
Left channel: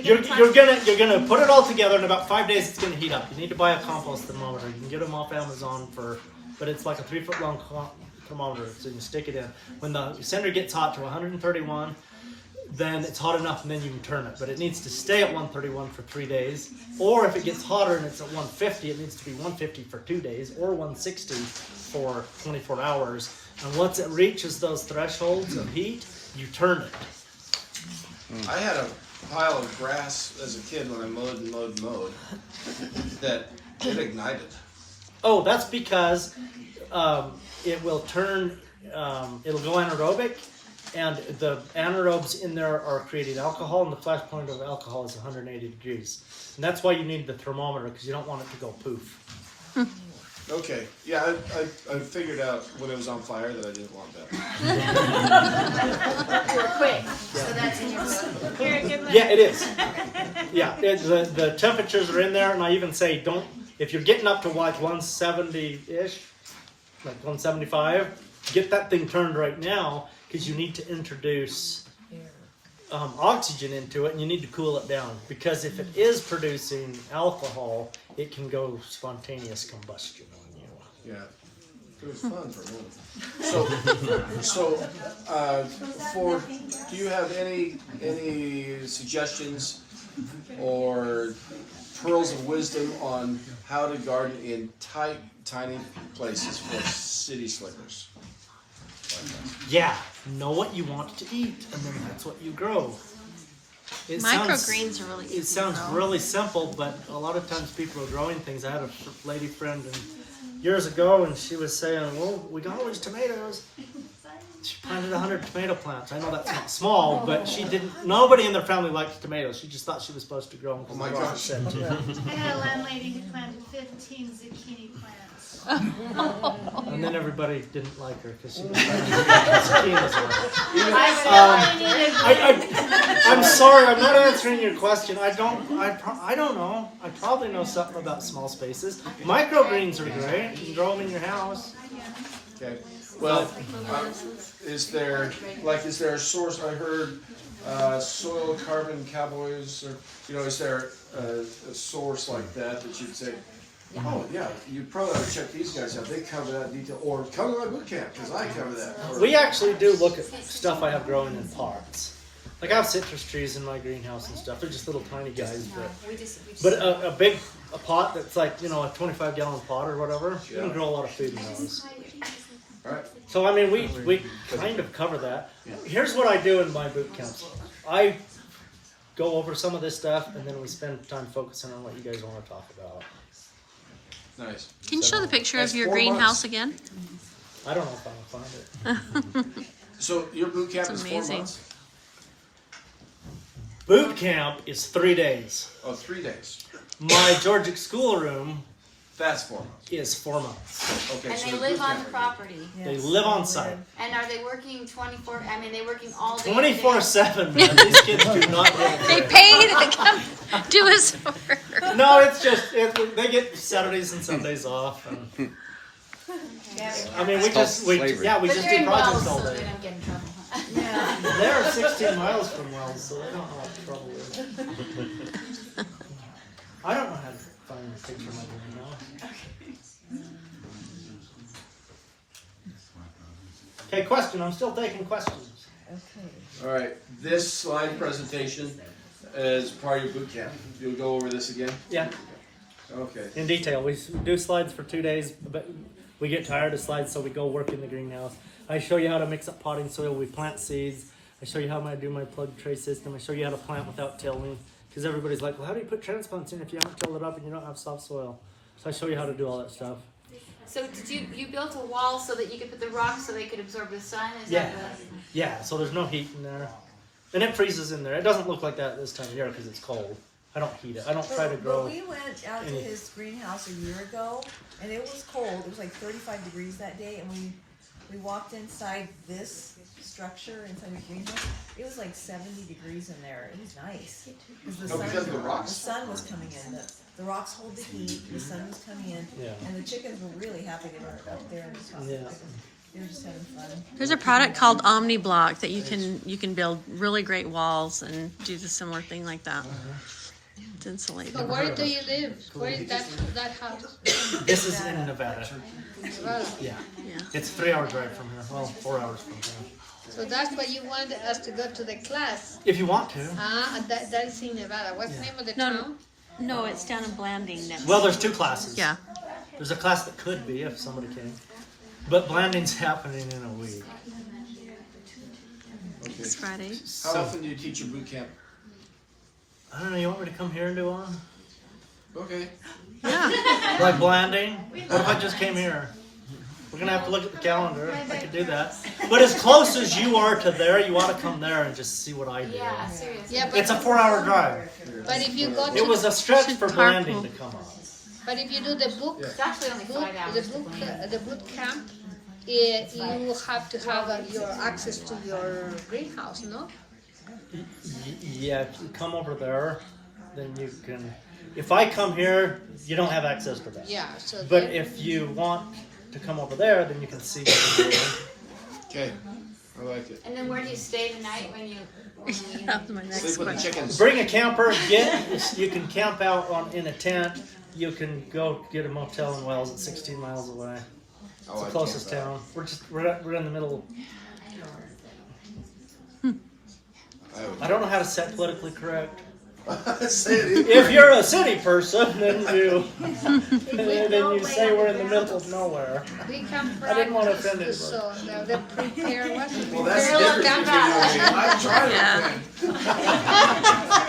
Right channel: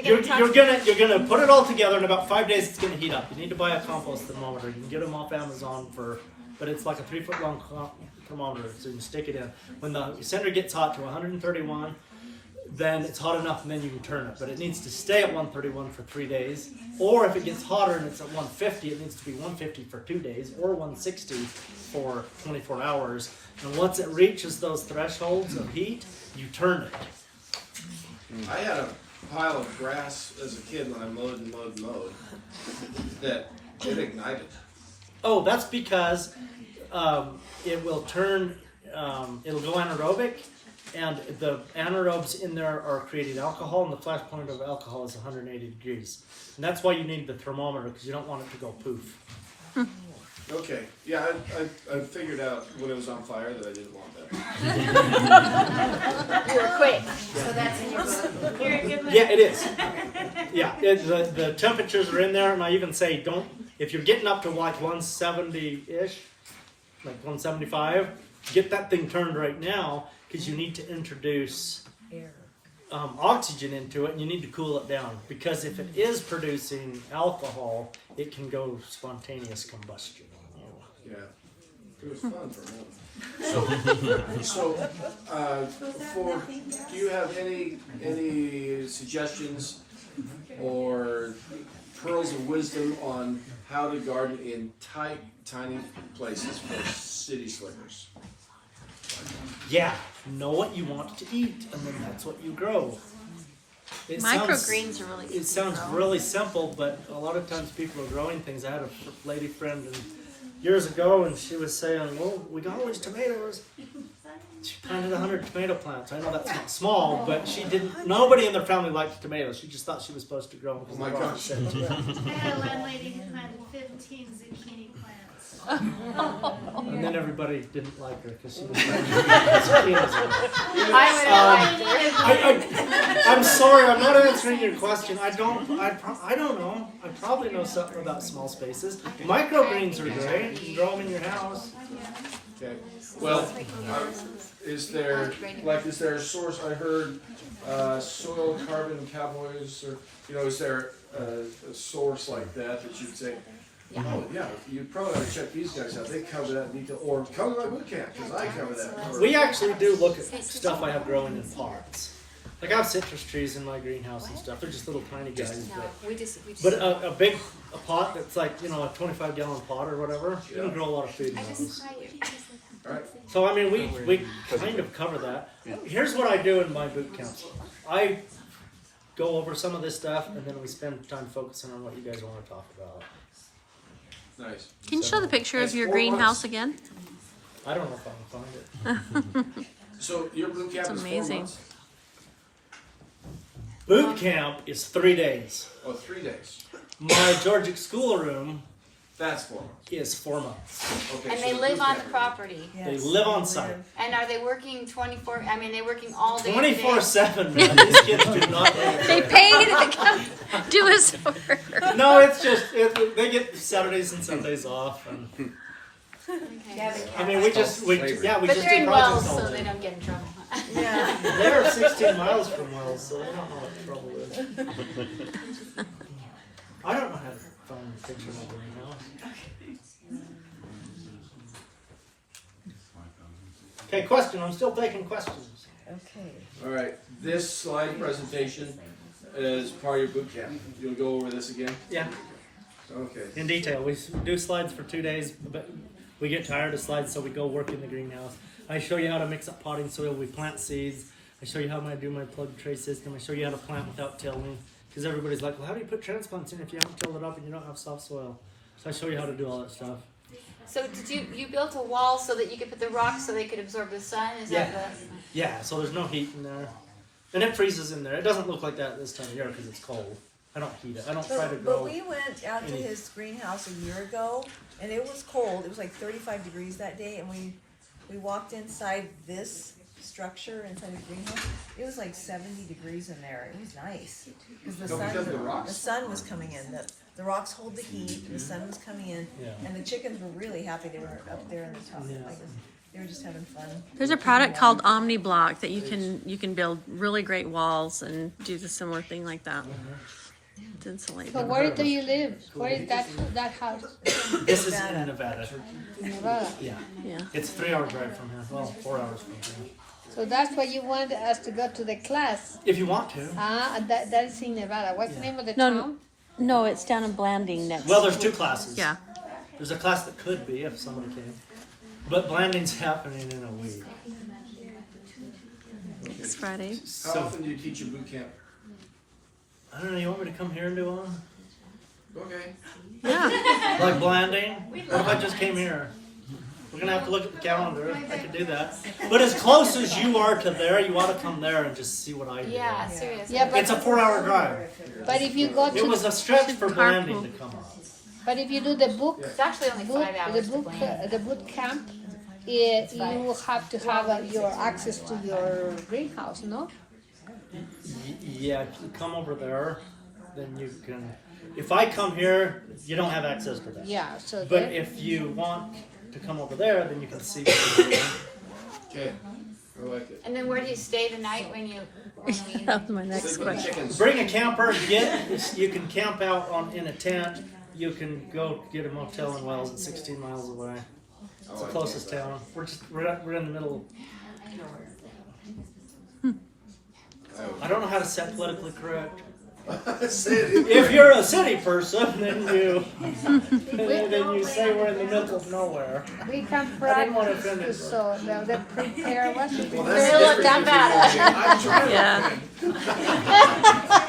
You're gonna put it all together in about 5 days. It's gonna heat up. You need to buy a compost thermometer. You can get them off Amazon but it's like a 3-foot long thermometer, so you can stick it in. When the center gets hot to 131, then it's hot enough, and then you can turn it. But it needs to stay at 131 for 3 days. Or if it gets hotter and it's at 150, it needs to be 150 for 2 days, or 160 for 24 hours. And once it reaches those thresholds of heat, you turn it. I had a pile of grass as a kid when I mowed that it ignited. Oh, that's because it will turn, it'll go anaerobic, and the anaerobes in there are creating alcohol, and the flash point of alcohol is 180 degrees. And that's why you need the thermometer, because you don't want it to go poof. Okay. Yeah, I figured out when it was on fire that I didn't want that. You were quick. So that's in your book. You're a good one. Yeah, it is. Yeah, the temperatures are in there, and I even say if you're getting up to like 170-ish, like 175, get that thing turned right now, because you need to introduce oxygen into it, and you need to cool it down, because if it is producing alcohol, it can go spontaneous combustion on you. Yeah, it was fun for me. Do you have any suggestions or pearls of wisdom on how to garden in tight, tiny places for city slickers? Yeah, know what you want to eat, and then that's what you grow. It Microgreens are really easy It sounds to grow. really simple, but a lot of times people are growing things. I had a lady friend years ago, and she was saying, well, we got all these tomatoes. She planted 100 tomato plants. I know that's not small, but nobody in their family liked tomatoes. She just thought she was supposed to grow them because my the gosh. said to. I had a landlady who planted 15 zucchini plants. And then everybody didn't like her because she was trying to get zucchinis around. I'm sorry, I'm not answering your question. I don't know. I probably know something about small spaces. Microgreens are great. You can grow them in your house. Okay. Well, is there a source? I heard soil carbon cowboys, or is there a source like that you'd say? Oh yeah, you probably ought to check these guys out. They cover that in detail. Or come to my boot camp because I cover that. We actually do look at stuff I have growing in pots. Like I have citrus trees in my greenhouse and stuff. They're just little tiny guys, but a pot that's like a 25-gallon pot or whatever. You can grow a lot of food in those. Right. So I mean, we kind of cover that. Here's what I do in my boot camps. I go over some of this stuff, and then we spend time focusing on what you guys want to talk about. Nice. Can you show the picture of your greenhouse again? I don't know if I can find it. So your boot camp It's is 4 amazing. months? Boot camp is 3 days. Oh, 3 days. My Georgic schoolroom That's 4 months. is 4 months. Okay. And so they the live boot on camp- the property. They live on site. And are they working 24? I mean, they're working all day. 24/7. These kids do not live They there. pay to come do his work. No, it's just they get Saturdays and Sundays off. And, I mean, we just But do they're projects in Wells, all so they day. don't get in trouble. They're 16 miles from Wells, so they don't know what the trouble is. I don't know how to find a picture of my greenhouse. Okay, question. I'm still taking questions. All right. This slide presentation is part of your boot camp. You'll go over this again? Yeah. Okay. In detail. We do slides for 2 days, but we get tired of slides, so we go work in the greenhouse. I show you how to mix up potting soil. We plant seeds. I show you how I do my plug tray system. I show you how to plant without tilling. Because everybody's like, well, how do you put transplants in if you haven't tilled it up and you don't have soft soil? So I show you how to do all that stuff. So did you built a wall so that you could put the rocks so they could absorb the sun? Is Yeah. that Yeah, so there's no heat in there. And it freezes in there. It doesn't look like that this time of year because it's cold. I don't heat it. I don't try to grow. But we went out to his greenhouse a year ago, and it was cold. It was like 35 degrees that day, and we walked inside this structure inside the greenhouse. It was like 70 degrees in there. It was nice because Oh, because of the rocks? the sun was coming in. The rocks hold the heat. The sun was coming in, Yeah. and the chickens were really happy. They were up there in the top. Yeah. They were just having fun. There's a product called OmniBlock that you can build really great walls and do the similar thing like that. It's insulated. So where do you live? Where is that house? This is in Nevada. Nevada. Yeah. Yeah. It's 3-hour drive from here. Well, 4 hours from here. So that's why you wanted us to go to the class. If you want to. And that's in Nevada. What's the name of the No, town? no, it's down in Blanding next. Well, there's 2 classes. Yeah. There's a class that could be if somebody came. But Blanding's happening in a week. Next Friday. How often do you teach your boot camp? I don't know, you want me to come here and do one? Okay. Yeah. Like Blanding? What if I just came here? We're going to have to look at the calendar. I could do that. But as close as you are to there, you ought to come there and just see what I do. Yeah, seriously. Yeah, It's a 4-hour drive. But if you go to It was a stretch for Blanding to come up. But if you do the book, It's actually only 5 hours. the boot camp, you have to have your access to your greenhouse, no? Yeah, if you come over there, then you can. If I come here, you don't have access to that. Yeah. So But if you want to come over there, then you can see what we're doing. Okay. I like it. And then where do you stay the night when you? That was my next Sleep with the question. chickens. Bring a camper. You can camp out in a tent. You can go get a motel in Wells. It's 16 miles away. It's the closest town. We're in the middle. I don't know how to set politically correct. If you're a city person, then you say we're in the middle of nowhere. We come from. I didn't want to offend anybody. So we prepare what we Well, that's the difference between you and me. I'm trying to Yeah. offend.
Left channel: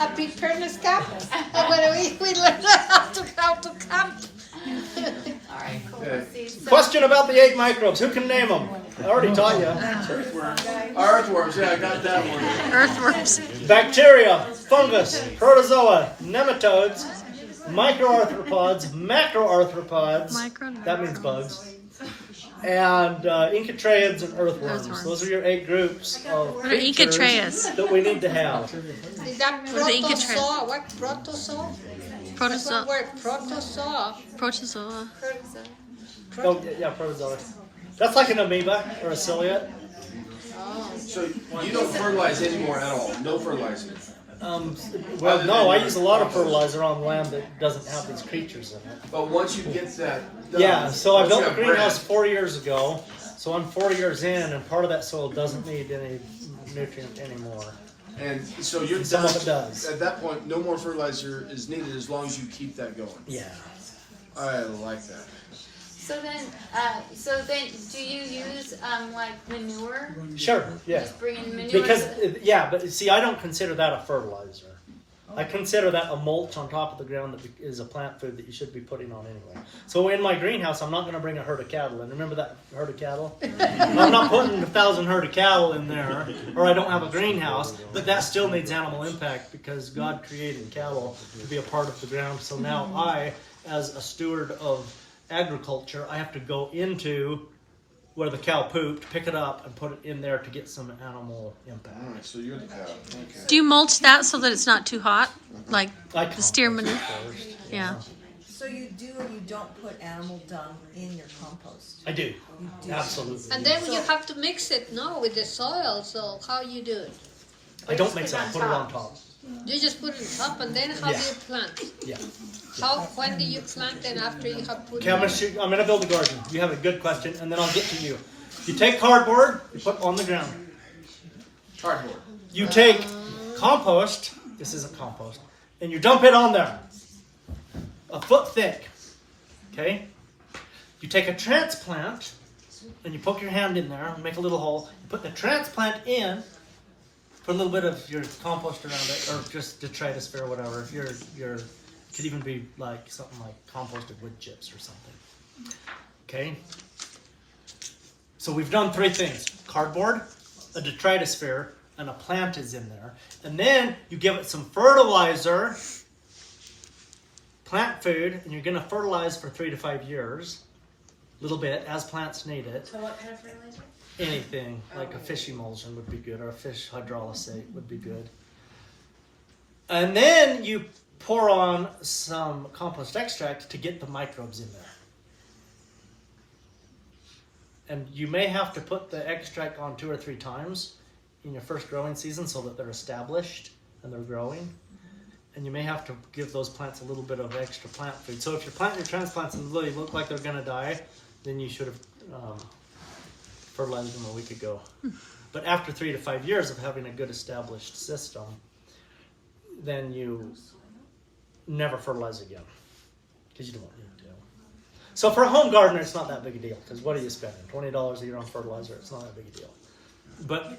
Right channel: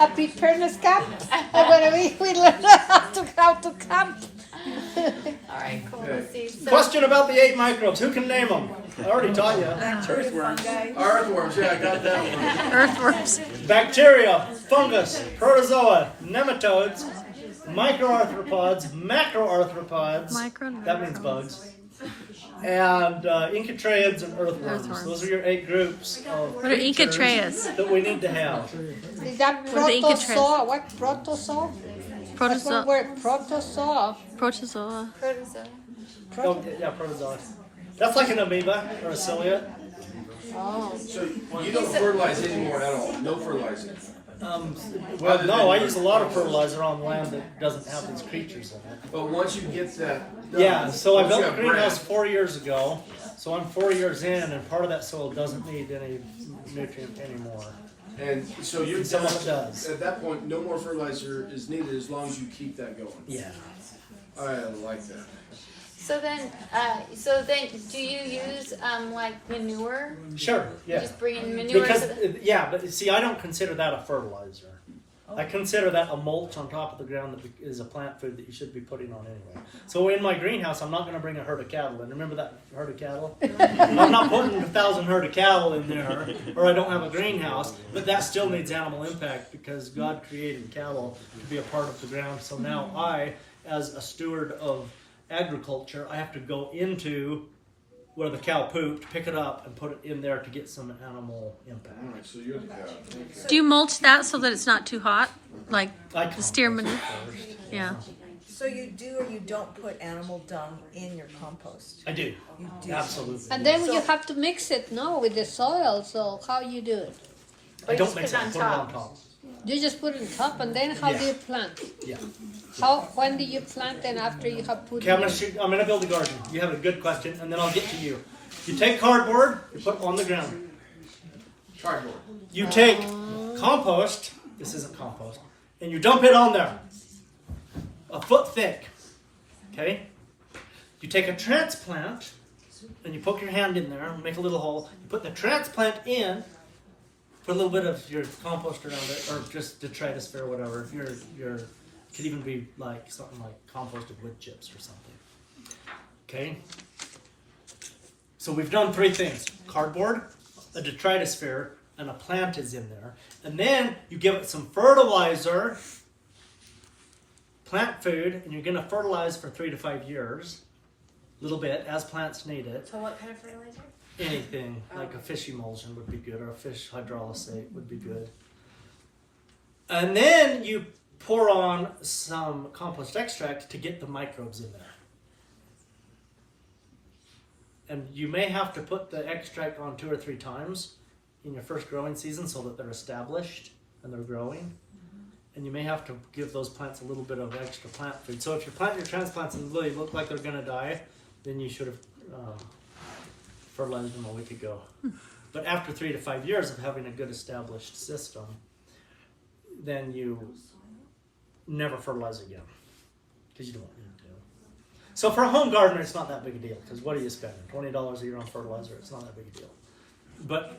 a preparedness camp. When we learn how to camp. Alright, cool. Let's see. So, Question about the 8 microbes. Who can name them? I already taught you. Earthworms, yeah, I got that one. Earthworms. Bacteria, fungus, protozoa, nematodes, microarthropods, macroarthropods. That means bugs. And enchytraeids and earthworms. Those are your 8 groups of What are creatures enchytraeids? that we need to have. Is that What are the protozoa? enchytraeids? What protozoa? Protozoa. Word protozoa. Protozoa. Oh, yeah, protozoa. That's like an amoeba or a ciliate. So you don't fertilize anymore at all? No fertilizing? Well, no, I use a lot of fertilizer on land that doesn't have these creatures in it. But once you get that done, Yeah, so I once you built a have greenhouse bread, 4 years ago. So I'm 4 years in, and part of that soil doesn't need any nutrient anymore. and so you're Some done. of it does. At that point, no more fertilizer is needed as long as you keep that going. Yeah. I like that. so then, do you use like manure? Sure, yeah. Just bring in manure. Because, but see, I don't consider that a fertilizer. I consider that a mulch on top of the ground that is a plant food that you should be putting on anyway. So in my greenhouse, I'm not going to bring a herd of cattle in. Remember that herd of cattle? I'm not putting 1,000 herd of cattle in there, or I don't have a greenhouse, but that still needs animal impact because God created cattle to be a part of the ground. So now I, as a steward of agriculture, I have to go into where the cow pooped, pick it up, and put it in there to get some animal impact. All right, so you're the cow. Okay. Do you mulch that so that it's not too hot? Like I the steer manure? first. Yeah. So you do or you don't put animal dung in your compost? I do. Absolutely. And then you have to mix it, no, with the soil. So how you do it? I don't mix it, I put it on top. You just put it on top, and then how do you plant? Yeah. When do you plant? And after you have put Okay, I'm gonna build a garden. You have a good question, and then I'll get to you. You take cardboard, you put it on the ground. Cardboard. You take compost, this isn't compost, and you dump it on there. A foot thick. Okay? You take a transplant, and you poke your hand in there, make a little hole, you put the transplant in, put a little bit of your compost around it, or just detritus or whatever. If your could even be like something like composted wood chips or something. Okay? So we've done 3 things. Cardboard, a detritus sphere, and a plant is in there. And then you give it some fertilizer, plant food, and you're going to fertilize for 3 to 5 years. A little bit, as plants need it. So what kind of fertilizer? Anything, like a fish emulsion would be good, or a fish hydrolysate would be good. And then you pour on some compost extract to get the microbes in there. And you may have to put the extract on 2 or 3 times in your first growing season so that they're established and they're growing. And you may have to give those plants a little bit of extra plant food. So if you're planting your transplants and really look like they're going to die, then you should have fertilized them a week ago. But after 3 to 5 years of having a good established system, then you never fertilize again because you don't need to. So for a home gardener, it's not that big a deal because what are you spending? $20 a year on fertilizer? It's not that big a deal. But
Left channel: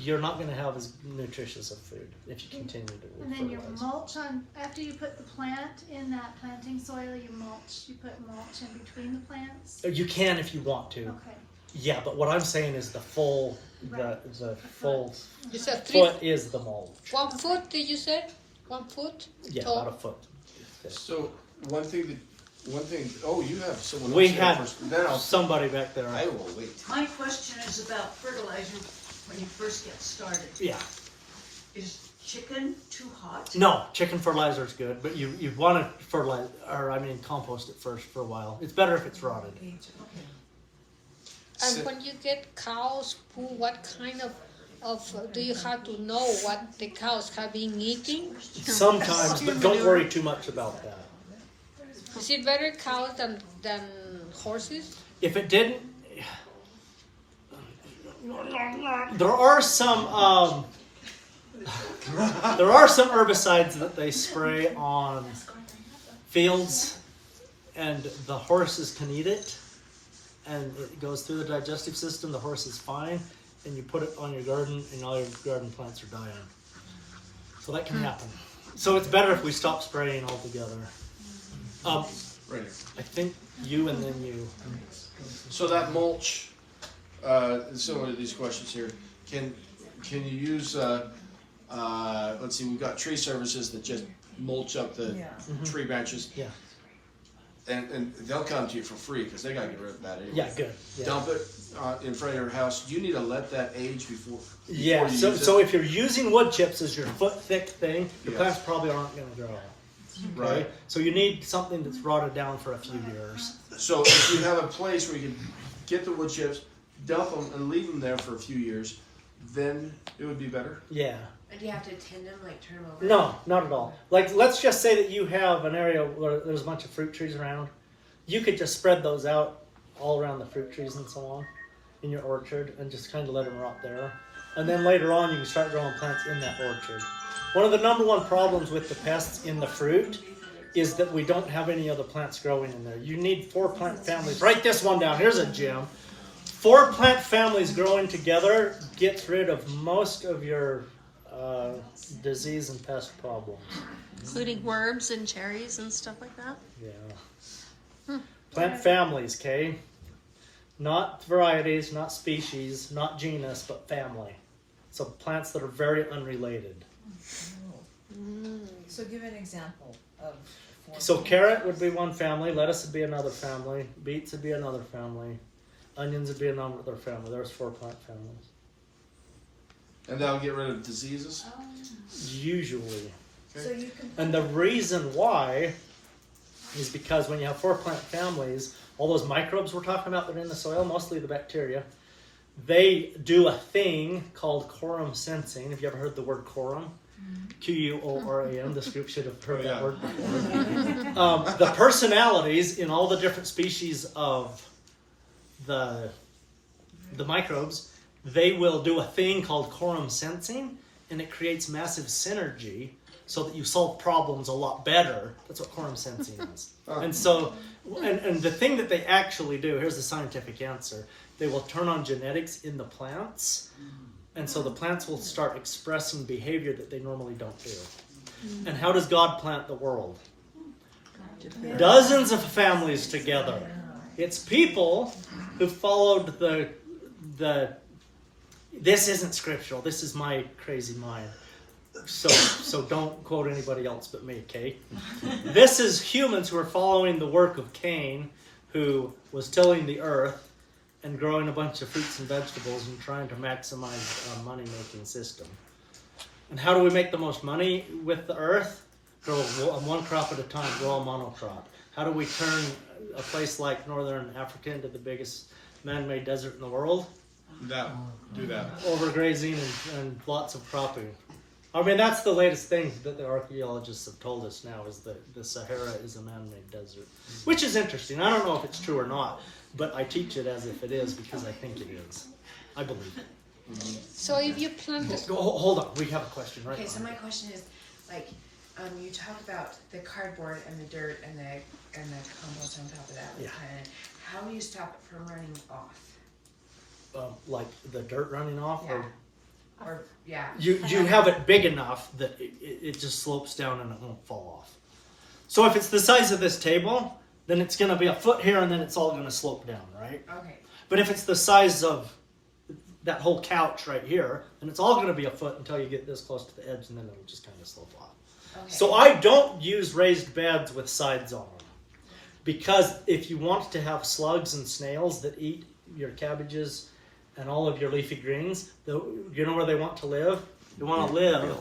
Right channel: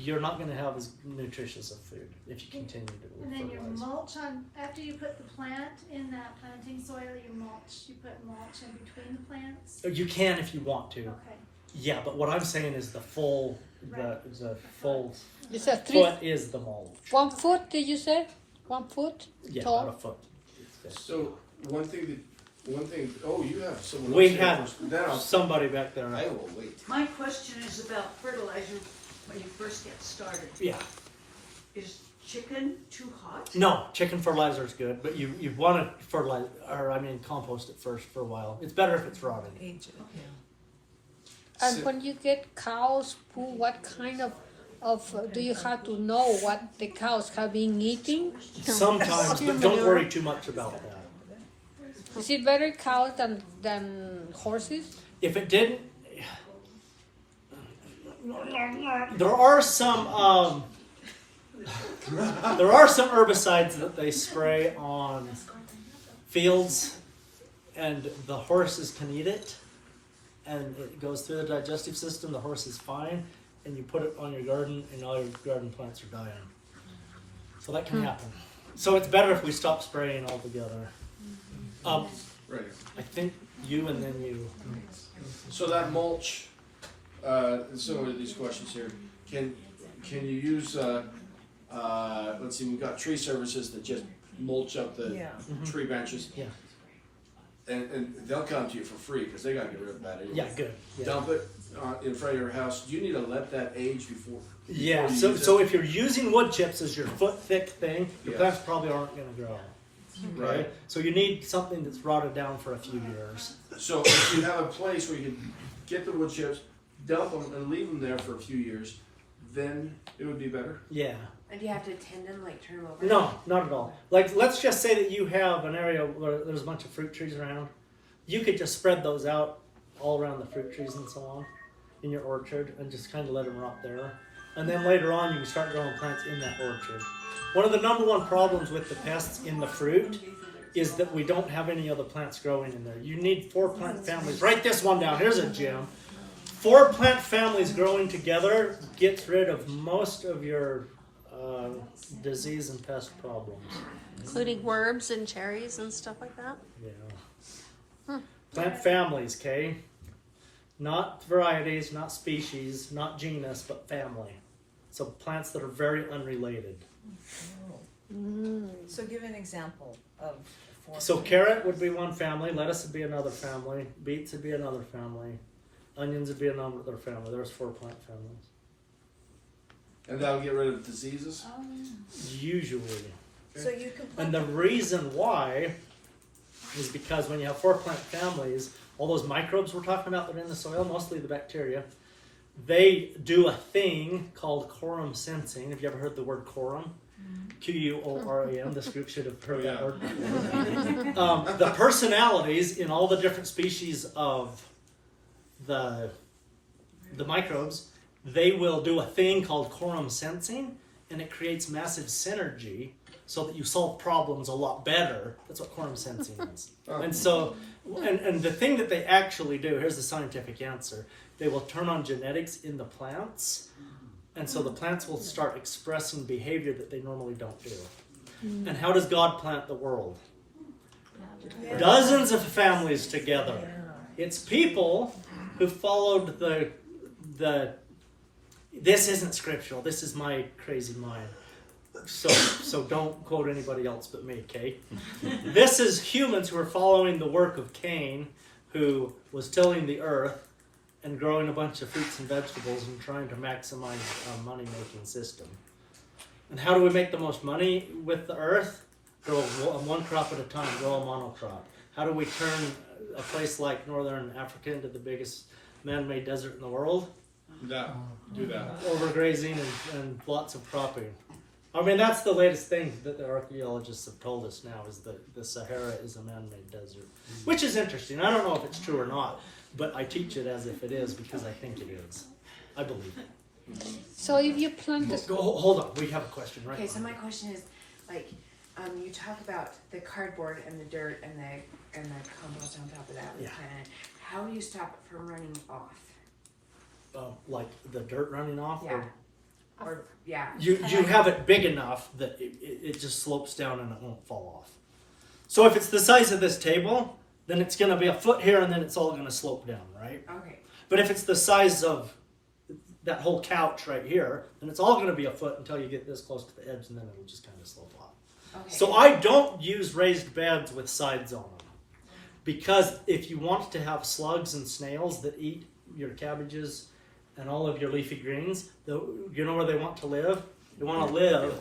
you're not going to have as nutritious of food if you continue to And then you fertilize. mulch on, after you put the plant in that planting soil, you put mulch in between the plants? You can if you want to. Okay. Yeah, but what I'm saying is the full full You said 3 foot is the mulch. 1 foot, did you say? 1 foot? Yeah, tall? about a foot. So one thing. Oh, you have someone. We else here had first. Now somebody back there. I will wait. My question is about fertilizer when you first get started. Yeah. Is chicken too hot? No, chicken fertilizer is good, but you want to fertilize, compost it first for a while. It's better if it's rotted. And when you get cows poo, what kind of do you have to know what the cows have been eating? Sometimes, but don't worry too much about that. Is it better cows than horses? If it didn't, there are some herbicides that they spray on fields, and the horses can eat it, and it goes through the digestive system. The horse is fine, and you put it on your garden, and all your garden plants are dying. So that can happen. So it's better if we stop spraying altogether. Right. I think you and then you. So that mulch, similar to these questions here, can you use, let's see, we've got tree services that just mulch up the tree branches. Yeah. And they'll come to you for free because they gotta get rid of that anyway. Yeah, good. Yeah. Dump it in front of your house. Do you need to let that age before Yeah, you so, use so it? if you're using wood chips as your foot thick thing, the Yes. plants probably aren't going to grow. Okay? Right. So you need something that's rotted down for a few years. So if you have a place where you can get the wood chips, dump them, and leave them there for a few years, then it would be better. Yeah. And do you have to tend them, like turn them over? No, not at all. Like, let's just say that you have an area where there's a bunch of fruit trees around. You could just spread those out all around the fruit trees and so on in your orchard and just kind of let them rot there. And then later on, you can start growing plants in that orchard. One of the number one problems with the pests in the fruit is that we don't have any other plants growing in there. You need 4 plant families. Write this one down. Here's a gem. 4 plant families growing together gets rid of most of your disease and pest problems. Including worms and cherries and stuff like that? Yeah. Plant families, okay? Not varieties, not species, not genus, but family. So plants that are very unrelated. So give an example of. So carrot would be one family, lettuce would be another family, beets would be another family, onions would be another family. There's 4 plant families. And that'll get rid of diseases? Usually. So you can. And the reason why is because when you have 4 plant families, all those microbes we're talking about that are in the soil, mostly the bacteria, they do a thing called quorum sensing. Have you ever heard the word quorum? Quoram. This group should have heard that word before. The personalities in all the different species of the microbes, they will do a thing called quorum sensing, and it creates massive synergy so that you solve problems a lot better. That's what quorum sensing is. And so, and the thing that they actually do, here's the scientific answer, they will turn on genetics in the plants, and so the plants will start expressing behavior that they normally don't do. And how does God plant the world? Dozens of families together. It's people who followed the this isn't scriptural, this is my crazy mind. So don't quote anybody else but me, okay? This is humans who are following the work of Cain, who was tilling the earth and growing a bunch of fruits and vegetables and trying to maximize a money-making system. And how do we make the most money with the earth? Grow one crop at a time, grow a monocrop. How do we turn a place like northern Africa into the biggest man-made desert in the world? No, do that. Overgrazing and lots of cropping. I mean, that's the latest thing that the archaeologists have told us now, is that the Sahara is a man-made desert. Which is interesting. I don't know if it's true or not, but I teach it as if it is because I think it is. I believe it. So if you plant it. Hold on, we have a question right Okay, now. so my question is, like, you talk about the cardboard and the dirt and the compost on top of that. Yeah. How do you stop it from running off? Like the dirt running off? Yeah. Or yeah. You have it big enough that it just slopes down and it won't fall off. So if it's the size of this table, then it's going to be a foot here and then it's all going to slope down, right? Okay. But if it's the size of that whole couch right here, then it's all going to be a foot until you get this close to the edge and then it'll just kind of slope off. Okay. So I don't use raised beds with sides on them. Because if you want to have slugs and snails that eat your cabbages and all of your leafy greens, you know where they want to live? They want to live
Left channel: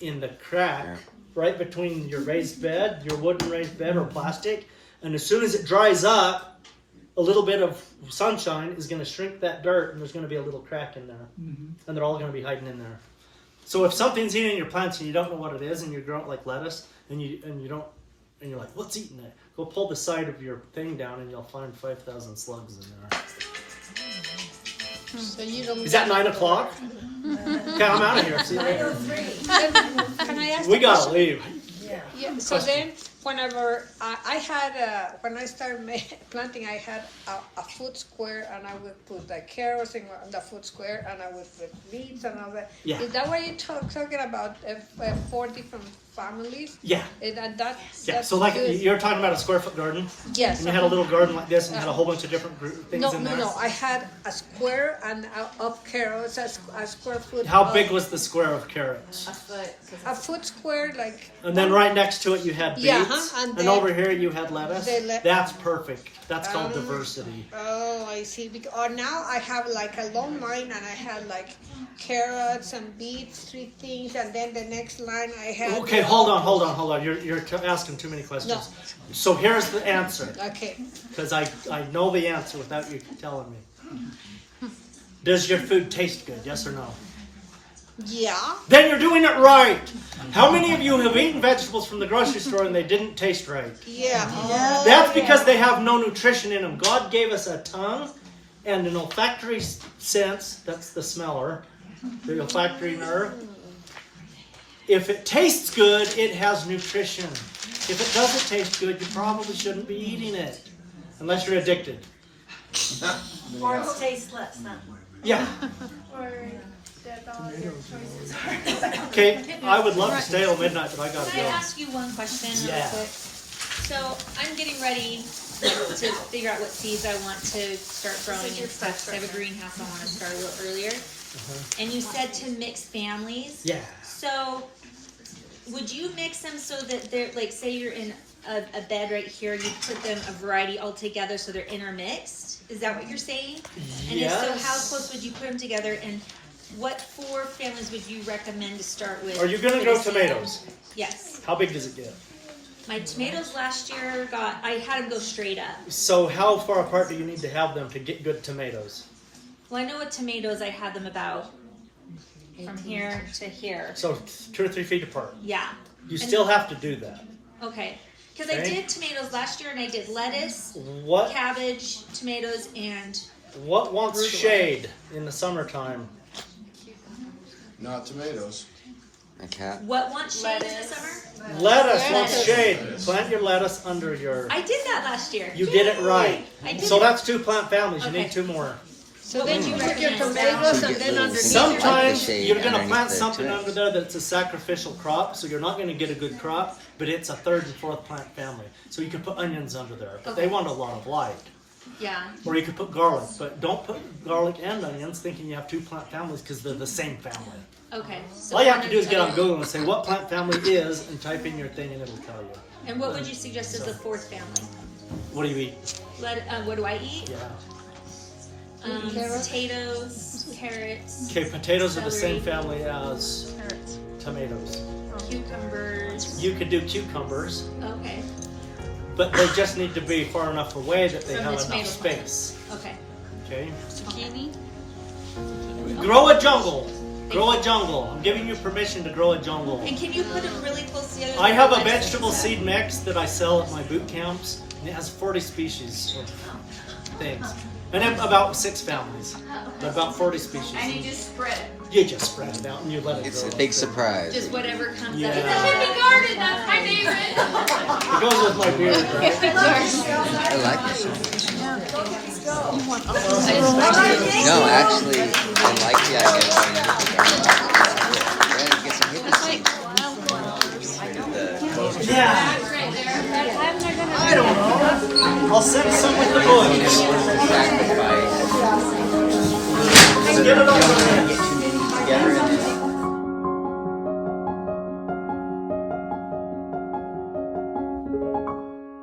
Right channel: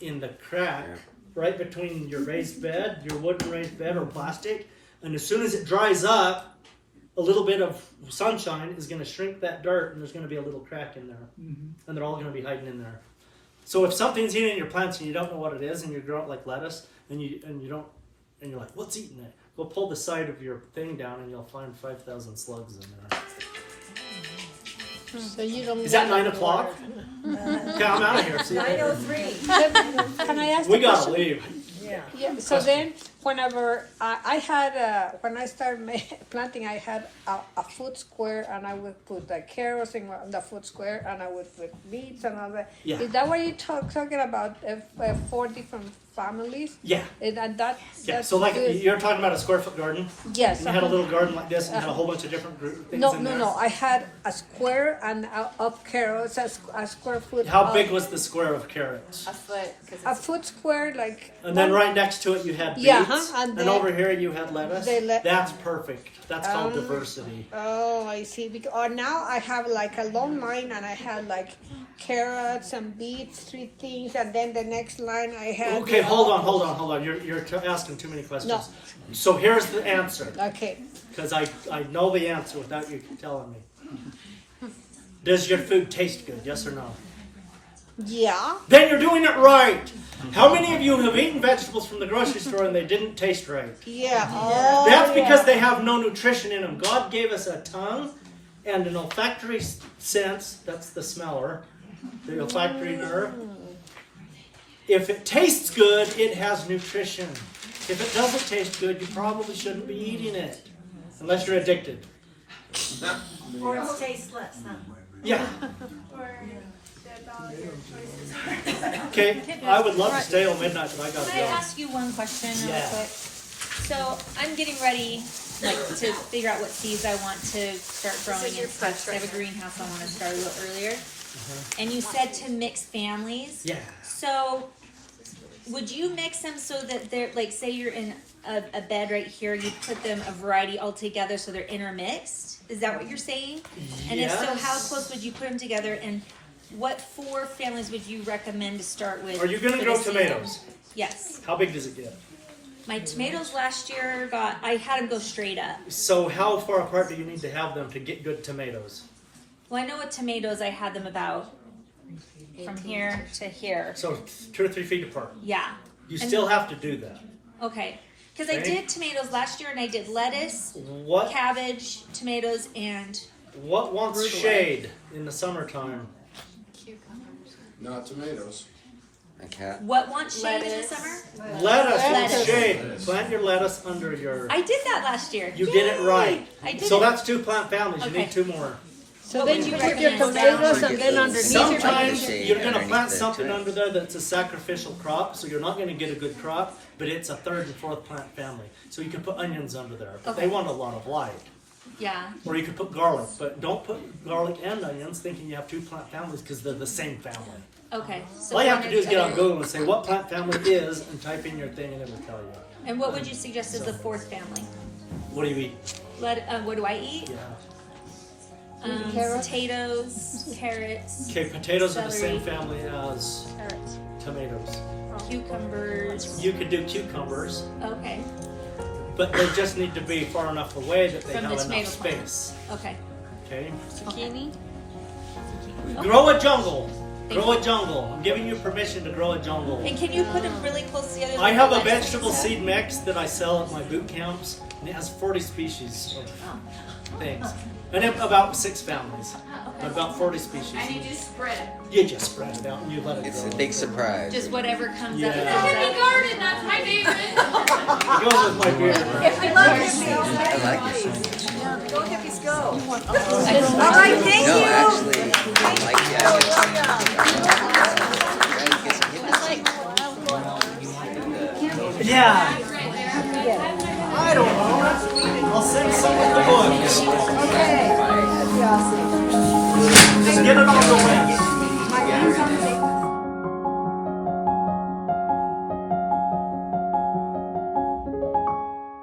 in the crack right between your raised bed, your wooden raised bed or plastic, and as soon as it dries up, a little bit of sunshine is going to shrink that dirt, and there's going to be a little crack in there, and they're all going to be hiding in there. So if something's eating your plants and you don't know what it is, and you're growing like lettuce, and you're like, what's eating it? Go pull the side of your thing down, and you'll find 5,000 slugs in there. So you don't Is that 9 o'clock? Okay, I'm out of here. See you later. Can I ask We a gotta question? leave. Yeah, so then, whenever I had, when I started planting, I had a foot square, and I would put the carrots in the foot square, and I would put beets and all that. Yeah. Is that what you're talking about? 4 different families? Yeah. And Yeah, that's so like good. you're talking about a square foot garden? Yes. And you had a little garden like this and you had a whole bunch of different things in there? No, I had a square and of carrots, a square foot. How big was the square of carrots? A foot square, like. And then right next to it you had beets, Yeah, and and then over here you had lettuce. the That's perfect. That's called diversity. Oh, I see. Or now I have like a long line, and I had like carrots and beets, 3 things, and then the next line I had. Okay, hold on. You're asking too many questions. So here's the answer. Okay. Because I know the answer without you telling me. Does your food taste good? Yes or no? Yeah. Then you're doing it right. How many of you have eaten vegetables from the grocery store and they didn't taste right? Yeah. That's because they have no nutrition in them. God gave us a tongue and an olfactory sense. That's the smeller. The olfactory nerve. If it tastes good, it has nutrition. If it doesn't taste good, you probably shouldn't be eating it. Unless you're addicted. Or it tastes less, not more. Yeah. Okay, I would love to stay till midnight, but I gotta Can I go. ask you one question real Yeah. quick? So I'm getting ready to figure out what seeds I want to start growing and stuff. So I have a greenhouse I want to start a little earlier. And you said to mix families. Yeah. So would you mix them so that they're, like, say you're in a bed right here, you put them a variety all together so they're intermixed? Is that what you're saying? And if so, how close would you put them together, and what 4 families would you recommend to start with? Are you going to for grow the season? tomatoes? Yes. How big does it get? My tomatoes last year I had them go straight up. So how far apart do you need to have them to get good tomatoes? Well, I know with tomatoes I had them about from here to here. So 2 or 3 feet apart. Yeah. You still have to do that. Okay. Because I Okay. did tomatoes last year, and I did lettuce, What cabbage, tomatoes, and What wants shade in the summertime? Not tomatoes. A cat. what wants shade in the summer? Lettuce wants shade. Plant your lettuce under your... I did that last year. You did it right. I did So it. that's 2 plant families. You Okay. need 2 more. So then you put your tomatoes and then underneath. Sometimes Shade you're going to underneath plant there, something too. under there that's a sacrificial crop, so you're not going to get a good crop, but it's a 3rd and 4th plant family. So you can put onions under there, but they want a lot of light. Yeah. Or you could put garlic, but don't put garlic and onions thinking you have 2 plant families because they're the same family. Okay. So All you have to do is get on Google and say what plant family is and type in your thing and it'll tell you. And what would you suggest as the 4th family? What do you eat? What do I eat? Yeah. Potatoes, carrots. Okay, potatoes are the same celery, family as Carrots. tomatoes. Cucumbers. You could do cucumbers, Okay. but they just need to be far enough away that they From have the enough tomato space. Okay. Okay? Zucchini. Grow a jungle. Grow a jungle. I'm giving you permission to grow a jungle. And can you put them really close together? I have a vegetable seed mix that I sell at my boot camps, and it has 40 species of things. And then about 6 families, but about 40 species. And you just spread it. You just spread it out and you let it It's grow. a big surprise. Just whatever comes Yeah. up. It's a Happy garden, that's my favorite. It goes with my beard, right? I like it. You want all those? No, actually, I like the idea. It's like wildflowers. Yeah. I don't know. I'll send some of the books. Just get it on the way.